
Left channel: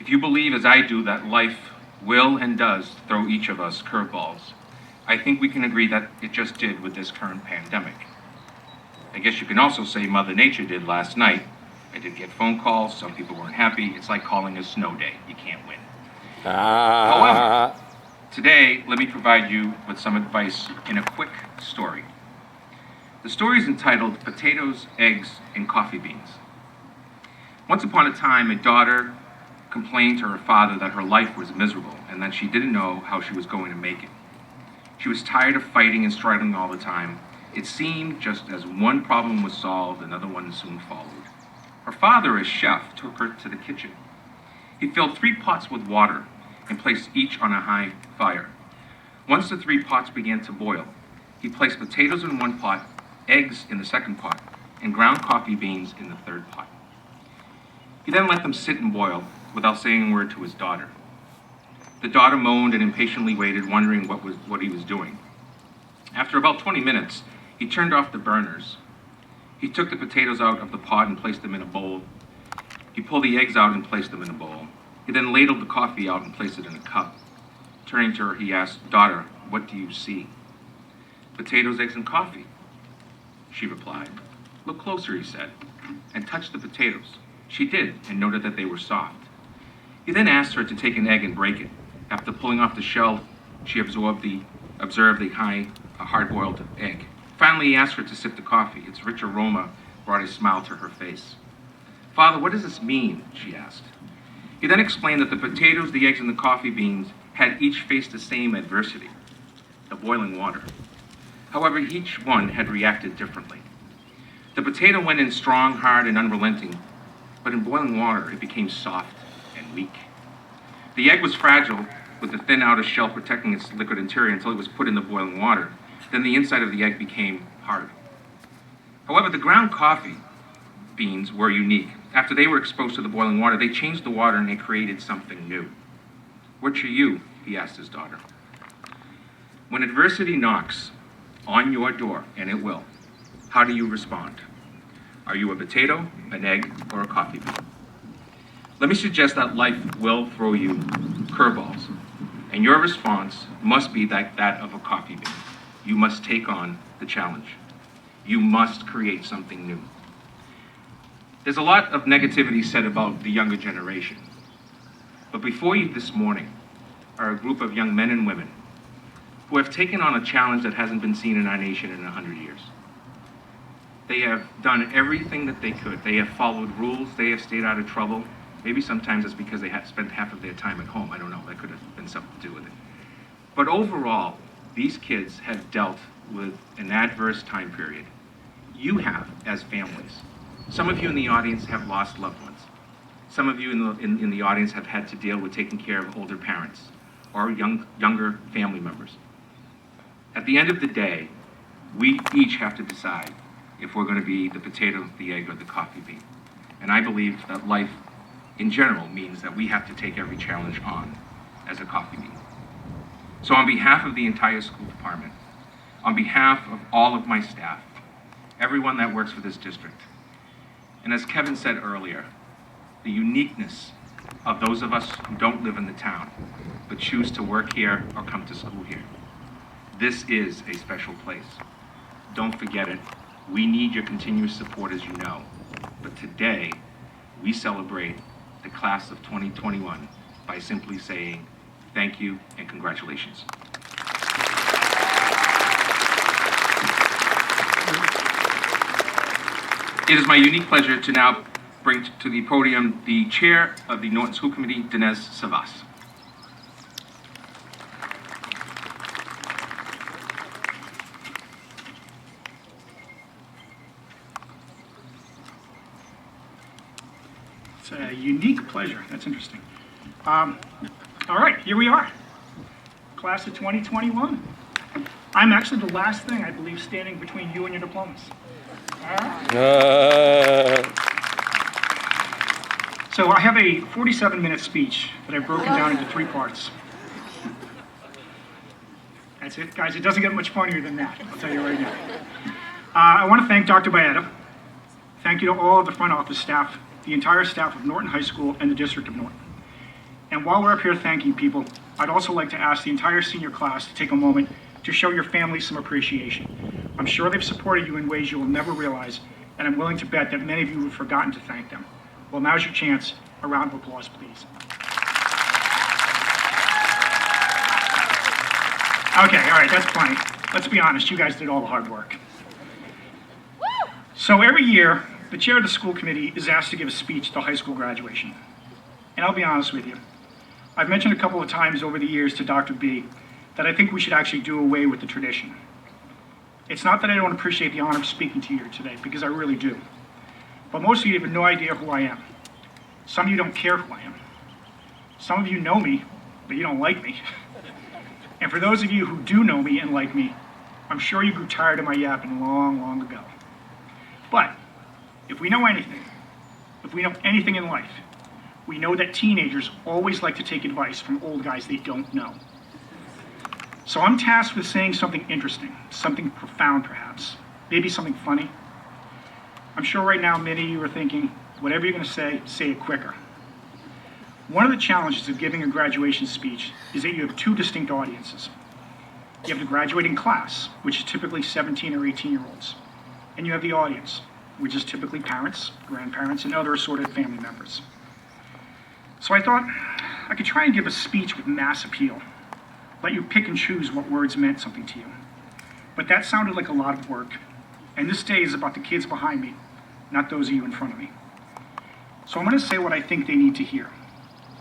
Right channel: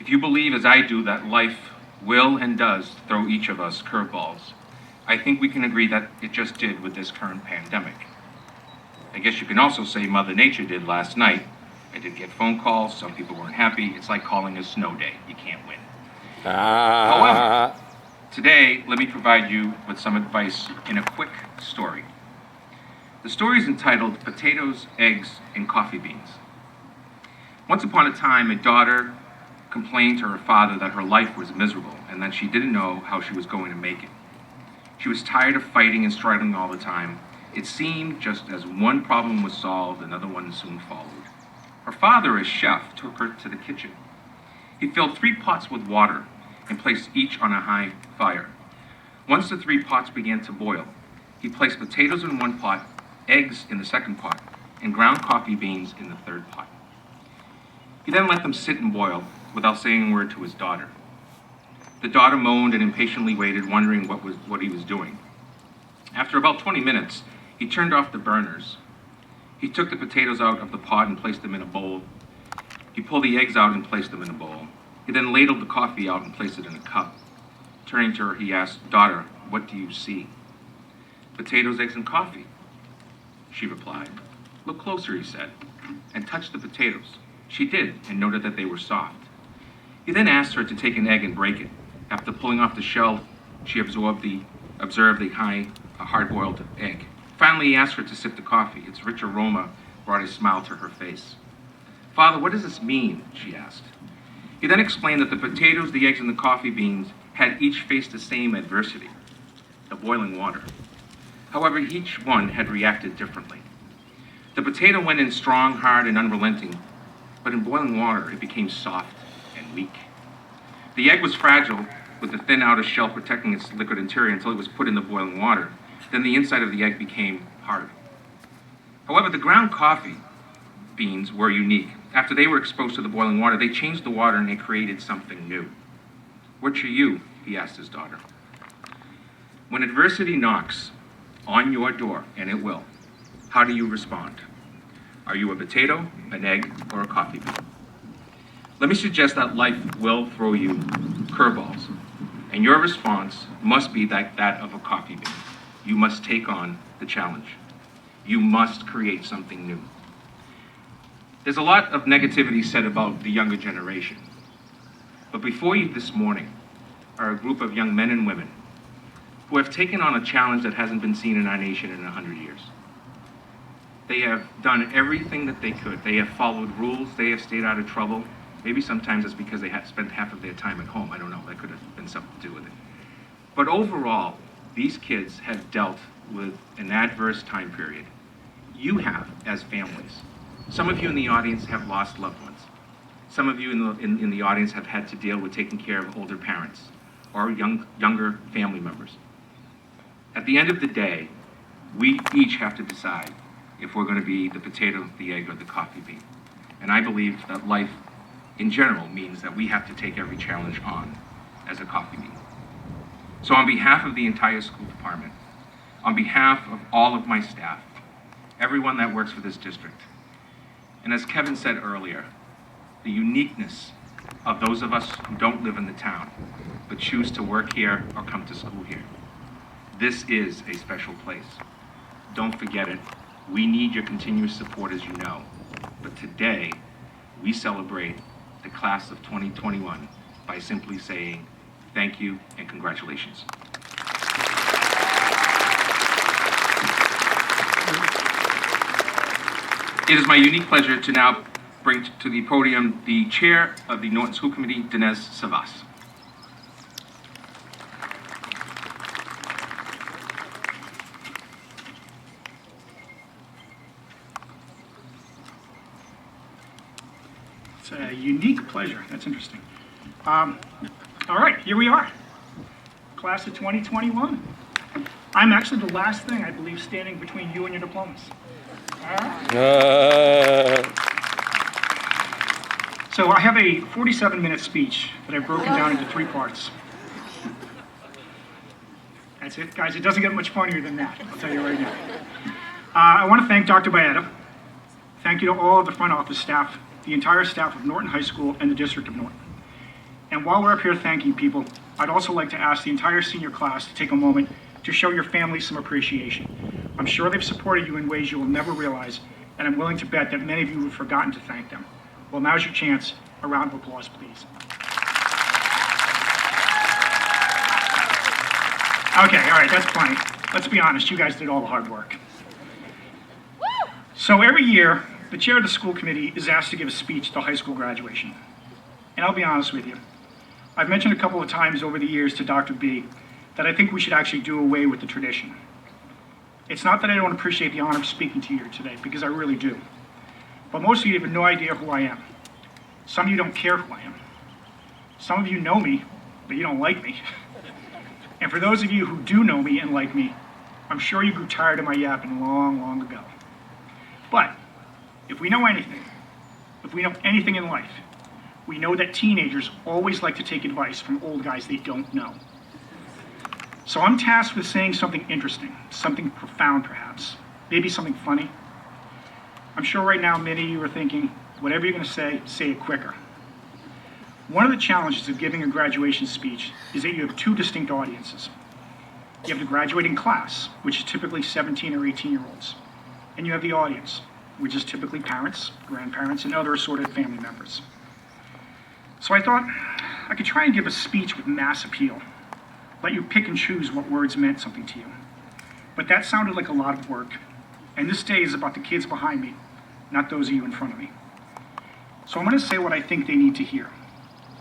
If you believe, as I do, that life will and does throw each of us curveballs, I think we can agree that it just did with this current pandemic. I guess you can also say Mother Nature did last night. I did get phone calls, some people weren't happy. It's like calling a snow day, you can't win. However, today, let me provide you with some advice in a quick story. The story is entitled Potatoes, Eggs, and Coffee Beans. Once upon a time, a daughter complained to her father that her life was miserable and that she didn't know how she was going to make it. She was tired of fighting and struggling all the time. It seemed just as one problem was solved, another one soon followed. Her father, as chef, took her to the kitchen. He filled 3 pots with water and placed each on a high fire. Once the 3 pots began to boil, he placed potatoes in one pot, eggs in the second pot, and ground coffee beans in the third pot. He then let them sit and boil without saying a word to his daughter. The daughter moaned and impatiently waited, wondering what he was doing. After about 20 minutes, he turned off the burners. He took the potatoes out of the pot and placed them in a bowl. He pulled the eggs out and placed them in a bowl. He then ladled the coffee out and placed it in a cup. Turning to her, he asked, "Daughter, what do you see?" "Potatoes, eggs, and coffee," she replied. "Look closer," he said, and touched the potatoes. She did, and noted that they were soft. He then asked her to take an egg and break it. After pulling off the shell, she observed the hard-boiled egg. Finally, he asked her to sip the coffee. Its rich aroma brought a smile to her face. "Father, what does this mean?" she asked. He then explained that the potatoes, the eggs, and the coffee beans had each faced the same adversity, the boiling water. However, each one had reacted differently. The potato went in strong, hard, and unrelenting, but in boiling water, it became soft and weak. The egg was fragile, with the thin outer shell protecting its liquid interior until it was put in the boiling water. Then the inside of the egg became hard. However, the ground coffee beans were unique. After they were exposed to the boiling water, they changed the water and they created something new. "Which are you?" he asked his daughter. When adversity knocks on your door, and it will, how do you respond? Are you a potato, an egg, or a coffee bean? Let me suggest that life will throw you curveballs, and your response must be that of a coffee bean. You must take on the challenge. You must create something new. There's a lot of negativity said about the younger generation. But before you this morning are a group of young men and women who have taken on a challenge that hasn't been seen in our nation in 100 years. They have done everything that they could. They have followed rules. They have stayed out of trouble. Maybe sometimes it's because they had spent half of their time at home. I don't know. That could have been something to do with it. But overall, these kids have dealt with an adverse time period. You have as families. Some of you in the audience have lost loved ones. Some of you in the audience have had to deal with taking care of older parents or younger family members. At the end of the day, we each have to decide if we're going to be the potato, the egg, or the coffee bean. And I believe that life in general means that we have to take every challenge on as a coffee bean. So on behalf of the entire school department, on behalf of all of my staff, everyone that works for this district, and as Kevin said earlier, the uniqueness of those of us who don't live in the town, but choose to work here or come to school here. This is a special place. Don't forget it. We need your continuous support, as you know. But today, we celebrate the class of 2021 by simply saying thank you and congratulations. It is my unique pleasure to now bring to the podium the chair of the Norton School Committee, Dinesh Savas. It's a unique pleasure. That's interesting. All right, here we are. Class of 2021. I'm actually the last thing, I believe, standing between you and your diplomas. So I have a 47-minute speech that I've broken down into 3 parts. That's it, guys. It doesn't get much funnier than that, I'll tell you right now. I want to thank Dr. Baeta. Thank you to all of the front office staff, the entire staff of Norton High School and the District of Norton. And while we're up here thanking people, I'd also like to ask the entire senior class to take a moment to show your families some appreciation. I'm sure they've supported you in ways you will never realize, and I'm willing to bet that many of you have forgotten to thank them. Well, now's your chance. A round of applause, please. Okay, all right, that's plenty. Let's be honest, you guys did all the hard work. So every year, the chair of the school committee is asked to give a speech at the high school graduation. And I'll be honest with you, I've mentioned a couple of times over the years to Dr. B that I think we should actually do away with the tradition. It's not that I don't appreciate the honor of speaking to you here today, because I really do. But most of you have no idea who I am. Some of you don't care who I am. Some of you know me, but you don't like me. And for those of you who do know me and like me, I'm sure you grew tired of my yapping long, long ago. But if we know anything, if we know anything in life, we know that teenagers always like to take advice from old guys they don't know. So I'm tasked with saying something interesting, something profound perhaps, maybe something funny. I'm sure right now many of you are thinking, whatever you're going to say it quicker. One of the challenges of giving a graduation speech is that you have 2 distinct audiences. You have the graduating class, which is typically 17 or 18-year-olds, and you have the audience, which is typically parents, grandparents, and other assorted family members. So I thought I could try and give a speech with mass appeal, let you pick and choose what words meant something to you. But that sounded like a lot of work, and this day is about the kids behind me, not those of you in front of me. So I'm going to say what I think they need to hear,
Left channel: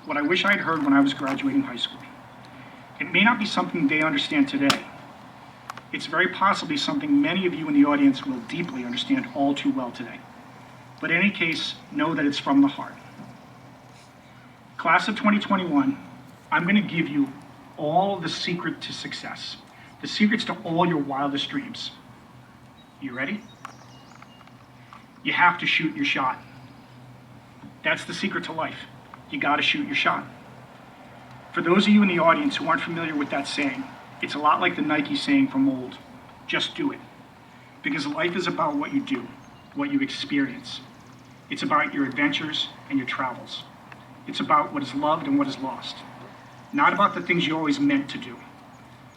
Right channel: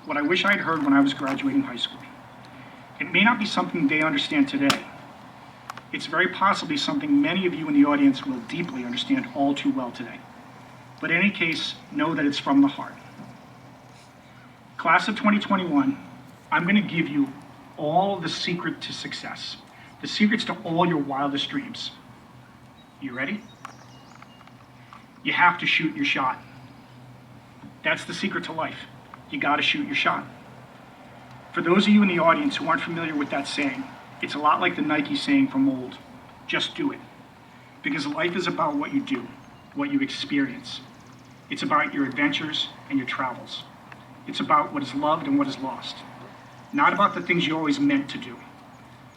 what I wish I'd heard when I was graduating high school. It may not be something they understand today. It's very possibly something many of you in the audience will deeply understand all too well today. But in any case, know that it's from the heart. Class of 2021, I'm going to give you all the secret to success, the secrets to all your wildest dreams. You ready? You have to shoot your shot. That's the secret to life. You got to shoot your shot. For those of you in the audience who aren't familiar with that saying, it's a lot like the Nike saying from old, just do it. Because life is about what you do, what you experience. It's about your adventures and your travels. It's about what is loved and what is lost. Not about the things you always meant to do.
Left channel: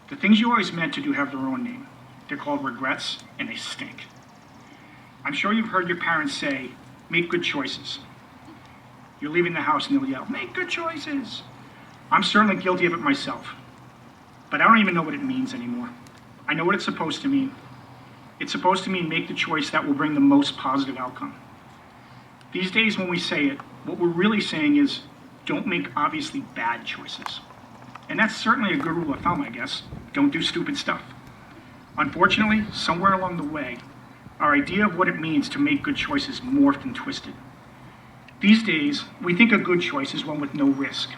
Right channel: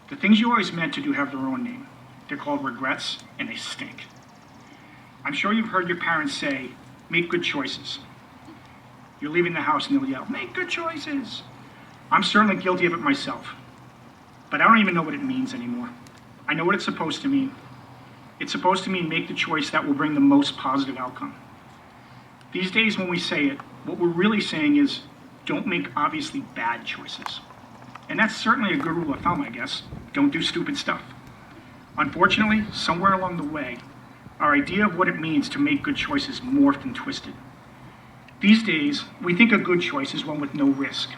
The things you always meant to do have their own name. They're called regrets, and they stink. I'm sure you've heard your parents say, make good choices. You're leaving the house and they'll yell, make good choices. I'm certainly guilty of it myself, but I don't even know what it means anymore. I know what it's supposed to mean. It's supposed to mean make the choice that will bring the most positive outcome. These days when we say it, what we're really saying is don't make obviously bad choices. And that's certainly a good rule of thumb, I guess. Don't do stupid stuff. Unfortunately, somewhere along the way, our idea of what it means to make good choices morphed and twisted. These days, we think a good choice is one with no risk,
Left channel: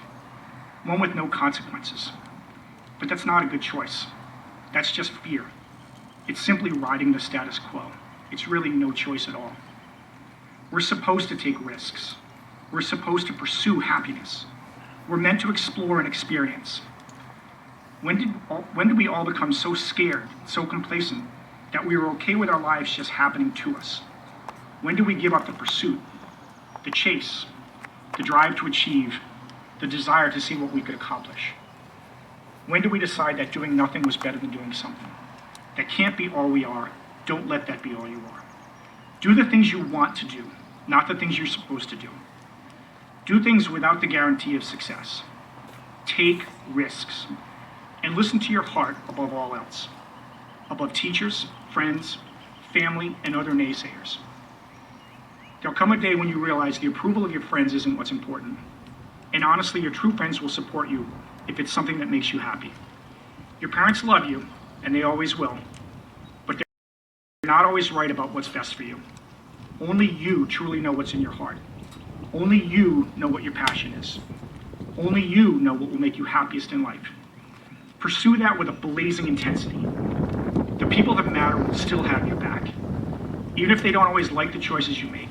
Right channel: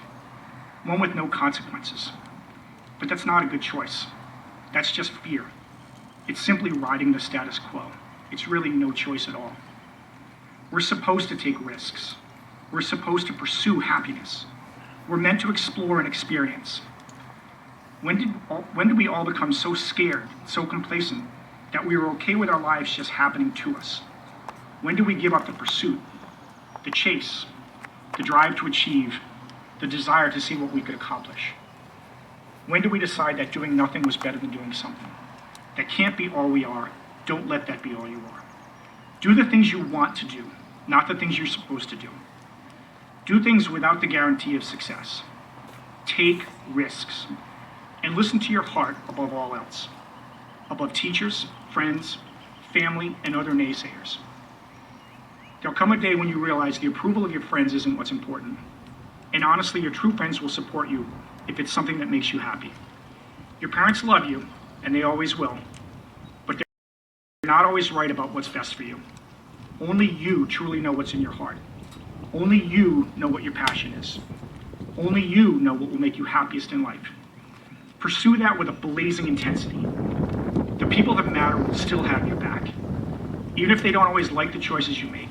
one with no consequences. But that's not a good choice. That's just fear. It's simply riding the status quo. It's really no choice at all. We're supposed to take risks. We're supposed to pursue happiness. We're meant to explore and experience. When did we all become so scared, so complacent, that we were okay with our lives just happening to us? When do we give up the pursuit, the chase, the drive to achieve, the desire to see what we could accomplish? When do we decide that doing nothing was better than doing something? That can't be all we are. Don't let that be all you are. Do the things you want to do, not the things you're supposed to do. Do things without the guarantee of success. Take risks. And listen to your heart above all else. Above teachers, friends, family, and other naysayers. There'll come a day when you realize the approval of your friends isn't what's important. And honestly, your true friends will support you if it's something that makes you happy. Your parents love you, and they always will. But they're not always right about what's best for you. Only you truly know what's in your heart. Only you know what your passion is. Only you know what will make you happiest in life. Pursue that with a blazing intensity. The people that matter will still have your back. Even if they don't always like the choices you make.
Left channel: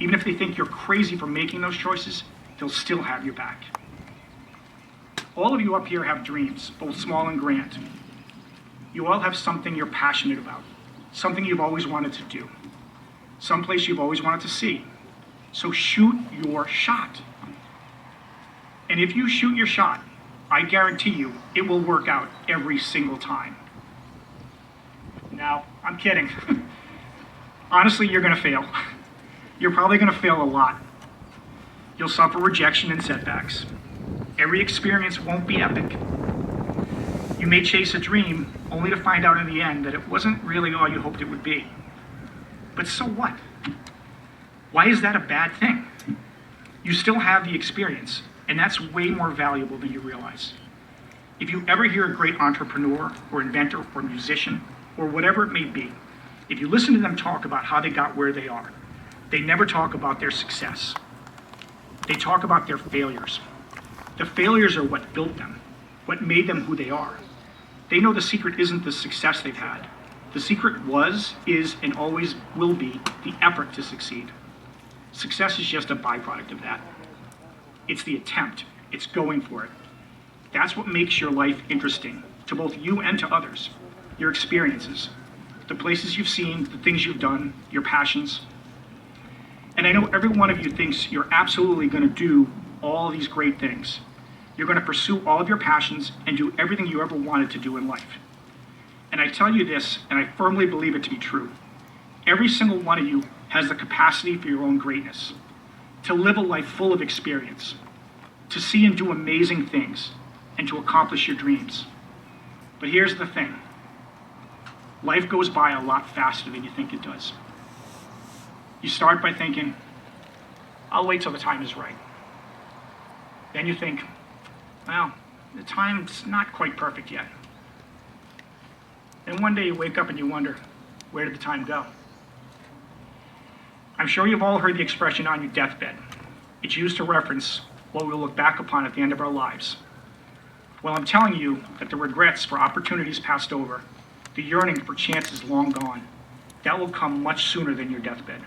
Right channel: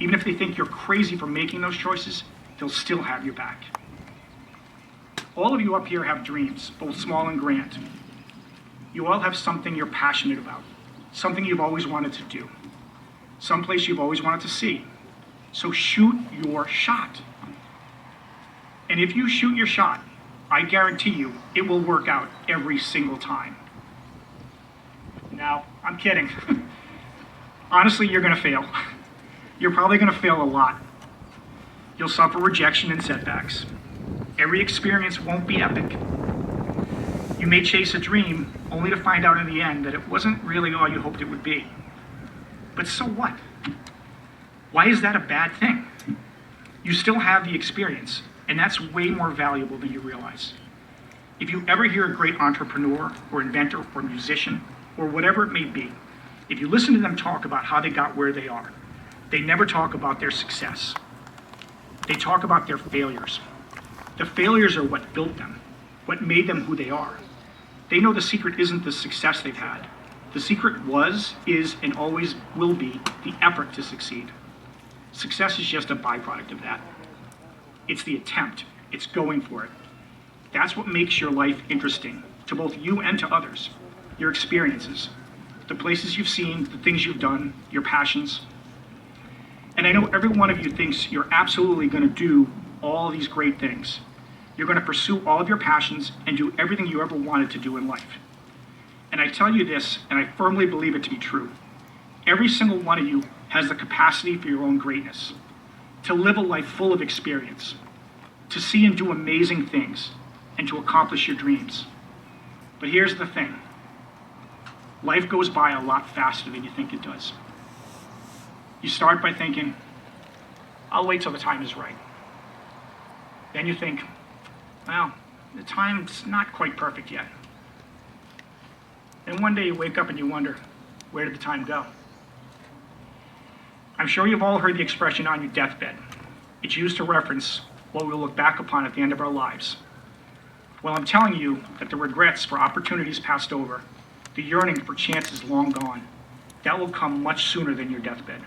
Even if they think you're crazy for making those choices, they'll still have your back. All of you up here have dreams, both small and grand. You all have something you're passionate about, something you've always wanted to do, someplace you've always wanted to see. So shoot your shot. And if you shoot your shot, I guarantee you it will work out every single time. Now, I'm kidding. Honestly, you're going to fail. You're probably going to fail a lot. You'll suffer rejection and setbacks. Every experience won't be epic. You may chase a dream only to find out in the end that it wasn't really all you hoped it would be. But so what? Why is that a bad thing? You still have the experience, and that's way more valuable than you realize. If you ever hear a great entrepreneur or inventor or musician or whatever it may be, if you listen to them talk about how they got where they are, they never talk about their success. They talk about their failures. The failures are what built them, what made them who they are. They know the secret isn't the success they've had. The secret was, is, and always will be the effort to succeed. Success is just a byproduct of that. It's the attempt. It's going for it. That's what makes your life interesting to both you and to others. Your experiences, the places you've seen, the things you've done, your passions. And I know every one of you thinks you're absolutely going to do all these great things. You're going to pursue all of your passions and do everything you ever wanted to do in life. And I tell you this, and I firmly believe it to be true. Every single one of you has the capacity for your own greatness, to live a life full of experience, to see and do amazing things, and to accomplish your dreams. But here's the thing. Life goes by a lot faster than you think it does. You start by thinking, I'll wait till the time is right. Then you think, well, the time's not quite perfect yet. And one day you wake up and you wonder, where did the time go? I'm sure you've all heard the expression on your deathbed. It's used to reference what we'll look back upon at the end of our lives. Well, I'm telling you that the regrets for opportunities passed over, the yearning for chances long gone, that will come much sooner than your deathbed.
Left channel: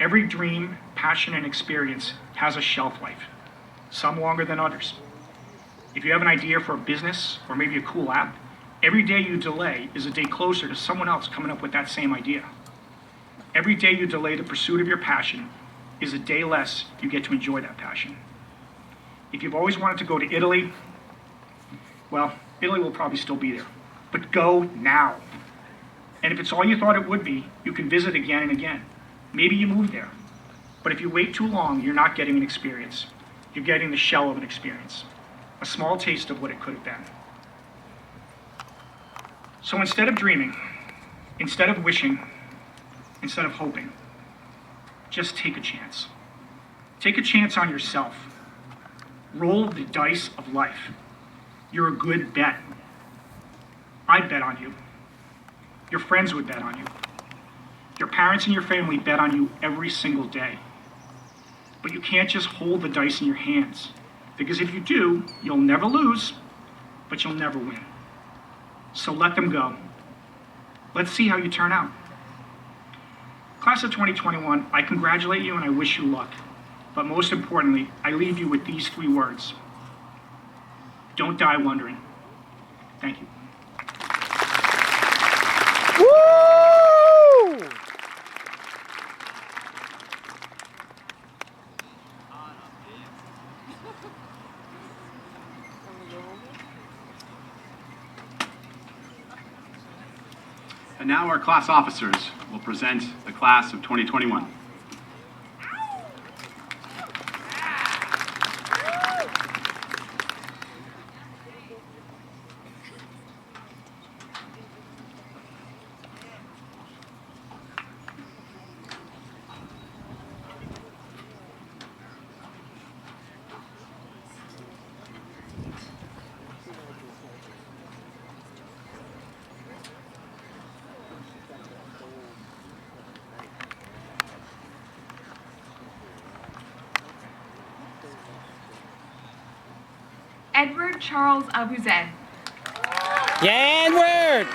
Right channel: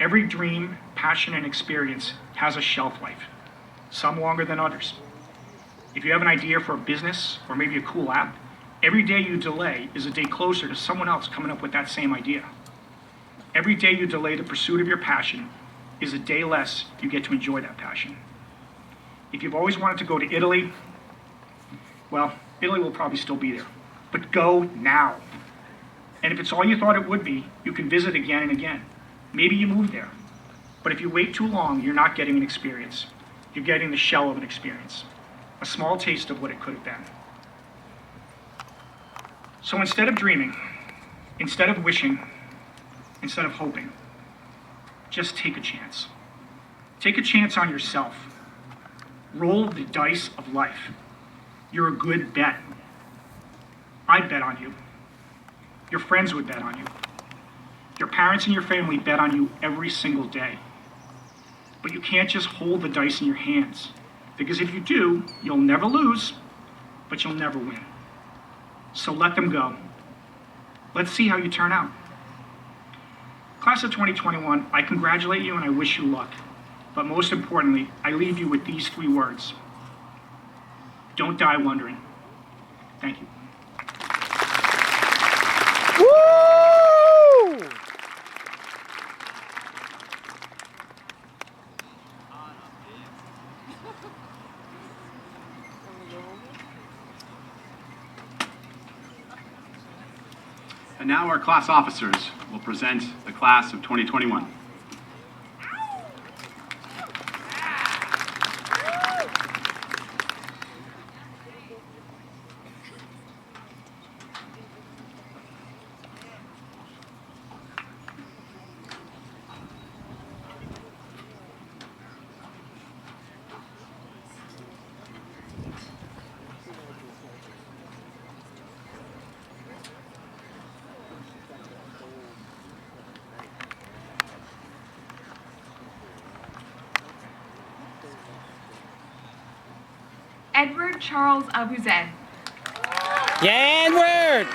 Every dream, passion, and experience has a shelf life, some longer than others. If you have an idea for a business or maybe a cool app, every day you delay is a day closer to someone else coming up with that same idea. Every day you delay the pursuit of your passion is a day less you get to enjoy that passion. If you've always wanted to go to Italy, well, Italy will probably still be there. But go now. And if it's all you thought it would be, you can visit again and again. Maybe you move there. But if you wait too long, you're not getting an experience. You're getting the shell of an experience, a small taste of what it could have been. So instead of dreaming, instead of wishing, instead of hoping, just take a chance. Take a chance on yourself. Roll the dice of life. You're a good bet. I'd bet on you. Your friends would bet on you. Your parents and your family bet on you every single day. But you can't just hold the dice in your hands, because if you do, you'll never lose, but you'll never win. So let them go. Let's see how you turn out. Class of 2021, I congratulate you and I wish you luck. But most importantly, I leave you with these 3 words. Don't die wondering. Thank you. Woo! And now our class officers will present the class of 2021. Edward Charles Abuzed. Yeah, Edward!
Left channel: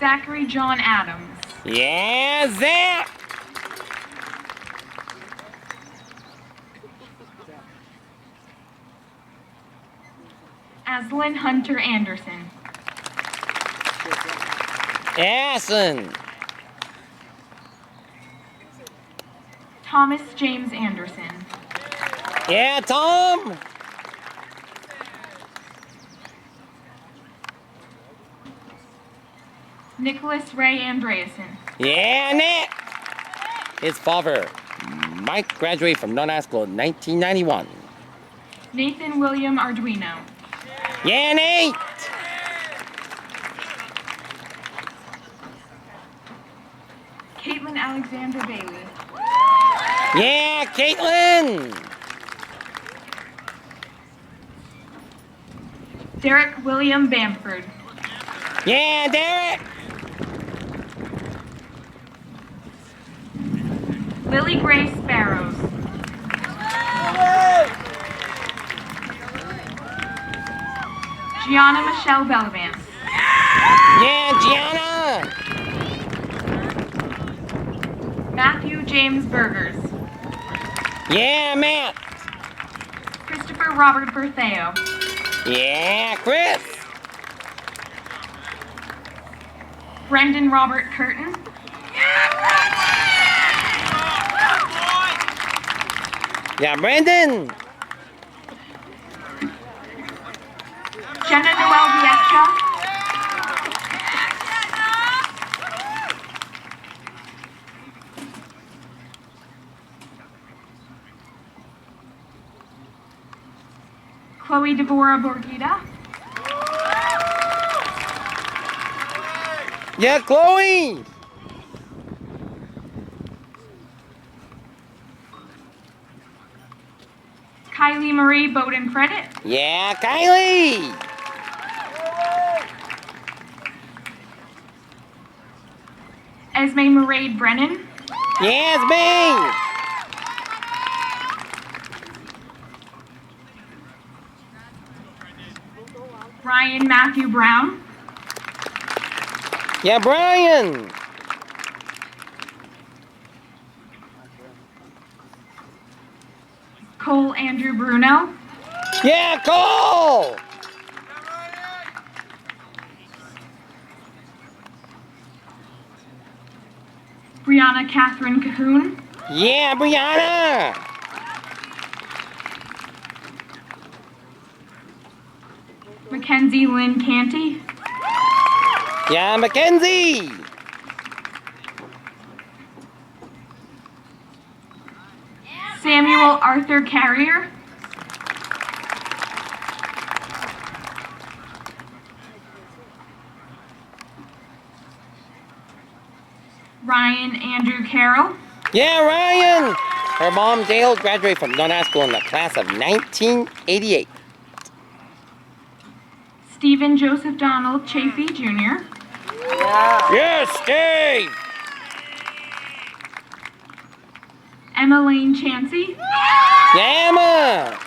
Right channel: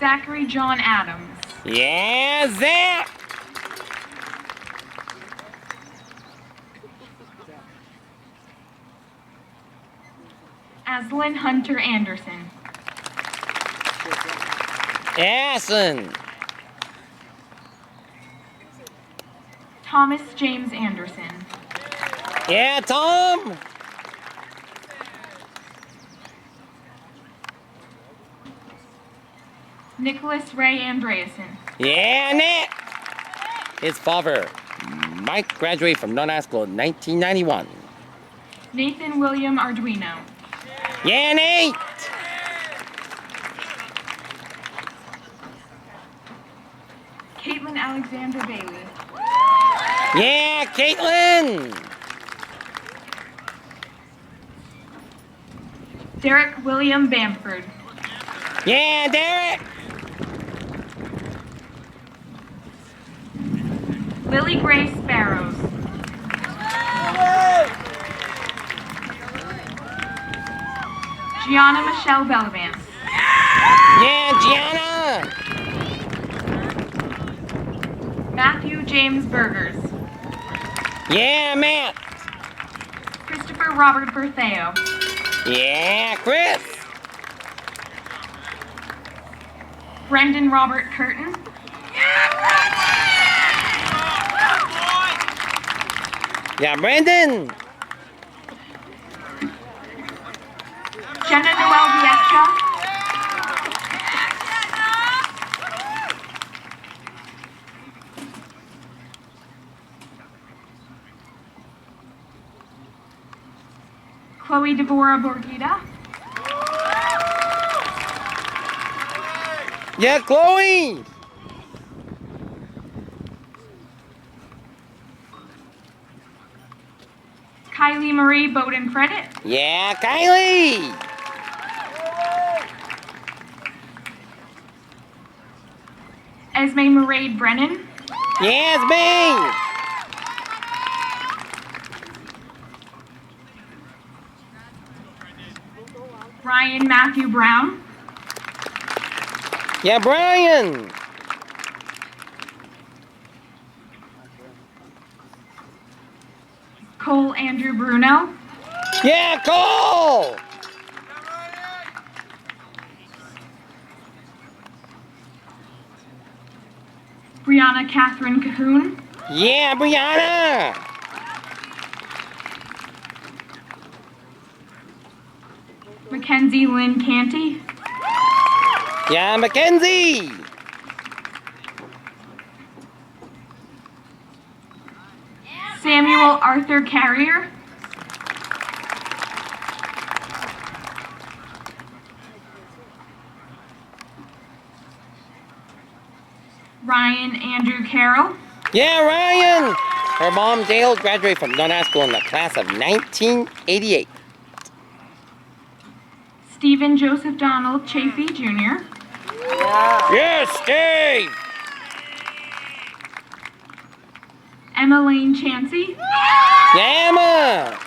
Zachary John Adams. Yeah, Zach! Aslan Hunter Anderson. Aslan! Thomas James Anderson. Yeah, Tom! Nicholas Ray Andreasen. Yeah, Nick! His father, Mike, graduated from Norton High School in 1991. Nathan William Arduino. Yeah, Nate! Caitlin Alexander Bailey. Yeah, Caitlin! Derek William Bamford. Yeah, Derek! Lily Grace Barrows. Gianna Michelle Bellavance. Yeah, Gianna! Matthew James Burgers. Yeah, Matt! Christopher Robert Bertheo. Yeah, Chris! Brendan Robert Curtin. Yeah, Brandon! Jenna Noel Viesca. Chloe Deborah Borgita. Yeah, Chloe! Kylie Marie Bowden Credit. Yeah, Kylie! Esme Mairead Brennan. Yeah, it's me! Ryan Matthew Brown. Yeah, Brian! Cole Andrew Bruno. Yeah, Cole! Brianna Catherine Cahoon. Yeah, Brianna! Mackenzie Lynn Canty. Yeah, Mackenzie. Samuel Arthur Carrier. Ryan Andrew Carroll. Yeah, Ryan. Her mom, Dale, graduated from Norton High School in the class of 1988. Stephen Joseph Donald Chafee Jr. Yes, Steve. Emma Lane Chansey. Yeah, Emma.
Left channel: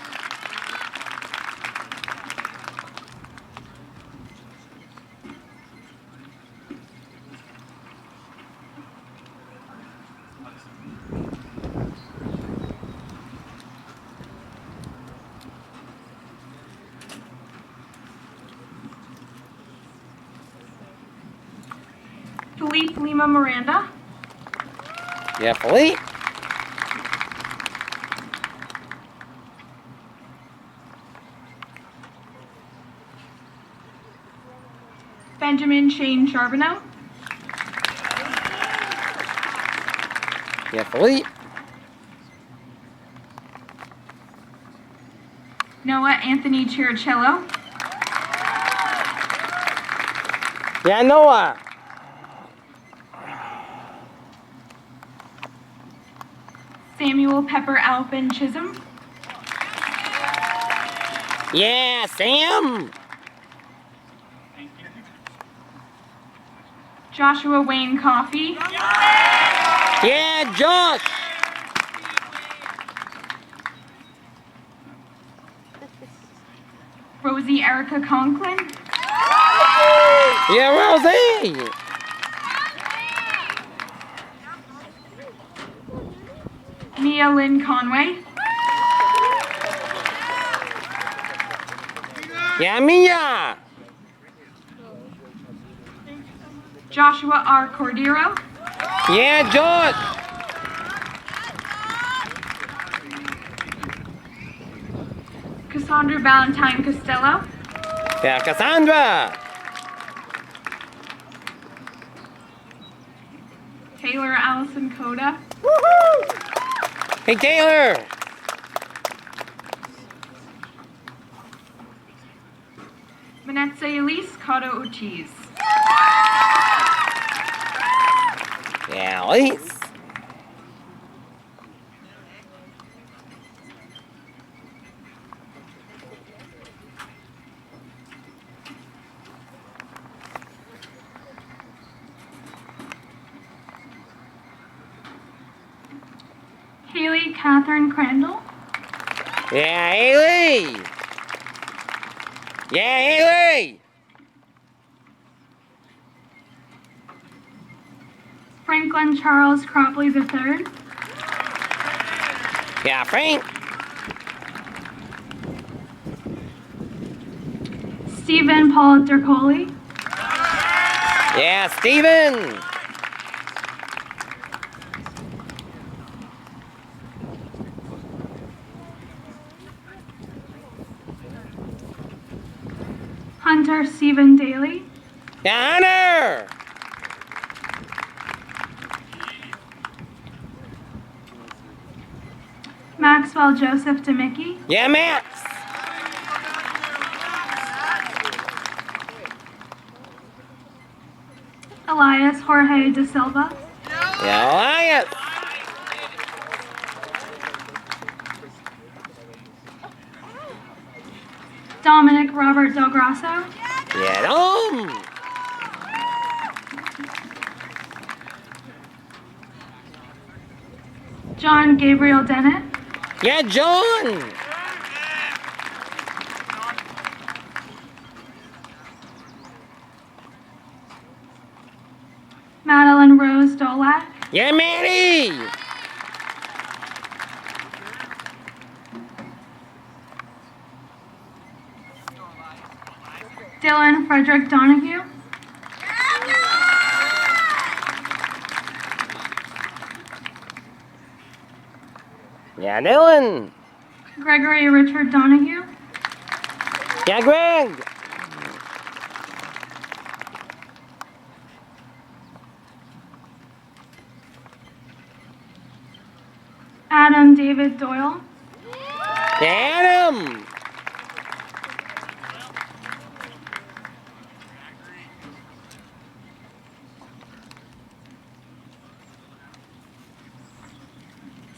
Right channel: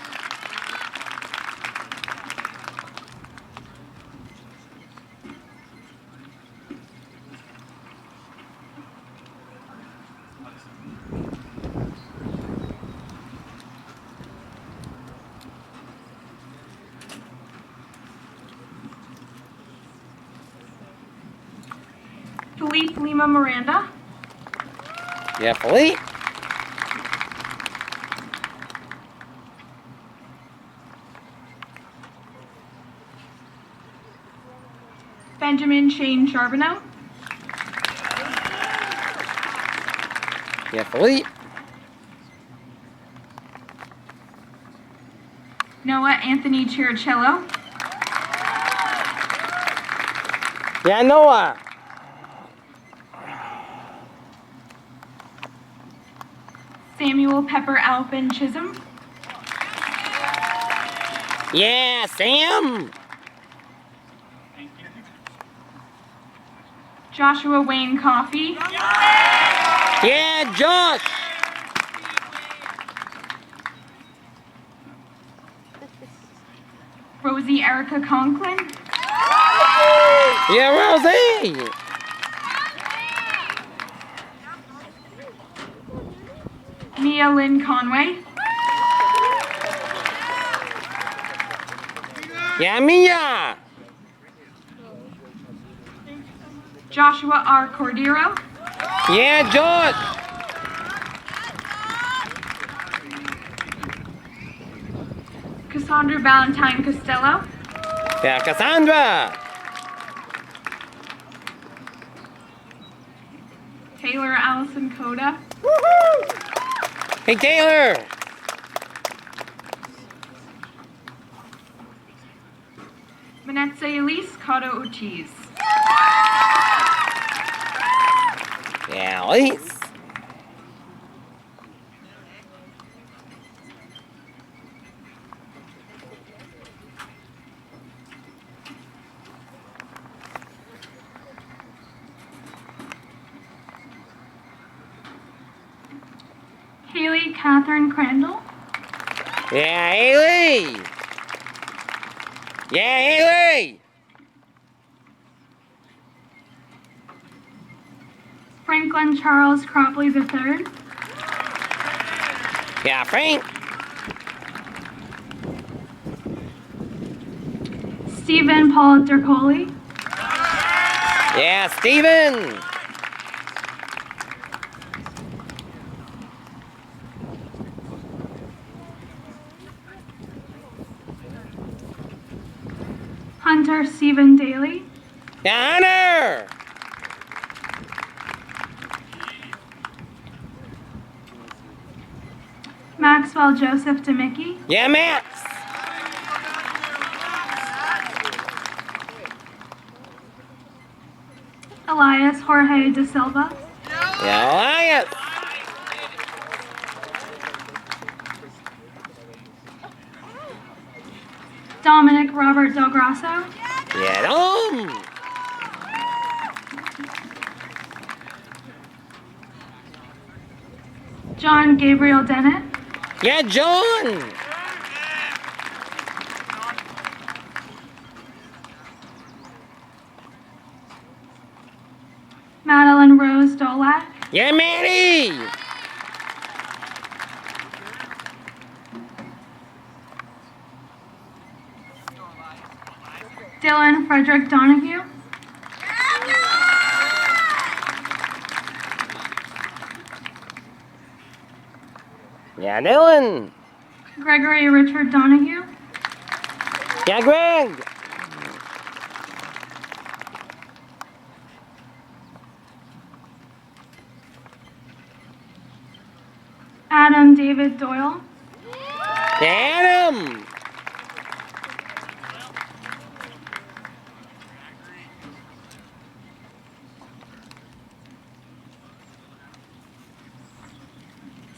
Philippe Lima Miranda. Yeah, Philippe. Benjamin Shane Charbonneau. Yeah, Philippe. Noah Anthony Chiricello. Yeah, Noah. Samuel Pepper Alvin Chisholm. Yeah, Sam. Joshua Wayne Coffey. Yeah, Josh. Rosie Erica Conklin. Yeah, Rosie. Mia Lynn Conway. Yeah, Mia. Joshua R. Cordero. Yeah, Josh. Cassandra Valentine Costello. Yeah, Cassandra. Taylor Allison Coda. Hey, Taylor. Manetze Elise Cotto Ortiz. Yeah, Elise. Haley Catherine Crandall. Yeah, Haley. Yeah, Haley. Franklin Charles Cropley III. Yeah, Frank. Stephen Paul Dercoli. Yeah, Steven. Hunter Stephen Daly. Yeah, Hunter. Maxwell Joseph DeMickey. Yeah, Max. Elias Jorge De Silva. Yeah, Elias. Dominic Robert Del Grasso. Yeah, Dom. John Gabriel Dennett. Yeah, John. Madeline Rose Dolak. Yeah, Maddie. Dylan Frederick Donahue. Yeah, Dylan. Gregory Richard Donahue. Yeah, Greg. David Doyle. Adam!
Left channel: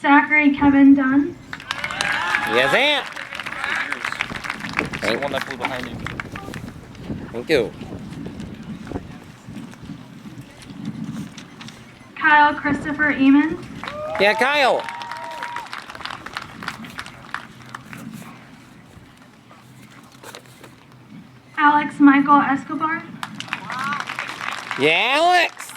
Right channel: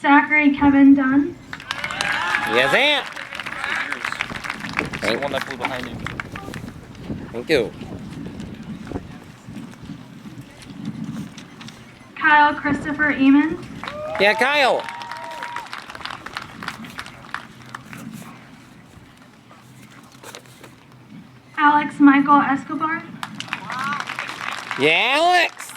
Zachary Kevin Dunn. Yes, Aunt. The one that flew behind you. Thank you. Kyle Christopher Eamon. Yeah, Kyle. Alex Michael Escobar. Yeah, Alex.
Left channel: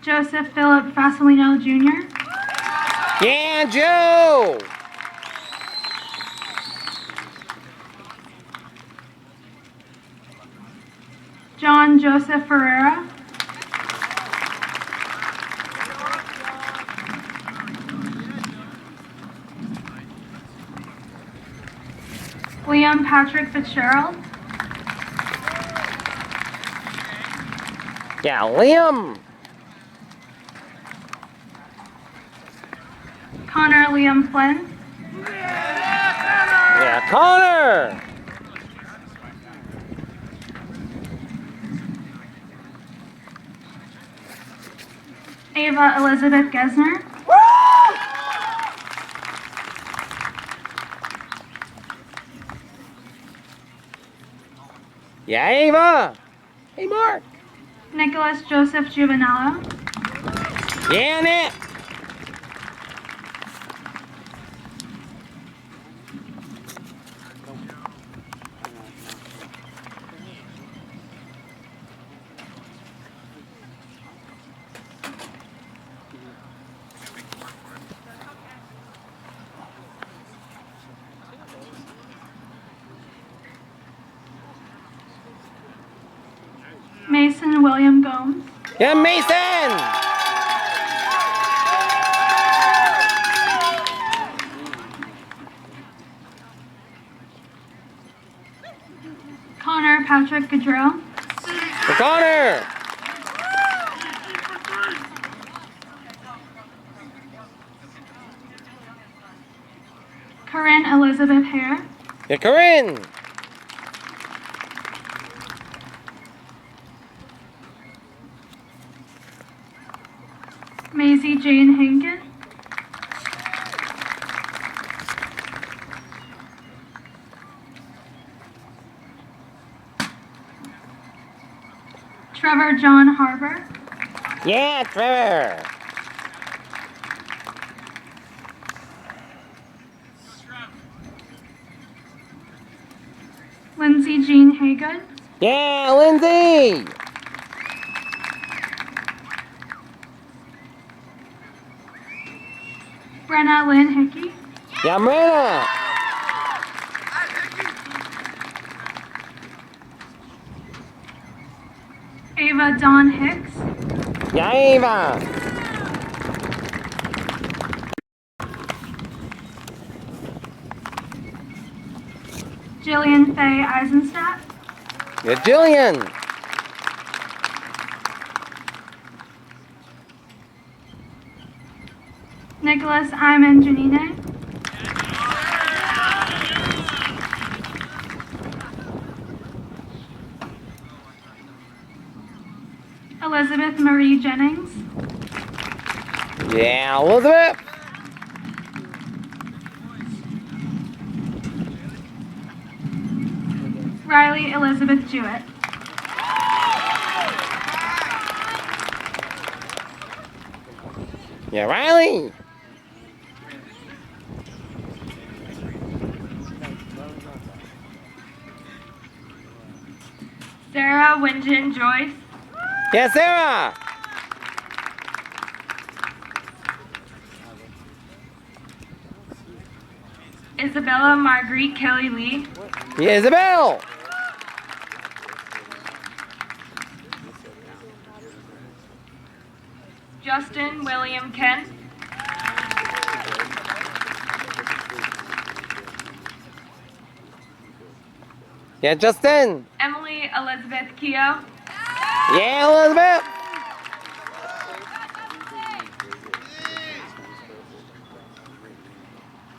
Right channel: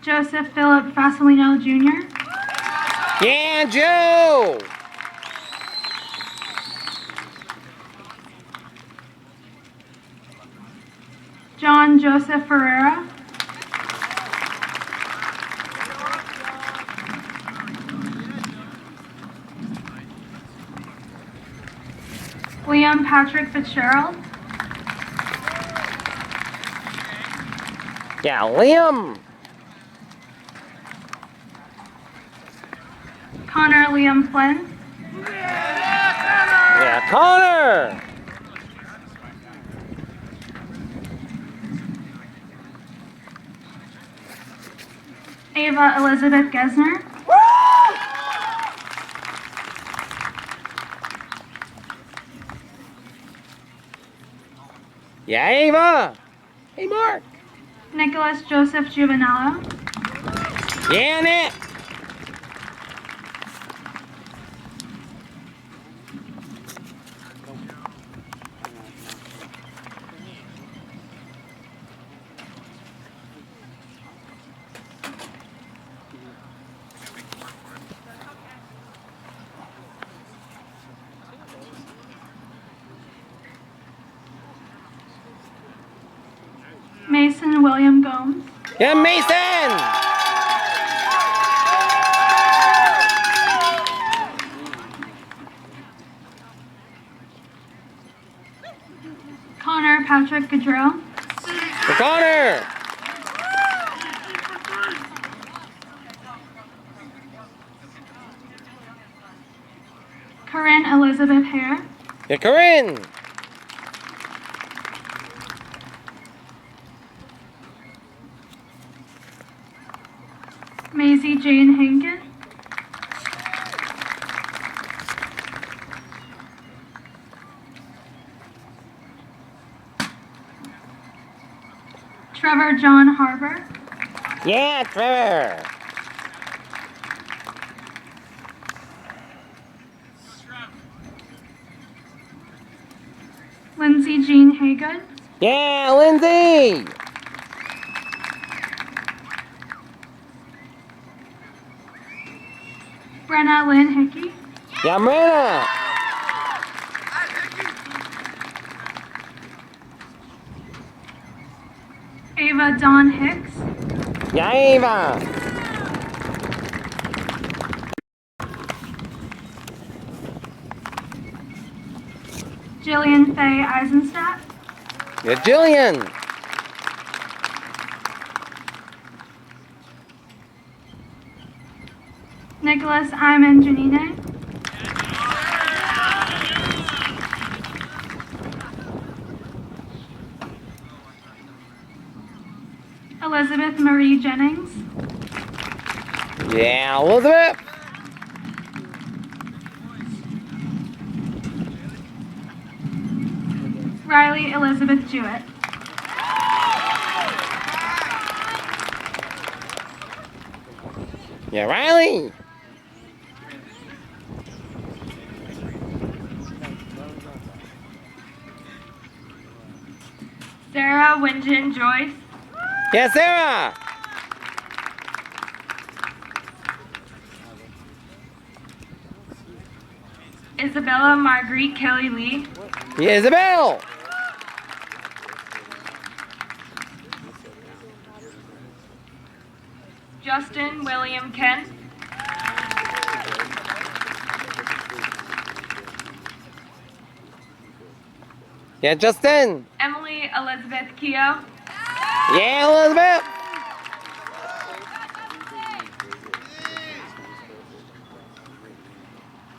Joseph Philip Fasolino Jr. Yeah, Joe. John Joseph Ferreira. Liam Patrick Fitzgerald. Yeah, Liam. Connor Liam Flynn. Yeah, Connor. Ava Elizabeth Gesner. Yeah, Ava. Hey, Mark. Nicholas Joseph Juvenello. Yeah, Nick. Mason William Gomes. Yeah, Mason. Connor Patrick Gaudreau. For Connor. Corinne Elizabeth Hare. Yeah, Corinne. Maisie Jane Hankin. Trevor John Harbour. Yeah, Trevor. Lindsay Jean Haygood. Yeah, Lindsay. Brenna Lynn Hickey. Yeah, Brenna. Ava Dawn Hicks. Yeah, Ava. Jillian Faye Eisenstadt. Yeah, Jillian. Nicholas Iman Janine. Elizabeth Marie Jennings. Yeah, Elizabeth. Riley Elizabeth Jewett. Yeah, Riley. Sarah Winjin Joyce. Yeah, Sarah. Isabella Marguerite Kelly Lee. Yeah, Isabel. Justin William Kent. Yeah, Justin. Emily Elizabeth Keogh. Yeah, Elizabeth.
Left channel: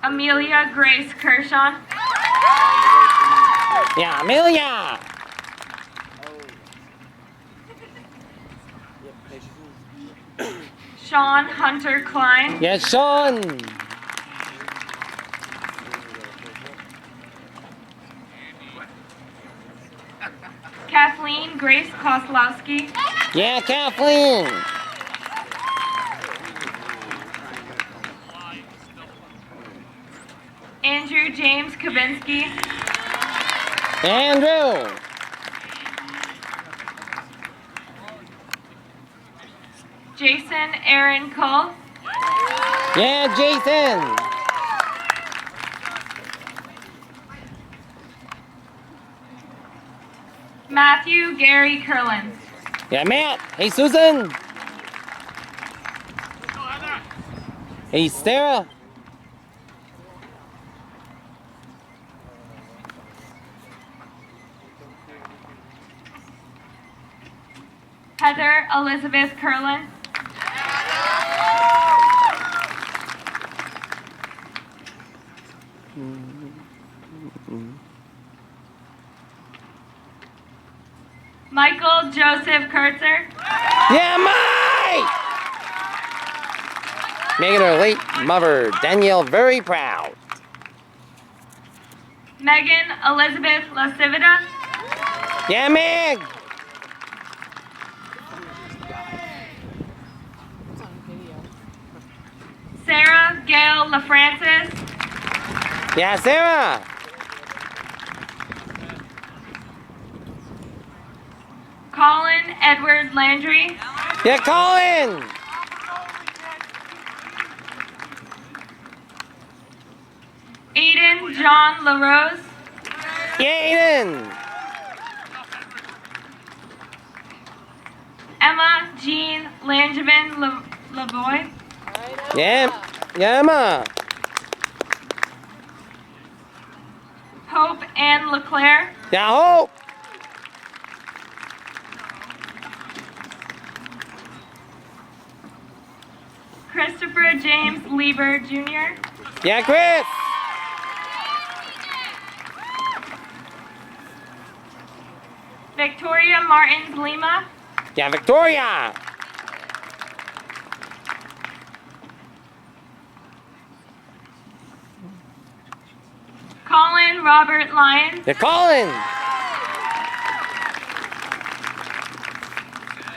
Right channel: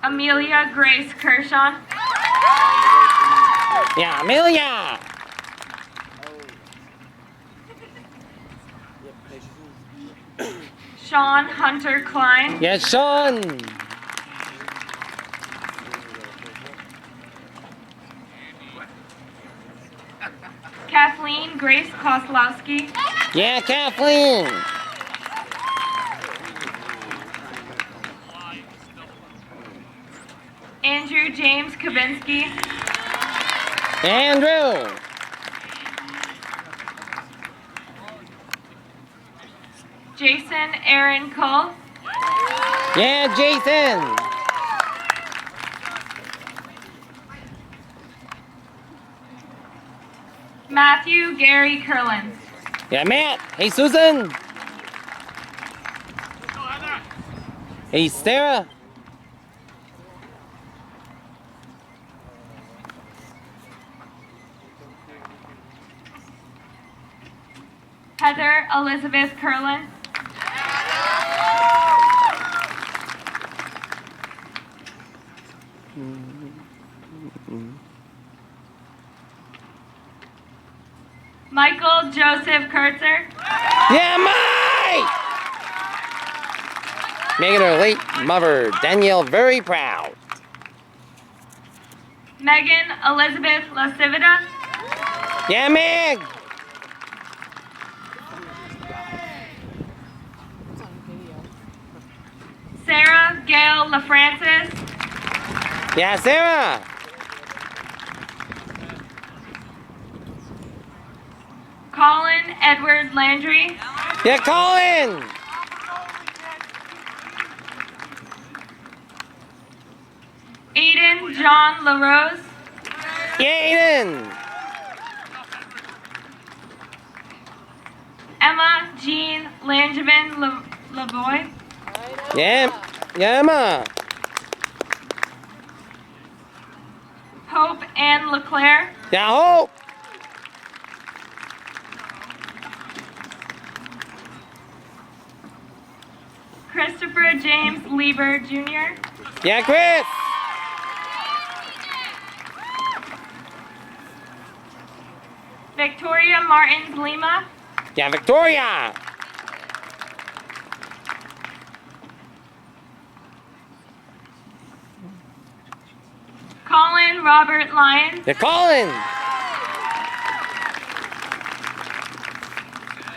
Amelia Grace Kershaw. Yeah, Amelia. Sean Hunter Klein. Yeah, Sean. Kathleen Grace Koslowski. Yeah, Kathleen. Andrew James Kavinsky. Andrew. Jason Aaron Cole. Yeah, Jason. Matthew Gary Curlin. Yeah, Matt. Hey, Susan. Hey, Sarah. Heather Elizabeth Curlin. Michael Joseph Kurtzer. Yeah, Mike! Making her late mother, Danielle, very proud. Megan Elizabeth Lasivita. Yeah, Meg! Sarah Gail LaFrancis. Yeah, Sarah! Colin Edward Landry. Yeah, Colin! Aiden John LaRose. Yeah, Aiden! Emma Jean Langevin Lavoie. Yeah, yeah, Emma. Hope Ann LeClaire. Yeah, Hope. Christopher James Lieber Jr. Yeah, Chris. Victoria Martins Lima. Yeah, Victoria. Colin Robert Lyons. Yeah, Colin.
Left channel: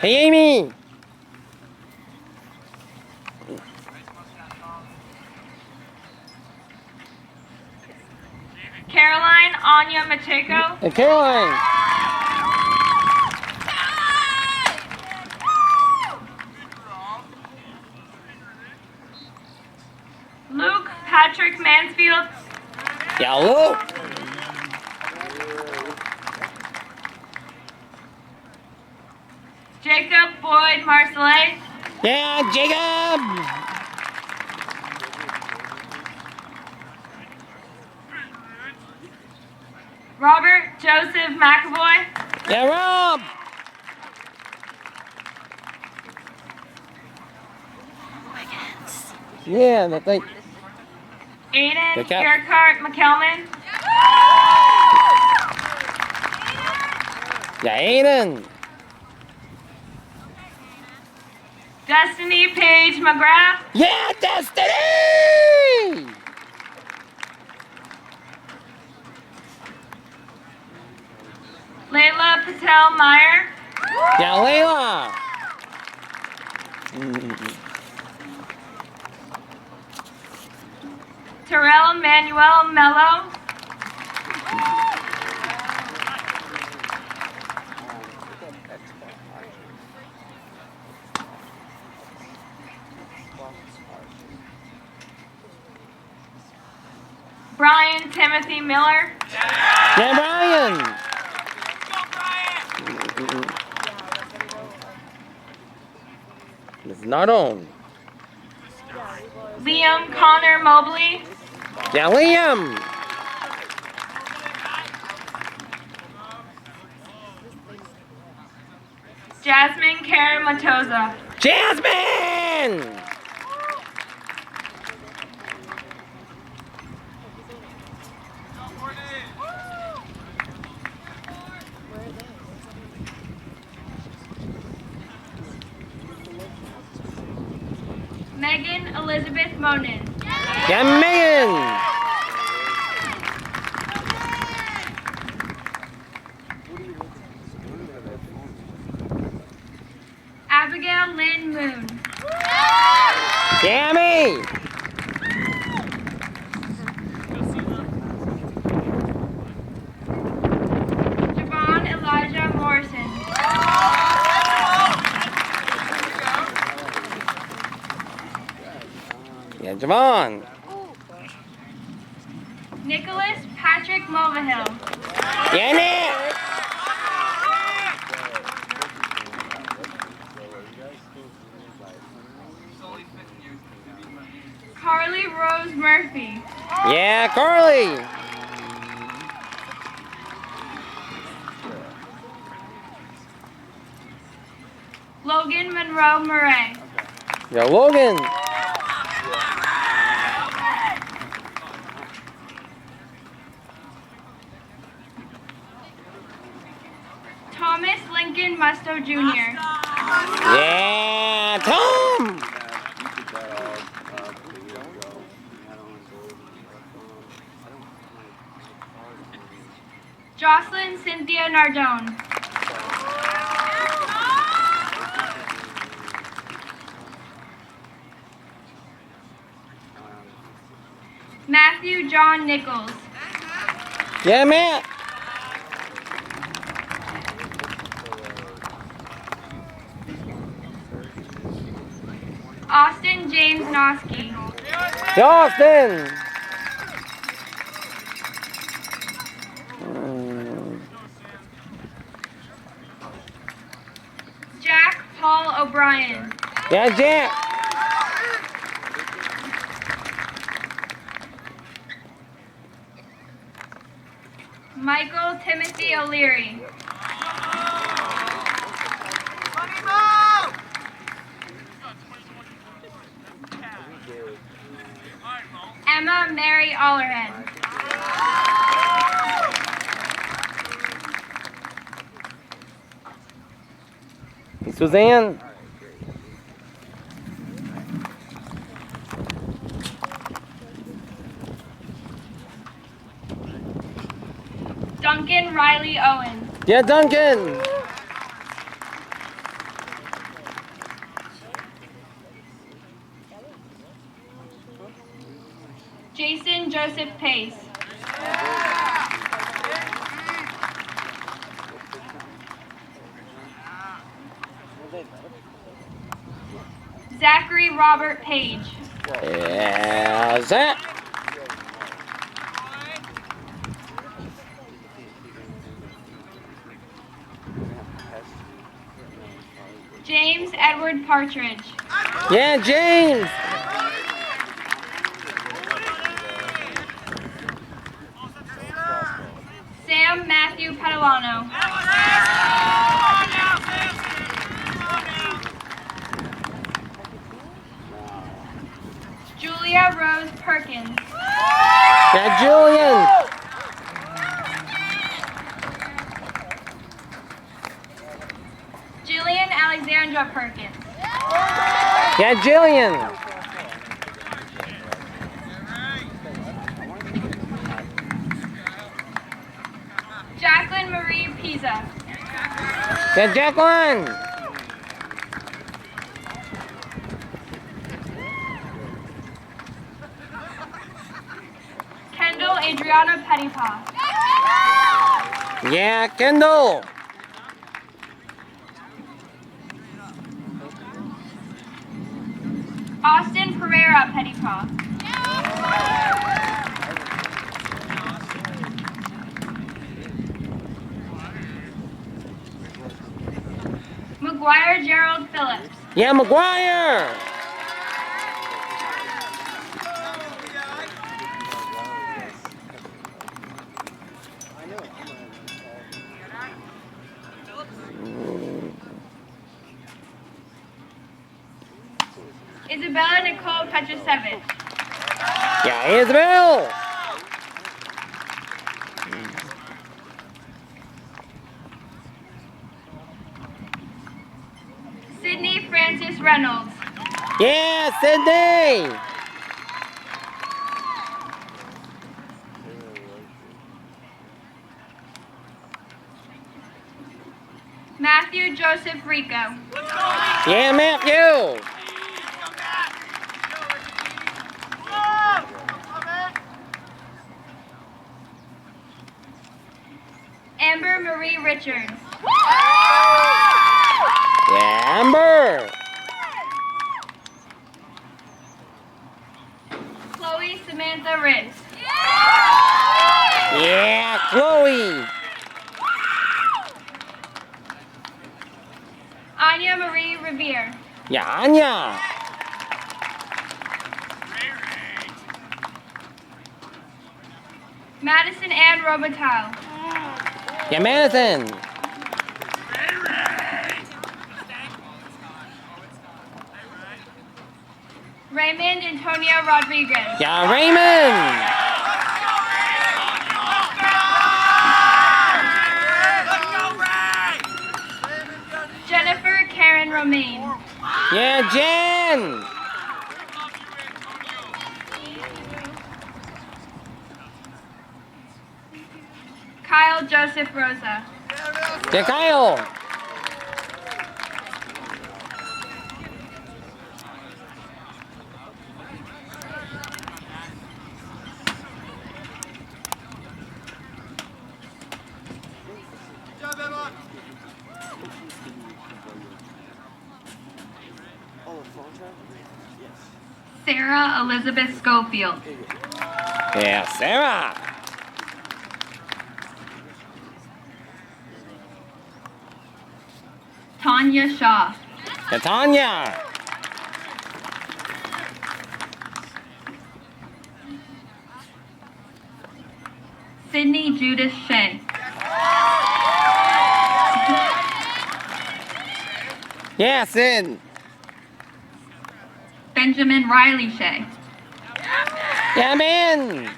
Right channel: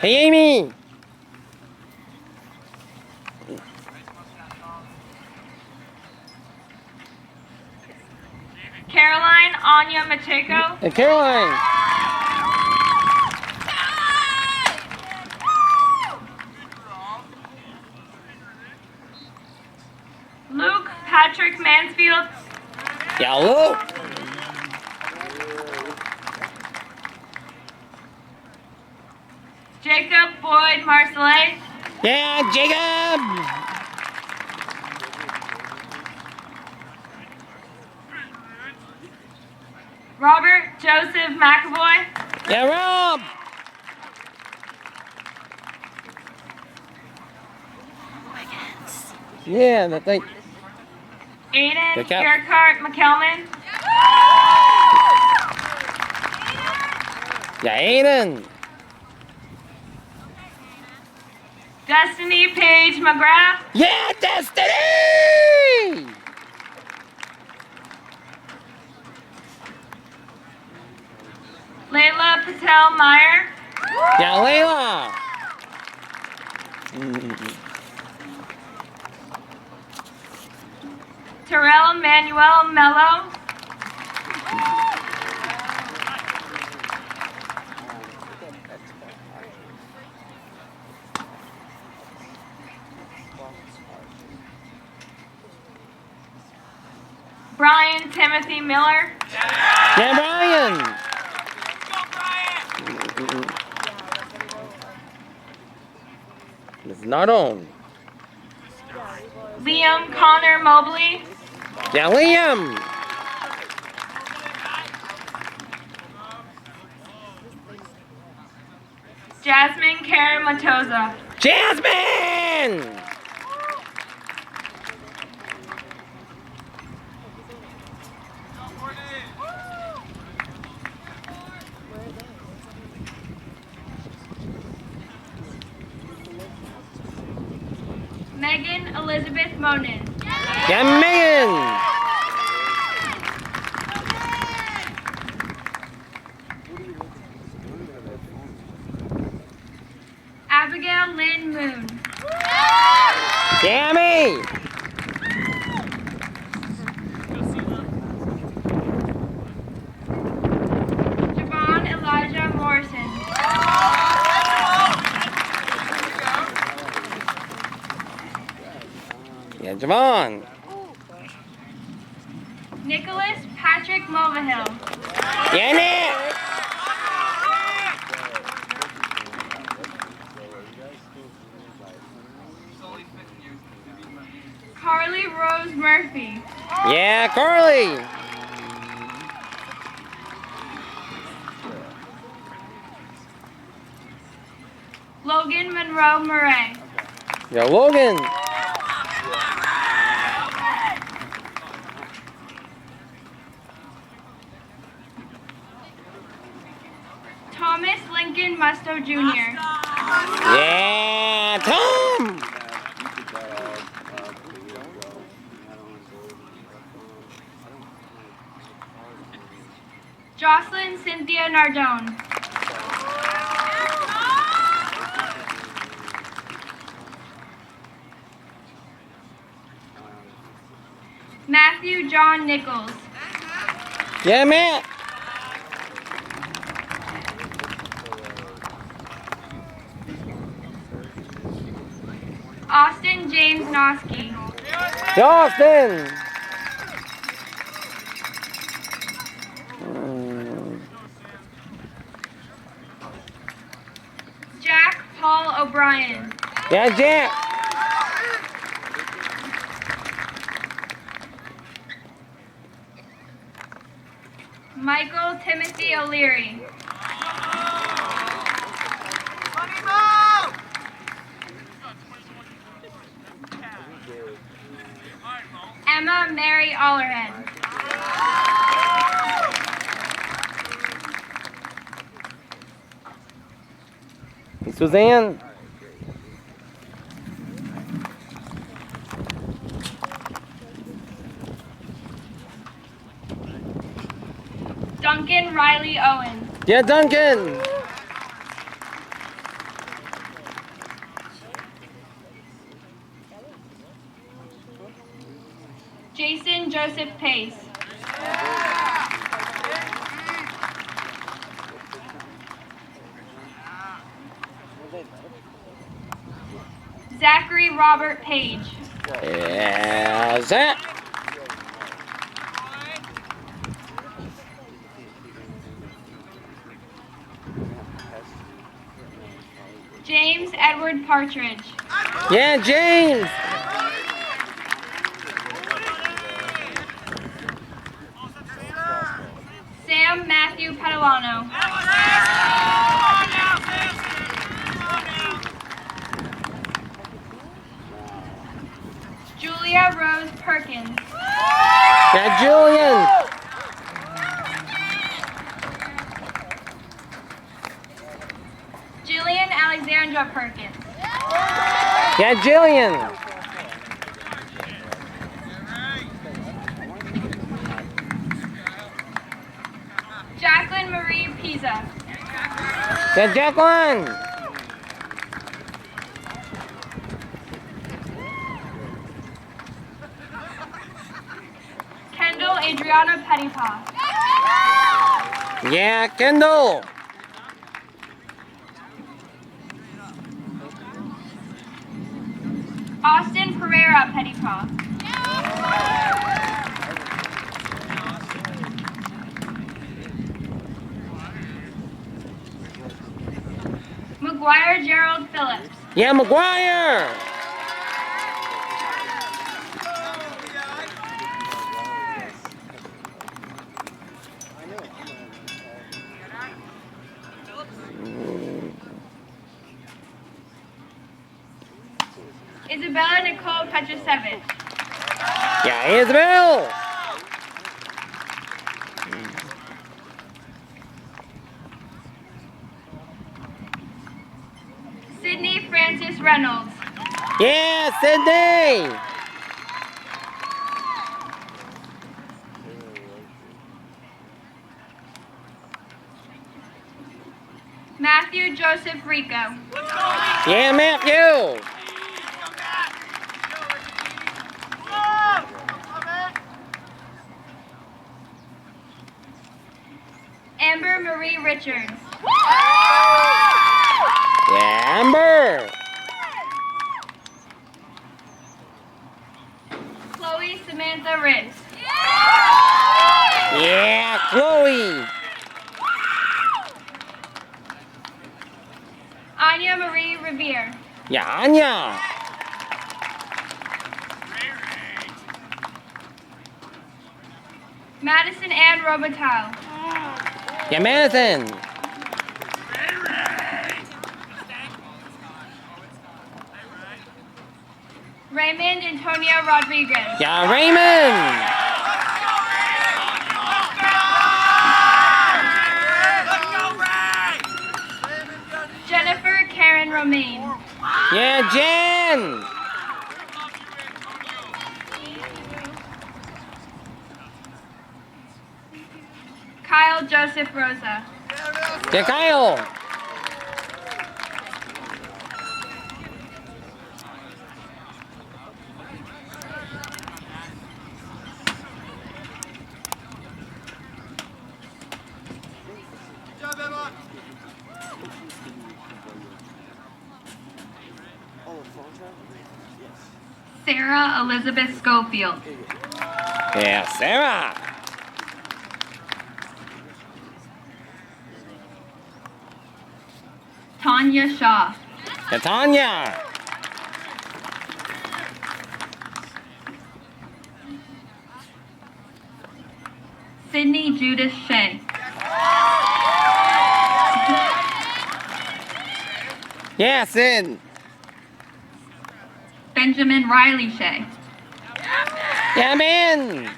Hey, Amy. Caroline Anya Macheco. Hey, Caroline. Luke Patrick Mansfield. Yeah, Luke. Jacob Boyd Marcellet. Yeah, Jacob. Robert Joseph McAvoy. Yeah, Rob. Yeah, that's like. Aiden Gerhart McKelman. Yeah, Aiden. Destiny Page McGrath. Yeah, Destiny! Layla Patel Meyer. Yeah, Layla. Terrell Manuel Mello. Brian Timothy Miller. Yeah, Brian. It's not on. Liam Connor Mobley. Yeah, Liam. Jasmine Karen Matoza. Jasmine! Megan Elizabeth Monin. Yeah, Megan! Abigail Lynn Moon. Yeah, me! Javon Elijah Morrison. Yeah, Javon. Nicholas Patrick Mulvihill. Yeah, Nick! Carly Rose Murphy. Yeah, Carly! Logan Monroe Murray. Yeah, Logan! Thomas Lincoln Musto Jr. Yeah, Tom! Jocelyn Cynthia Nardone. Matthew John Nichols. Yeah, Matt! Austin James Noski. Austin! Jack Paul O'Brien. Yeah, Jack! Michael Timothy O'Leary. Emma Mary Allerhead. Suzanne? Duncan Riley Owen. Yeah, Duncan! Jason Joseph Pace. Zachary Robert Page. Yeah, Zach! James Edward Partridge. Yeah, James! Sam Matthew Padalano. Julia Rose Perkins. Yeah, Julian! Jillian Alexandra Perkins. Yeah, Jillian! Jacqueline Marie Pisa. Yeah, Jacqueline! Kendall Adriana Pettipaw. Yeah, Kendall! Austin Pereira Pettipaw. McGuire Gerald Phillips. Yeah, McGuire! Isabella Nicole Petrusevich. Yeah, Isabel. Sydney Francis Reynolds. Yeah, Sydney. Matthew Joseph Rico. Yeah, Matthew. Amber Marie Richards. Yeah, Amber. Chloe Samantha Ritz. Yeah, Chloe. Anya Marie Revere. Yeah, Anya. Madison Ann Robital. Yeah, Madison. Raymond Antonio Rodriguez. Yeah, Raymond. Jennifer Karen Romaine. Yeah, Jen. Kyle Joseph Rosa. Yeah, Kyle. Sarah Elizabeth Schofield. Yeah, Sarah. Tanya Shaw. Yeah, Tanya. Sydney Judith Shea. Yeah, Sid. Benjamin Riley Shea. Yeah, man.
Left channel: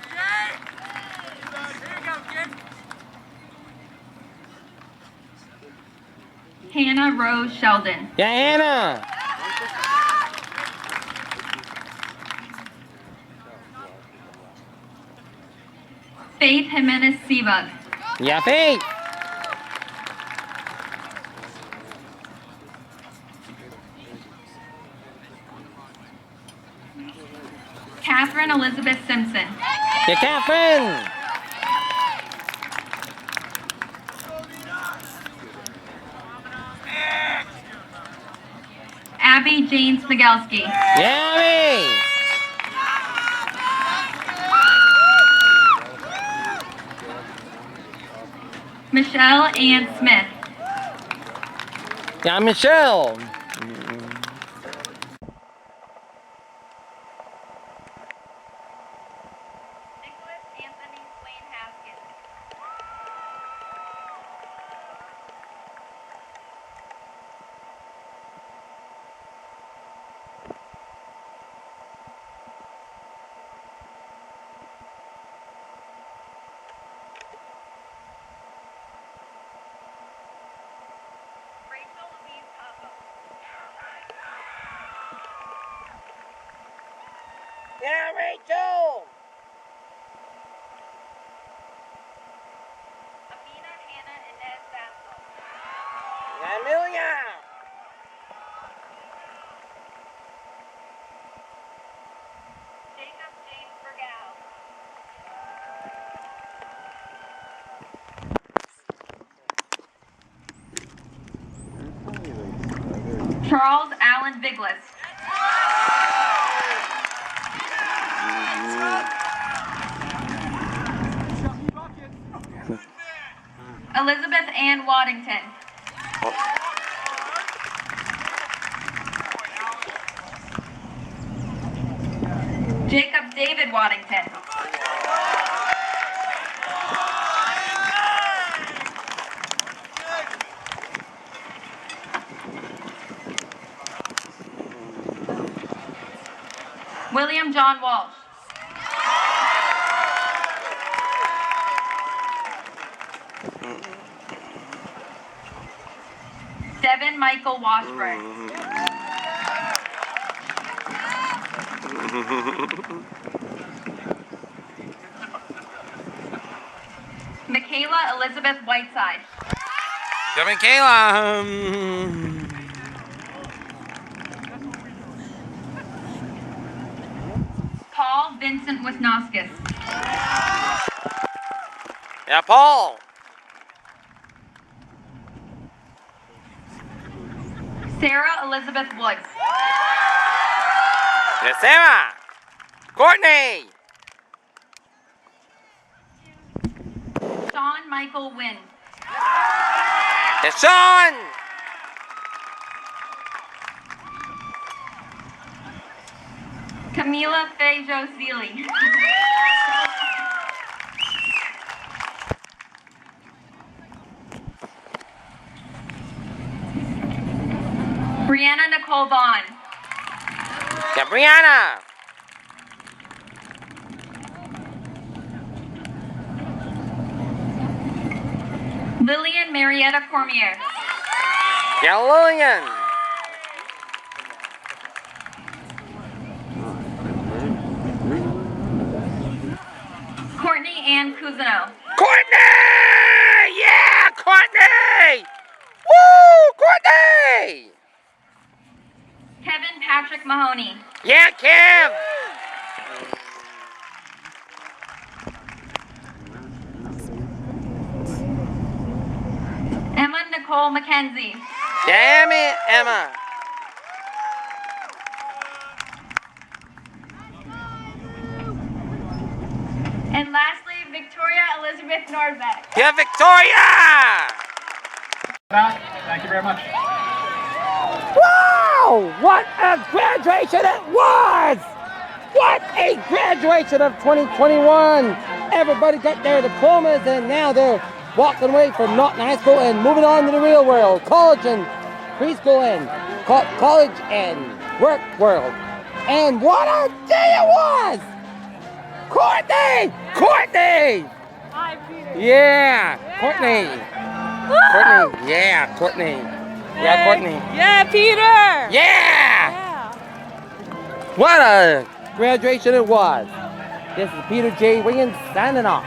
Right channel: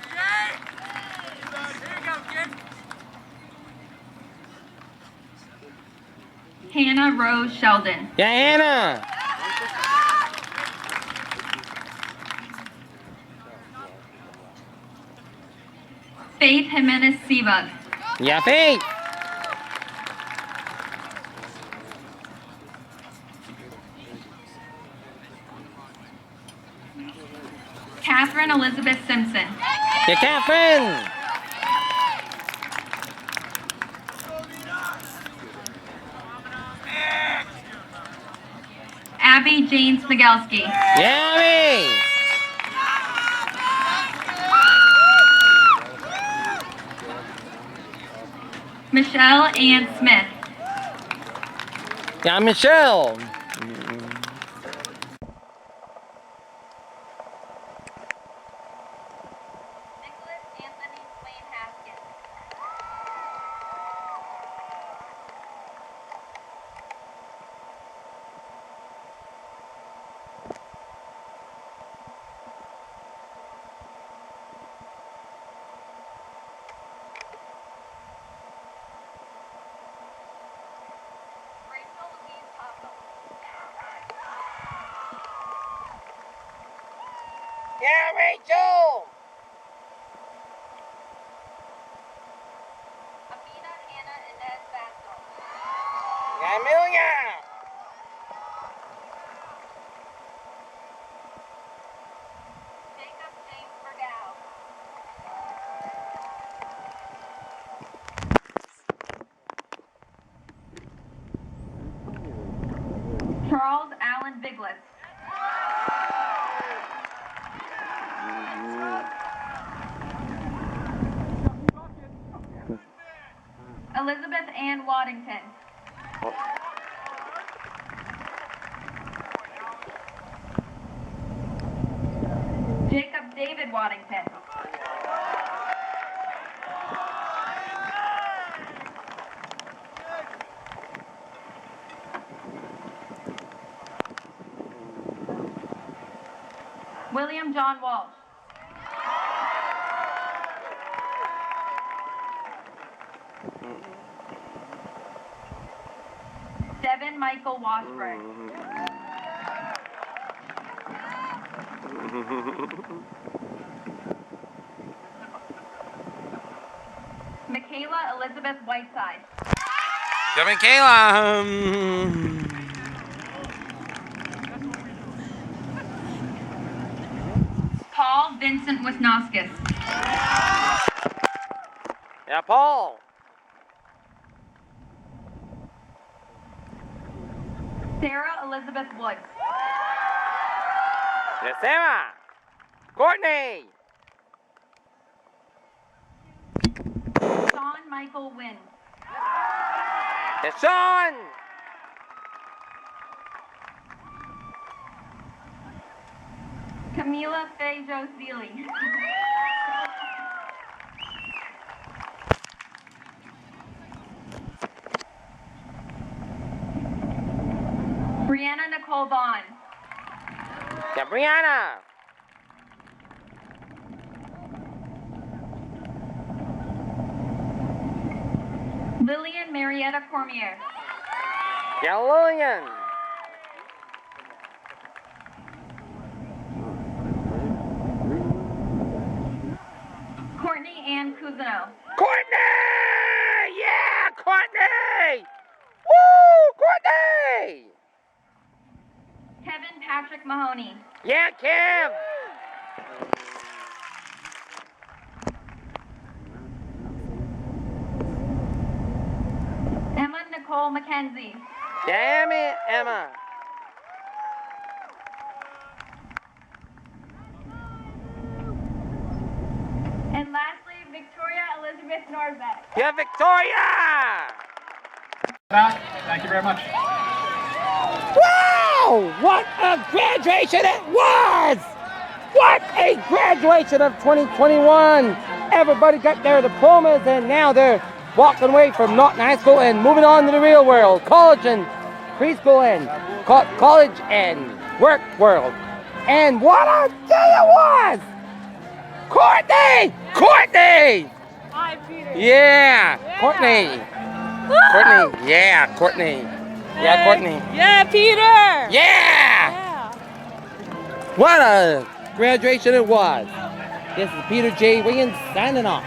Hannah Rose Sheldon. Yeah, Hannah. Faith Jimenez Sebug. Yeah, Faith. Catherine Elizabeth Simpson. Yeah, Catherine. Abby Jane Smigelski. Yeah, Abby. Michelle Ann Smith. Yeah, Michelle. Yeah, Rachel. Amina Hannah Inez Bastel. Yeah, Amelia. Jacob James Bergow. Charles Allen Biglis. Elizabeth Ann Waddington. Jacob David Waddington. William John Walsh. Devin Michael Washburn. Michaela Elizabeth Whiteside. Go Michaela. Paul Vincent Wisnoskis. Yeah, Paul. Sarah Elizabeth Woods. Yeah, Sarah. Courtney. Sean Michael Wynn. Yeah, Sean. Camila Fejo Seeley. Brianna Nicole Vaughn. Yeah, Brianna. Lillian Marietta Cormier. Yeah, Lillian. Courtney Ann Cousineau. Courtney! Yeah, Courtney! Woo, Courtney! Kevin Patrick Mahoney. Yeah, Kev! Emma Nicole McKenzie. Damn it, Emma. And lastly, Victoria Elizabeth Nordbeck. Yeah, Victoria! Thank you very much. Wow! What a graduation it was! What a graduation of 2021! Everybody got their diplomas and now they're walking away from Norton High School and moving on to the real world. College and preschool and college and work world. And what a day it was! Courtney! Courtney! Hi, Peter. Yeah! Courtney! Courtney! Yeah, Courtney! Yeah, Courtney! Yeah, Peter. Yeah! What a graduation it was. This is Peter J. Wiggins signing off.